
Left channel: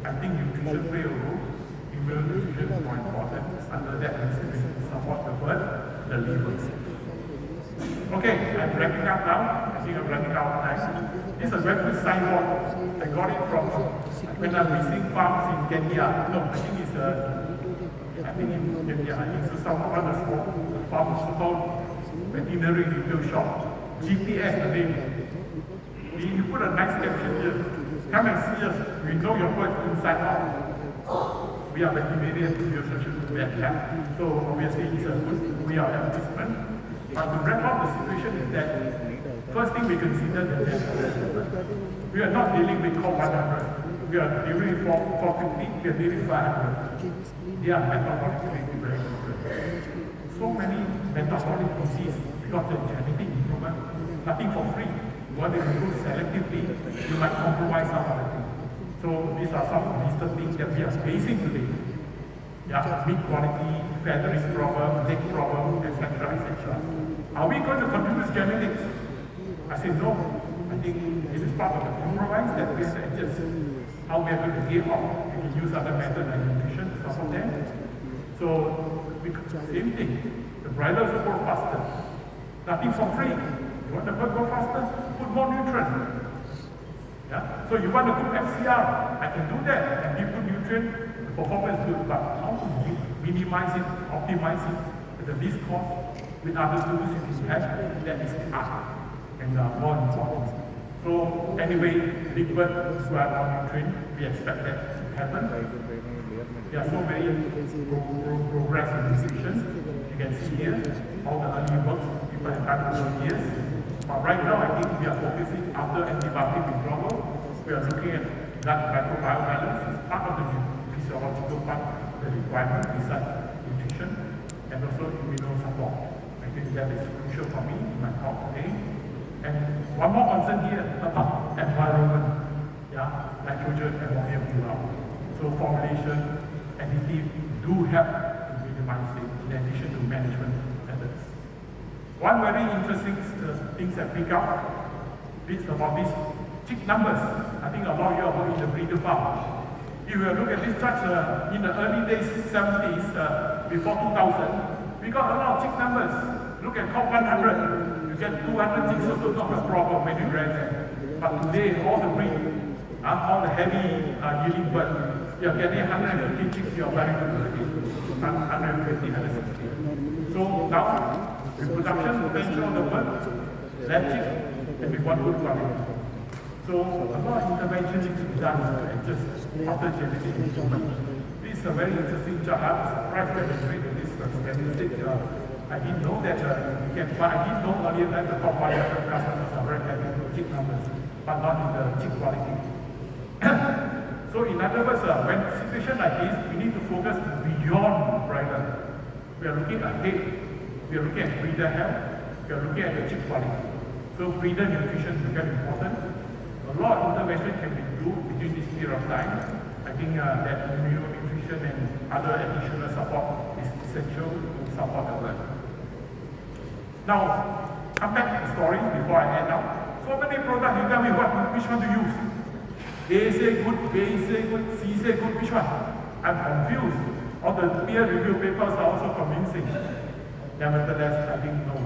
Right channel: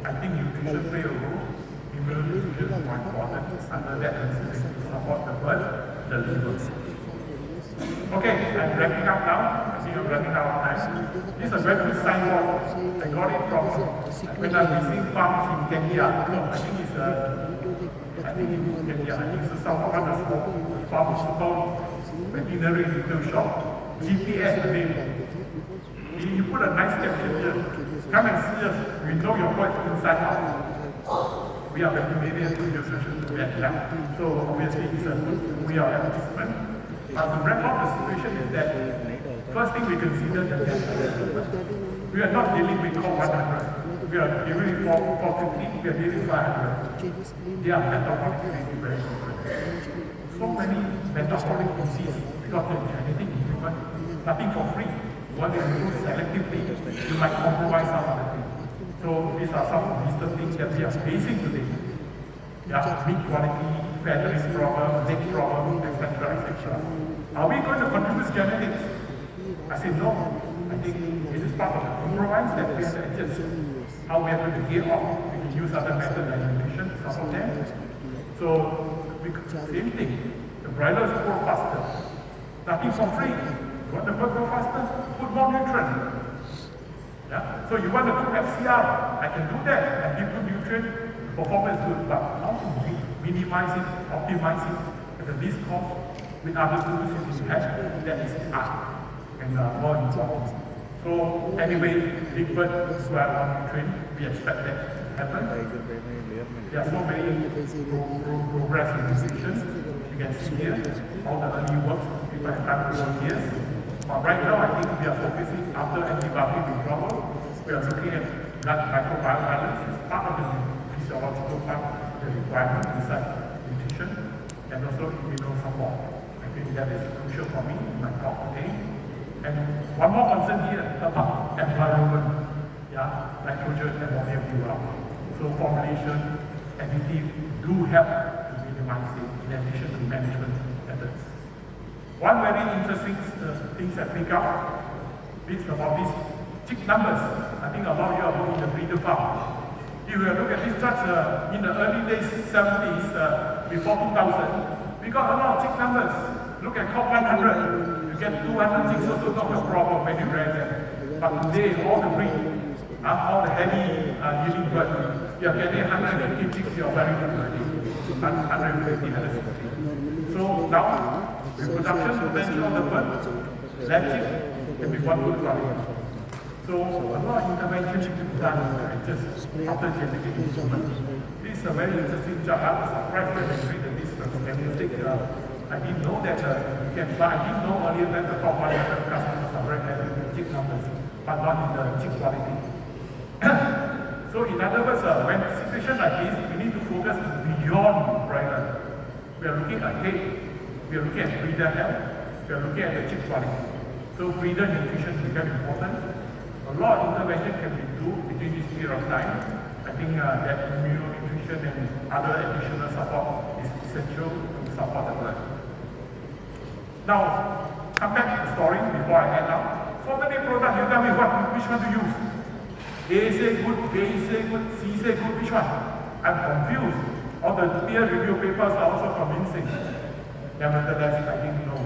I think nutrition play a role. Immunity is more important. Under that, to support the bird. The levels. Okay, I'm wrapping up now. I think I'm running out of time. This is a very good signboard. I got it from when I'm visiting farms in Kenya. No, I think it's in Kenya. It's some other small farm which is called veterinary retail shop. GPS the name. You put a nice caption here. Come and see us. We know your bird inside out. We are veterinarian producers to that. So obviously it's a good we are advertisement. To wrap up the situation is that first thing we consider the death. We are not dealing with call 100. We are dealing with 450, we are dealing with 500. They are metabolic very different. So many metabolic diseases because of genetic improvement, nothing for free. When they improve selectively, you might compromise some other things. So these are some of the things that we are facing today. Yeah, meat quality, feathering problem, neck problem, etc. Are we going to continue genetics? I say no. I think it is part of the compromise that we have to adjust. How we are going to gear off, we can use other methods like nutrition to support them. So Same thing. The broilers grow faster. Nothing for free. You want the bird grow faster? Put more nutrient. Yeah? So you want to do FCR, I can do that and give good nutrient, performance good, but how to minimize it, optimize it with the least cost with other tools you have, that is art and more important. So anyway, big bird who are on train, we expect that to happen. There are so many progress in nutrition. You can see here all the early works people have done over the years. But right now, I think we are focusing after antibiotic withdrawal. We are looking at blood microbiome balance as part of the physiological part of the requirement besides nutrition and also immune support. I think that is crucial for me in my talk today. And one more concern here about environment. Yeah, nitrogen and ammonia buildup. So formulation, additive do help to minimize it in addition to management methods. One very interesting thing I pick up is about these chick numbers. I think a lot of you are working in the breeder farm. If you look at this chart in the early days, 70s, before 2000, we got a lot of chick numbers. Look at COP 100. You get 200 chicks, also not a problem when you rear them. But today, all the breeding, all the heavy yielding birds, you are getting 150 chicks, you are very good already. 150, 150. So now, reproduction potential of the bird, less chick can be one good problem. So a lot of intervention to be done just after genetic improvement. This is a very interesting chart. I was surprised when I read this statistic. I didn't know that you can, but I didn't know earlier that the top 100 customers are very happy with chick numbers, but not in the chick quality. So in other words, when situation like this, we need to focus beyond breeder. We are looking ahead. We are looking at breeder health. We are looking at the chick quality. So breeder nutrition is very important. A lot of intervention can be done within this period of time. I think that immunonutrition and other additional support is essential to support the bird. Now, come back to the story before I end up. So many products, you tell me which one to use. A say good, B say good, C say good, which one? I'm confused. All the peer review papers are also convincing. Nevertheless, I think no.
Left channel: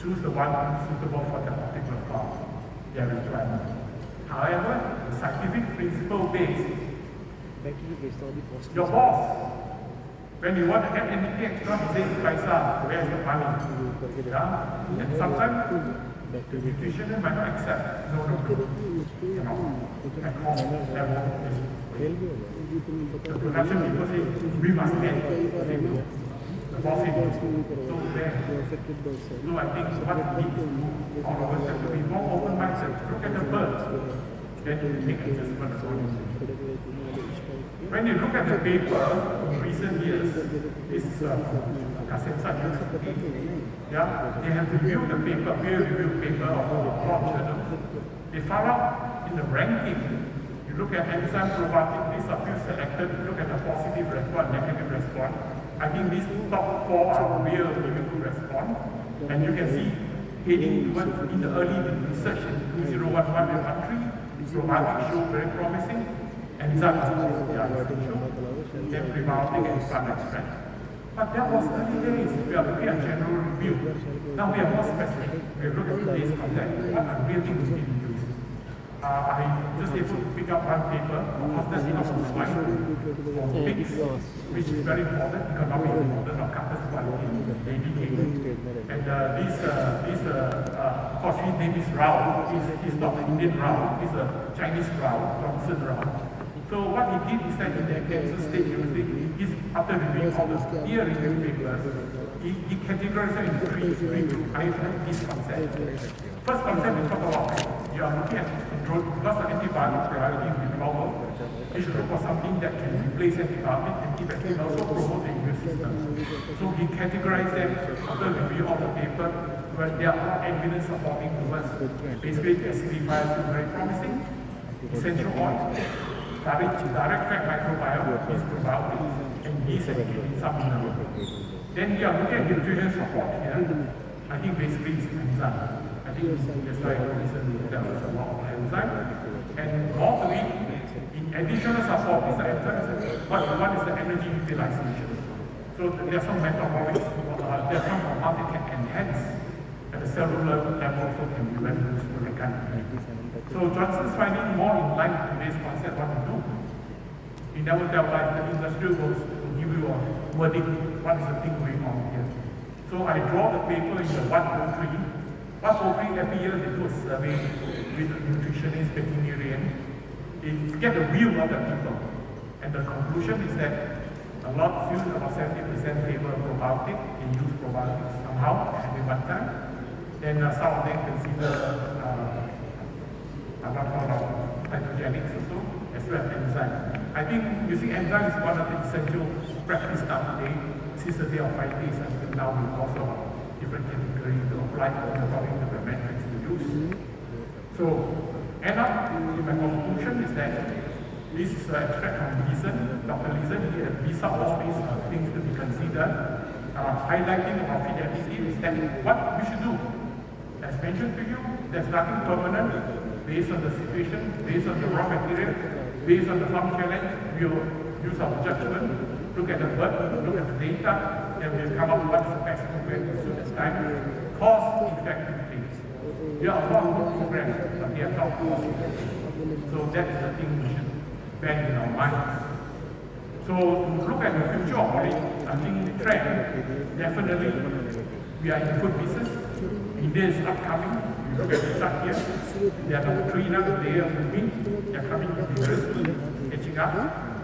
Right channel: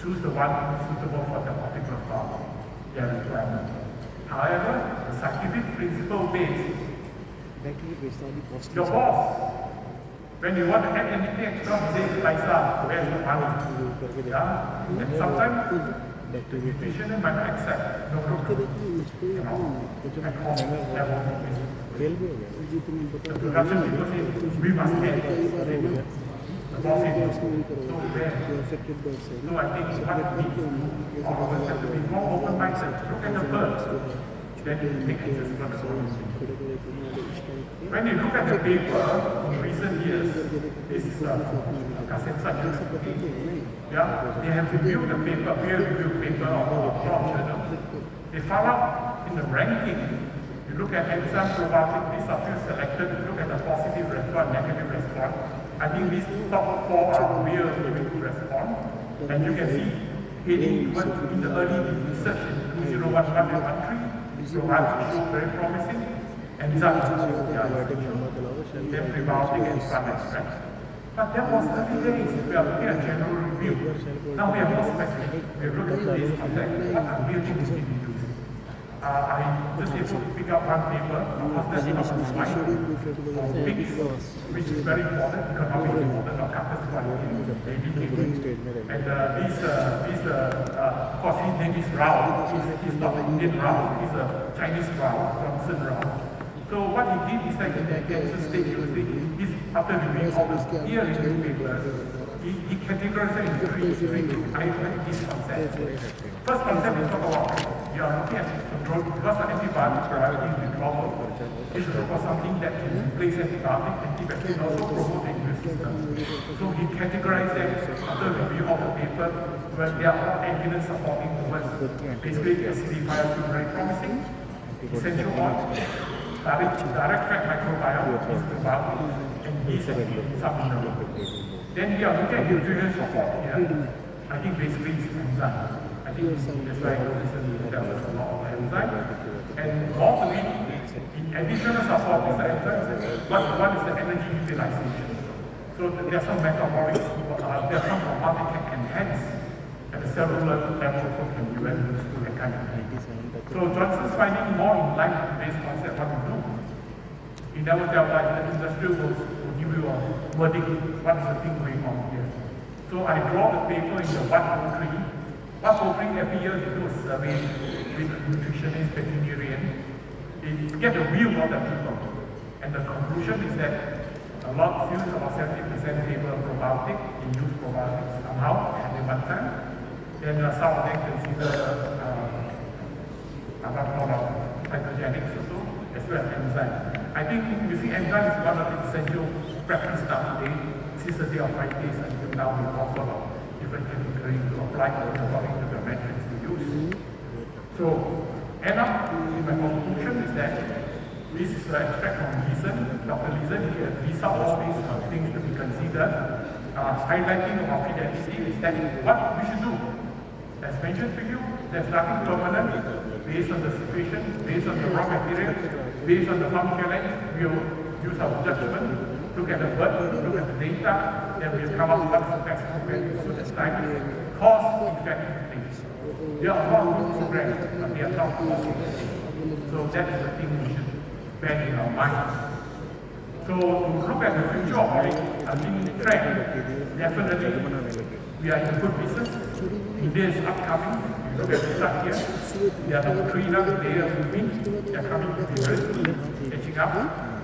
Choose the one suitable for that particular problem. Their requirement. However, the scientific principle is your boss. When you want to add anything extra, say Paisa, where's the money? Yeah? And sometimes the nutrition might not accept. No problem. You know, at home level. The production people say, we must add. The boss is so there. So I think what we need, all of us have to be more open-minded. Look at the birds. Then you make adjustments. When you look at the paper in recent years, this is yeah, they have reviewed the paper, peer-reviewed paper of crop journals. They found out in the ranking, you look at enzyme probiotic, these are few selected, you look at the positive response, negative response. I think these top four are real good response. And you can see, heading towards in the early research in 2011 country, probiotics show very promising. Enzymes, then prebiotic and sun extract. But that was early days. We are looking at general review. Now we are more specific. We are looking at this context. What are real things we need to do? I just able to pick up one paper. Of course, that's not on slide. For pigs, which is very important, economic importance of carcass quality, baby pigs. And of course, his name is Rao. He's not Indian Rao. He's a Chinese Rao, Johnson Rao. So what he did is that in the Kansas State University, after reviewing all the peer review papers, he categorized them into three his concepts. First concept is talk about you are looking at control because the antibiotics are in the problem. You should look for something that can replace antibiotic, antibacterial, also promote the immune system. So he categorized them after review of the paper, where there are all evidence supporting towards basically the acidifiers is very promising, essential oils. Direct fat microbiome is probiotics and yeast and some mineral. Then we are looking at nutrition support here. I think basically it's enzyme. I think that's why recently there was a lot of enzyme. And more to it, in additional support is the enzyme. What is the energy utilization? So So there are some metabolic, there are some hormones that can enhance at the cellular level, also can be very useful and kind of thing. So Johnson's finding more in line with today's concept what to do. He never tell us the industry will give you a verdict, what is the thing going on here. So I draw the paper in the 103. 103 every year we do a survey with nutritionists, veterinarians. You get a view of the people. And the conclusion is that a lot few, about 70% favor probiotic, they use probiotics somehow at one time. Then some of them consider hydrogenics also, as well as enzyme. I think you see enzyme is one of the essential practice now today, since the day of practice until now we also have different categories to apply according to the methods we use. So, end up in my conclusion is that this is an extract from Leeson. Dr. Leeson, these are all these things to be considered. Highlighting about fidelity is that what we should do. As mentioned to you, there's nothing permanent based on the situation, based on the raw material, based on the farm challenge. We will use our judgment, look at the bird, look at the data, then we'll come up with what's the maximum value so this time. Cost effective things. There are a lot of good programs, but they are not cost effective. So that is the thing we should bear in our minds. So look at the future of trend. Definitely, we are in a good business. India is upcoming. You look at the truck here. We are number 3 now. They are moving. They are coming to the earth, catching up.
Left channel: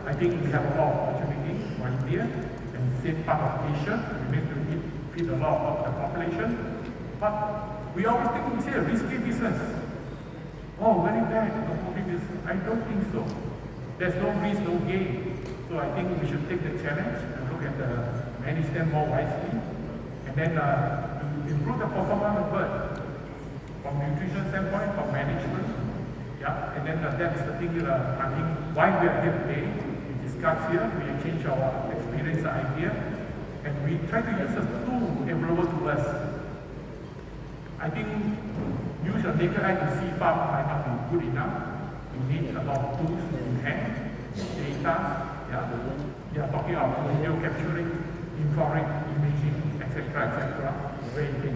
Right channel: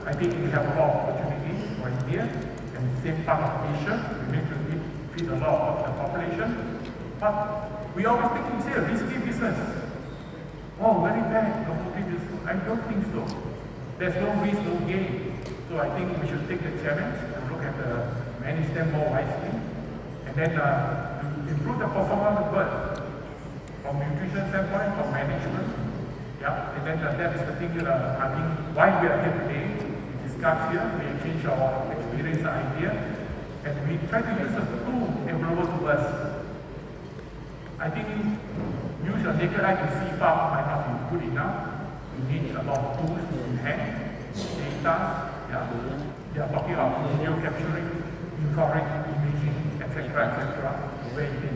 I think we have a lot of opportunities for India and the same part of Asia. We need to feed a lot of the population. But we always think we say a risky business. Oh, very bad. No business. I don't think so. There's no risk, no gain. So I think we should take the challenge and look at manage them more wisely. And then improve the performance of bird from nutrition standpoint, from management. Yeah, and then that is the thing I think why we are here today. We discuss here, we exchange our experience and idea, and we try to use the tool available to us. I think use a naked eye to see farm might not be good enough. We need a lot of tools in hand, data. Yeah, they are talking about video capturing, infrared imaging, etc. Where you can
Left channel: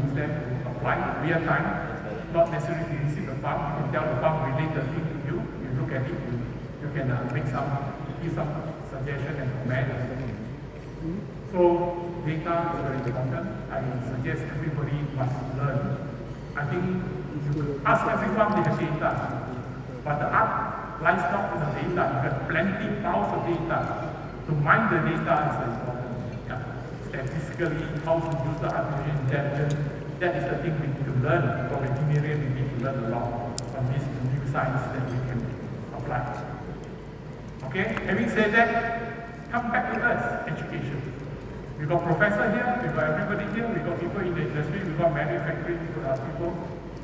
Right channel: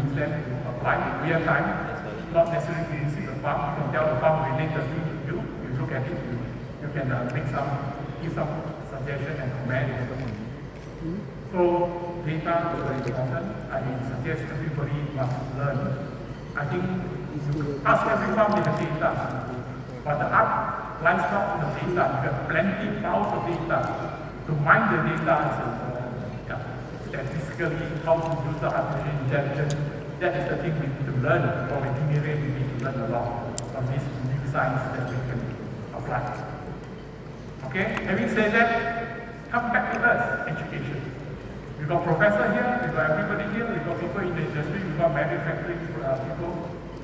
use them to apply real time, not necessarily to visit the farm. You can tell the farm relate the thing to you. You look at it, you can give some suggestion and comment. So data is very important. I suggest everybody must learn. I think ask every farm with the data, but the art lies not in the data. You have plenty piles of data. To mine the data is important. Statistically, how to use the artificial intelligence, that is the thing we need to learn. For engineering, we need to learn a lot from this new science that we can apply. Okay? Having said that, come back to us, education. We got professor here, we got everybody here, we got people in the industry, we got manufacturing people.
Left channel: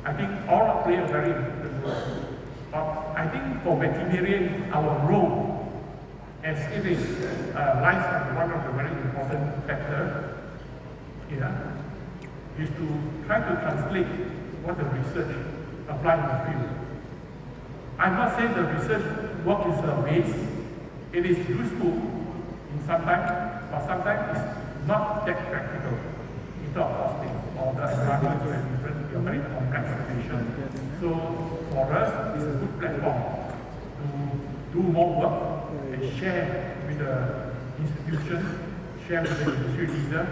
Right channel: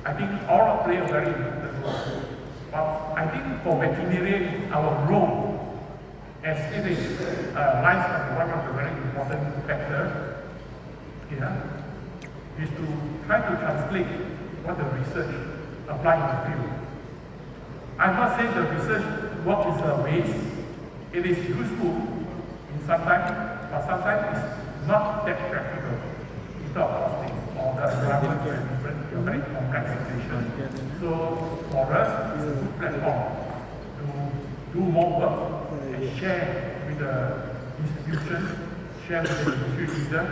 I think all play a very important role. But I think for veterinarian, our role as it is lies as one of the very important factors here is to try to translate what the research applied in the field. I'm not saying the research work is a waste. It is useful in sometimes, but sometimes it's not that practical. It's not costing or the environment is different, a very complex situation. So for us, it's a good platform to do more work and share with the institution, share with the industry leader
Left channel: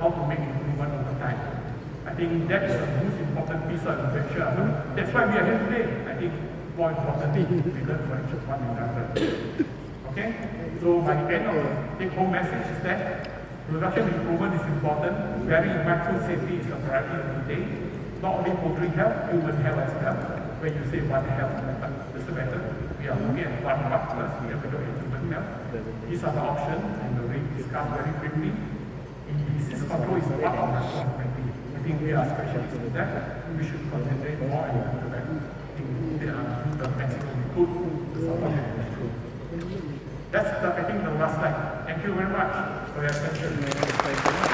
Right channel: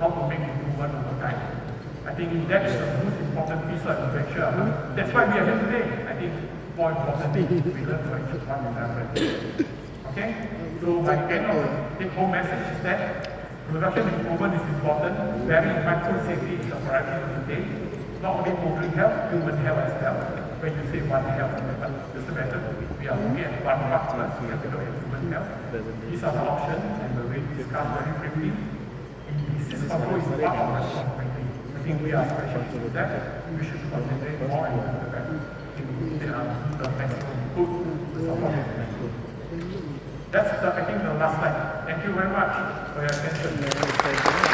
how to make improvement over time. I think that's the most important piece of infrastructure. That's why we are here today. I think more importantly, we learn from each one another. Okay? So my end of take-home message is that production improvement is important. Very micro safety is a priority of the day. Not only poultry health, human health as well. When you say one health, but just a matter, we are looking at one plus, we have to look at human health. These are the options, and we'll discuss very quickly. Disease control is one of the responsibility. I think we are specialists in that. We should concentrate more and more that to do the maximum good to support the good. That's I think the last slide. Thank you very much for your attention.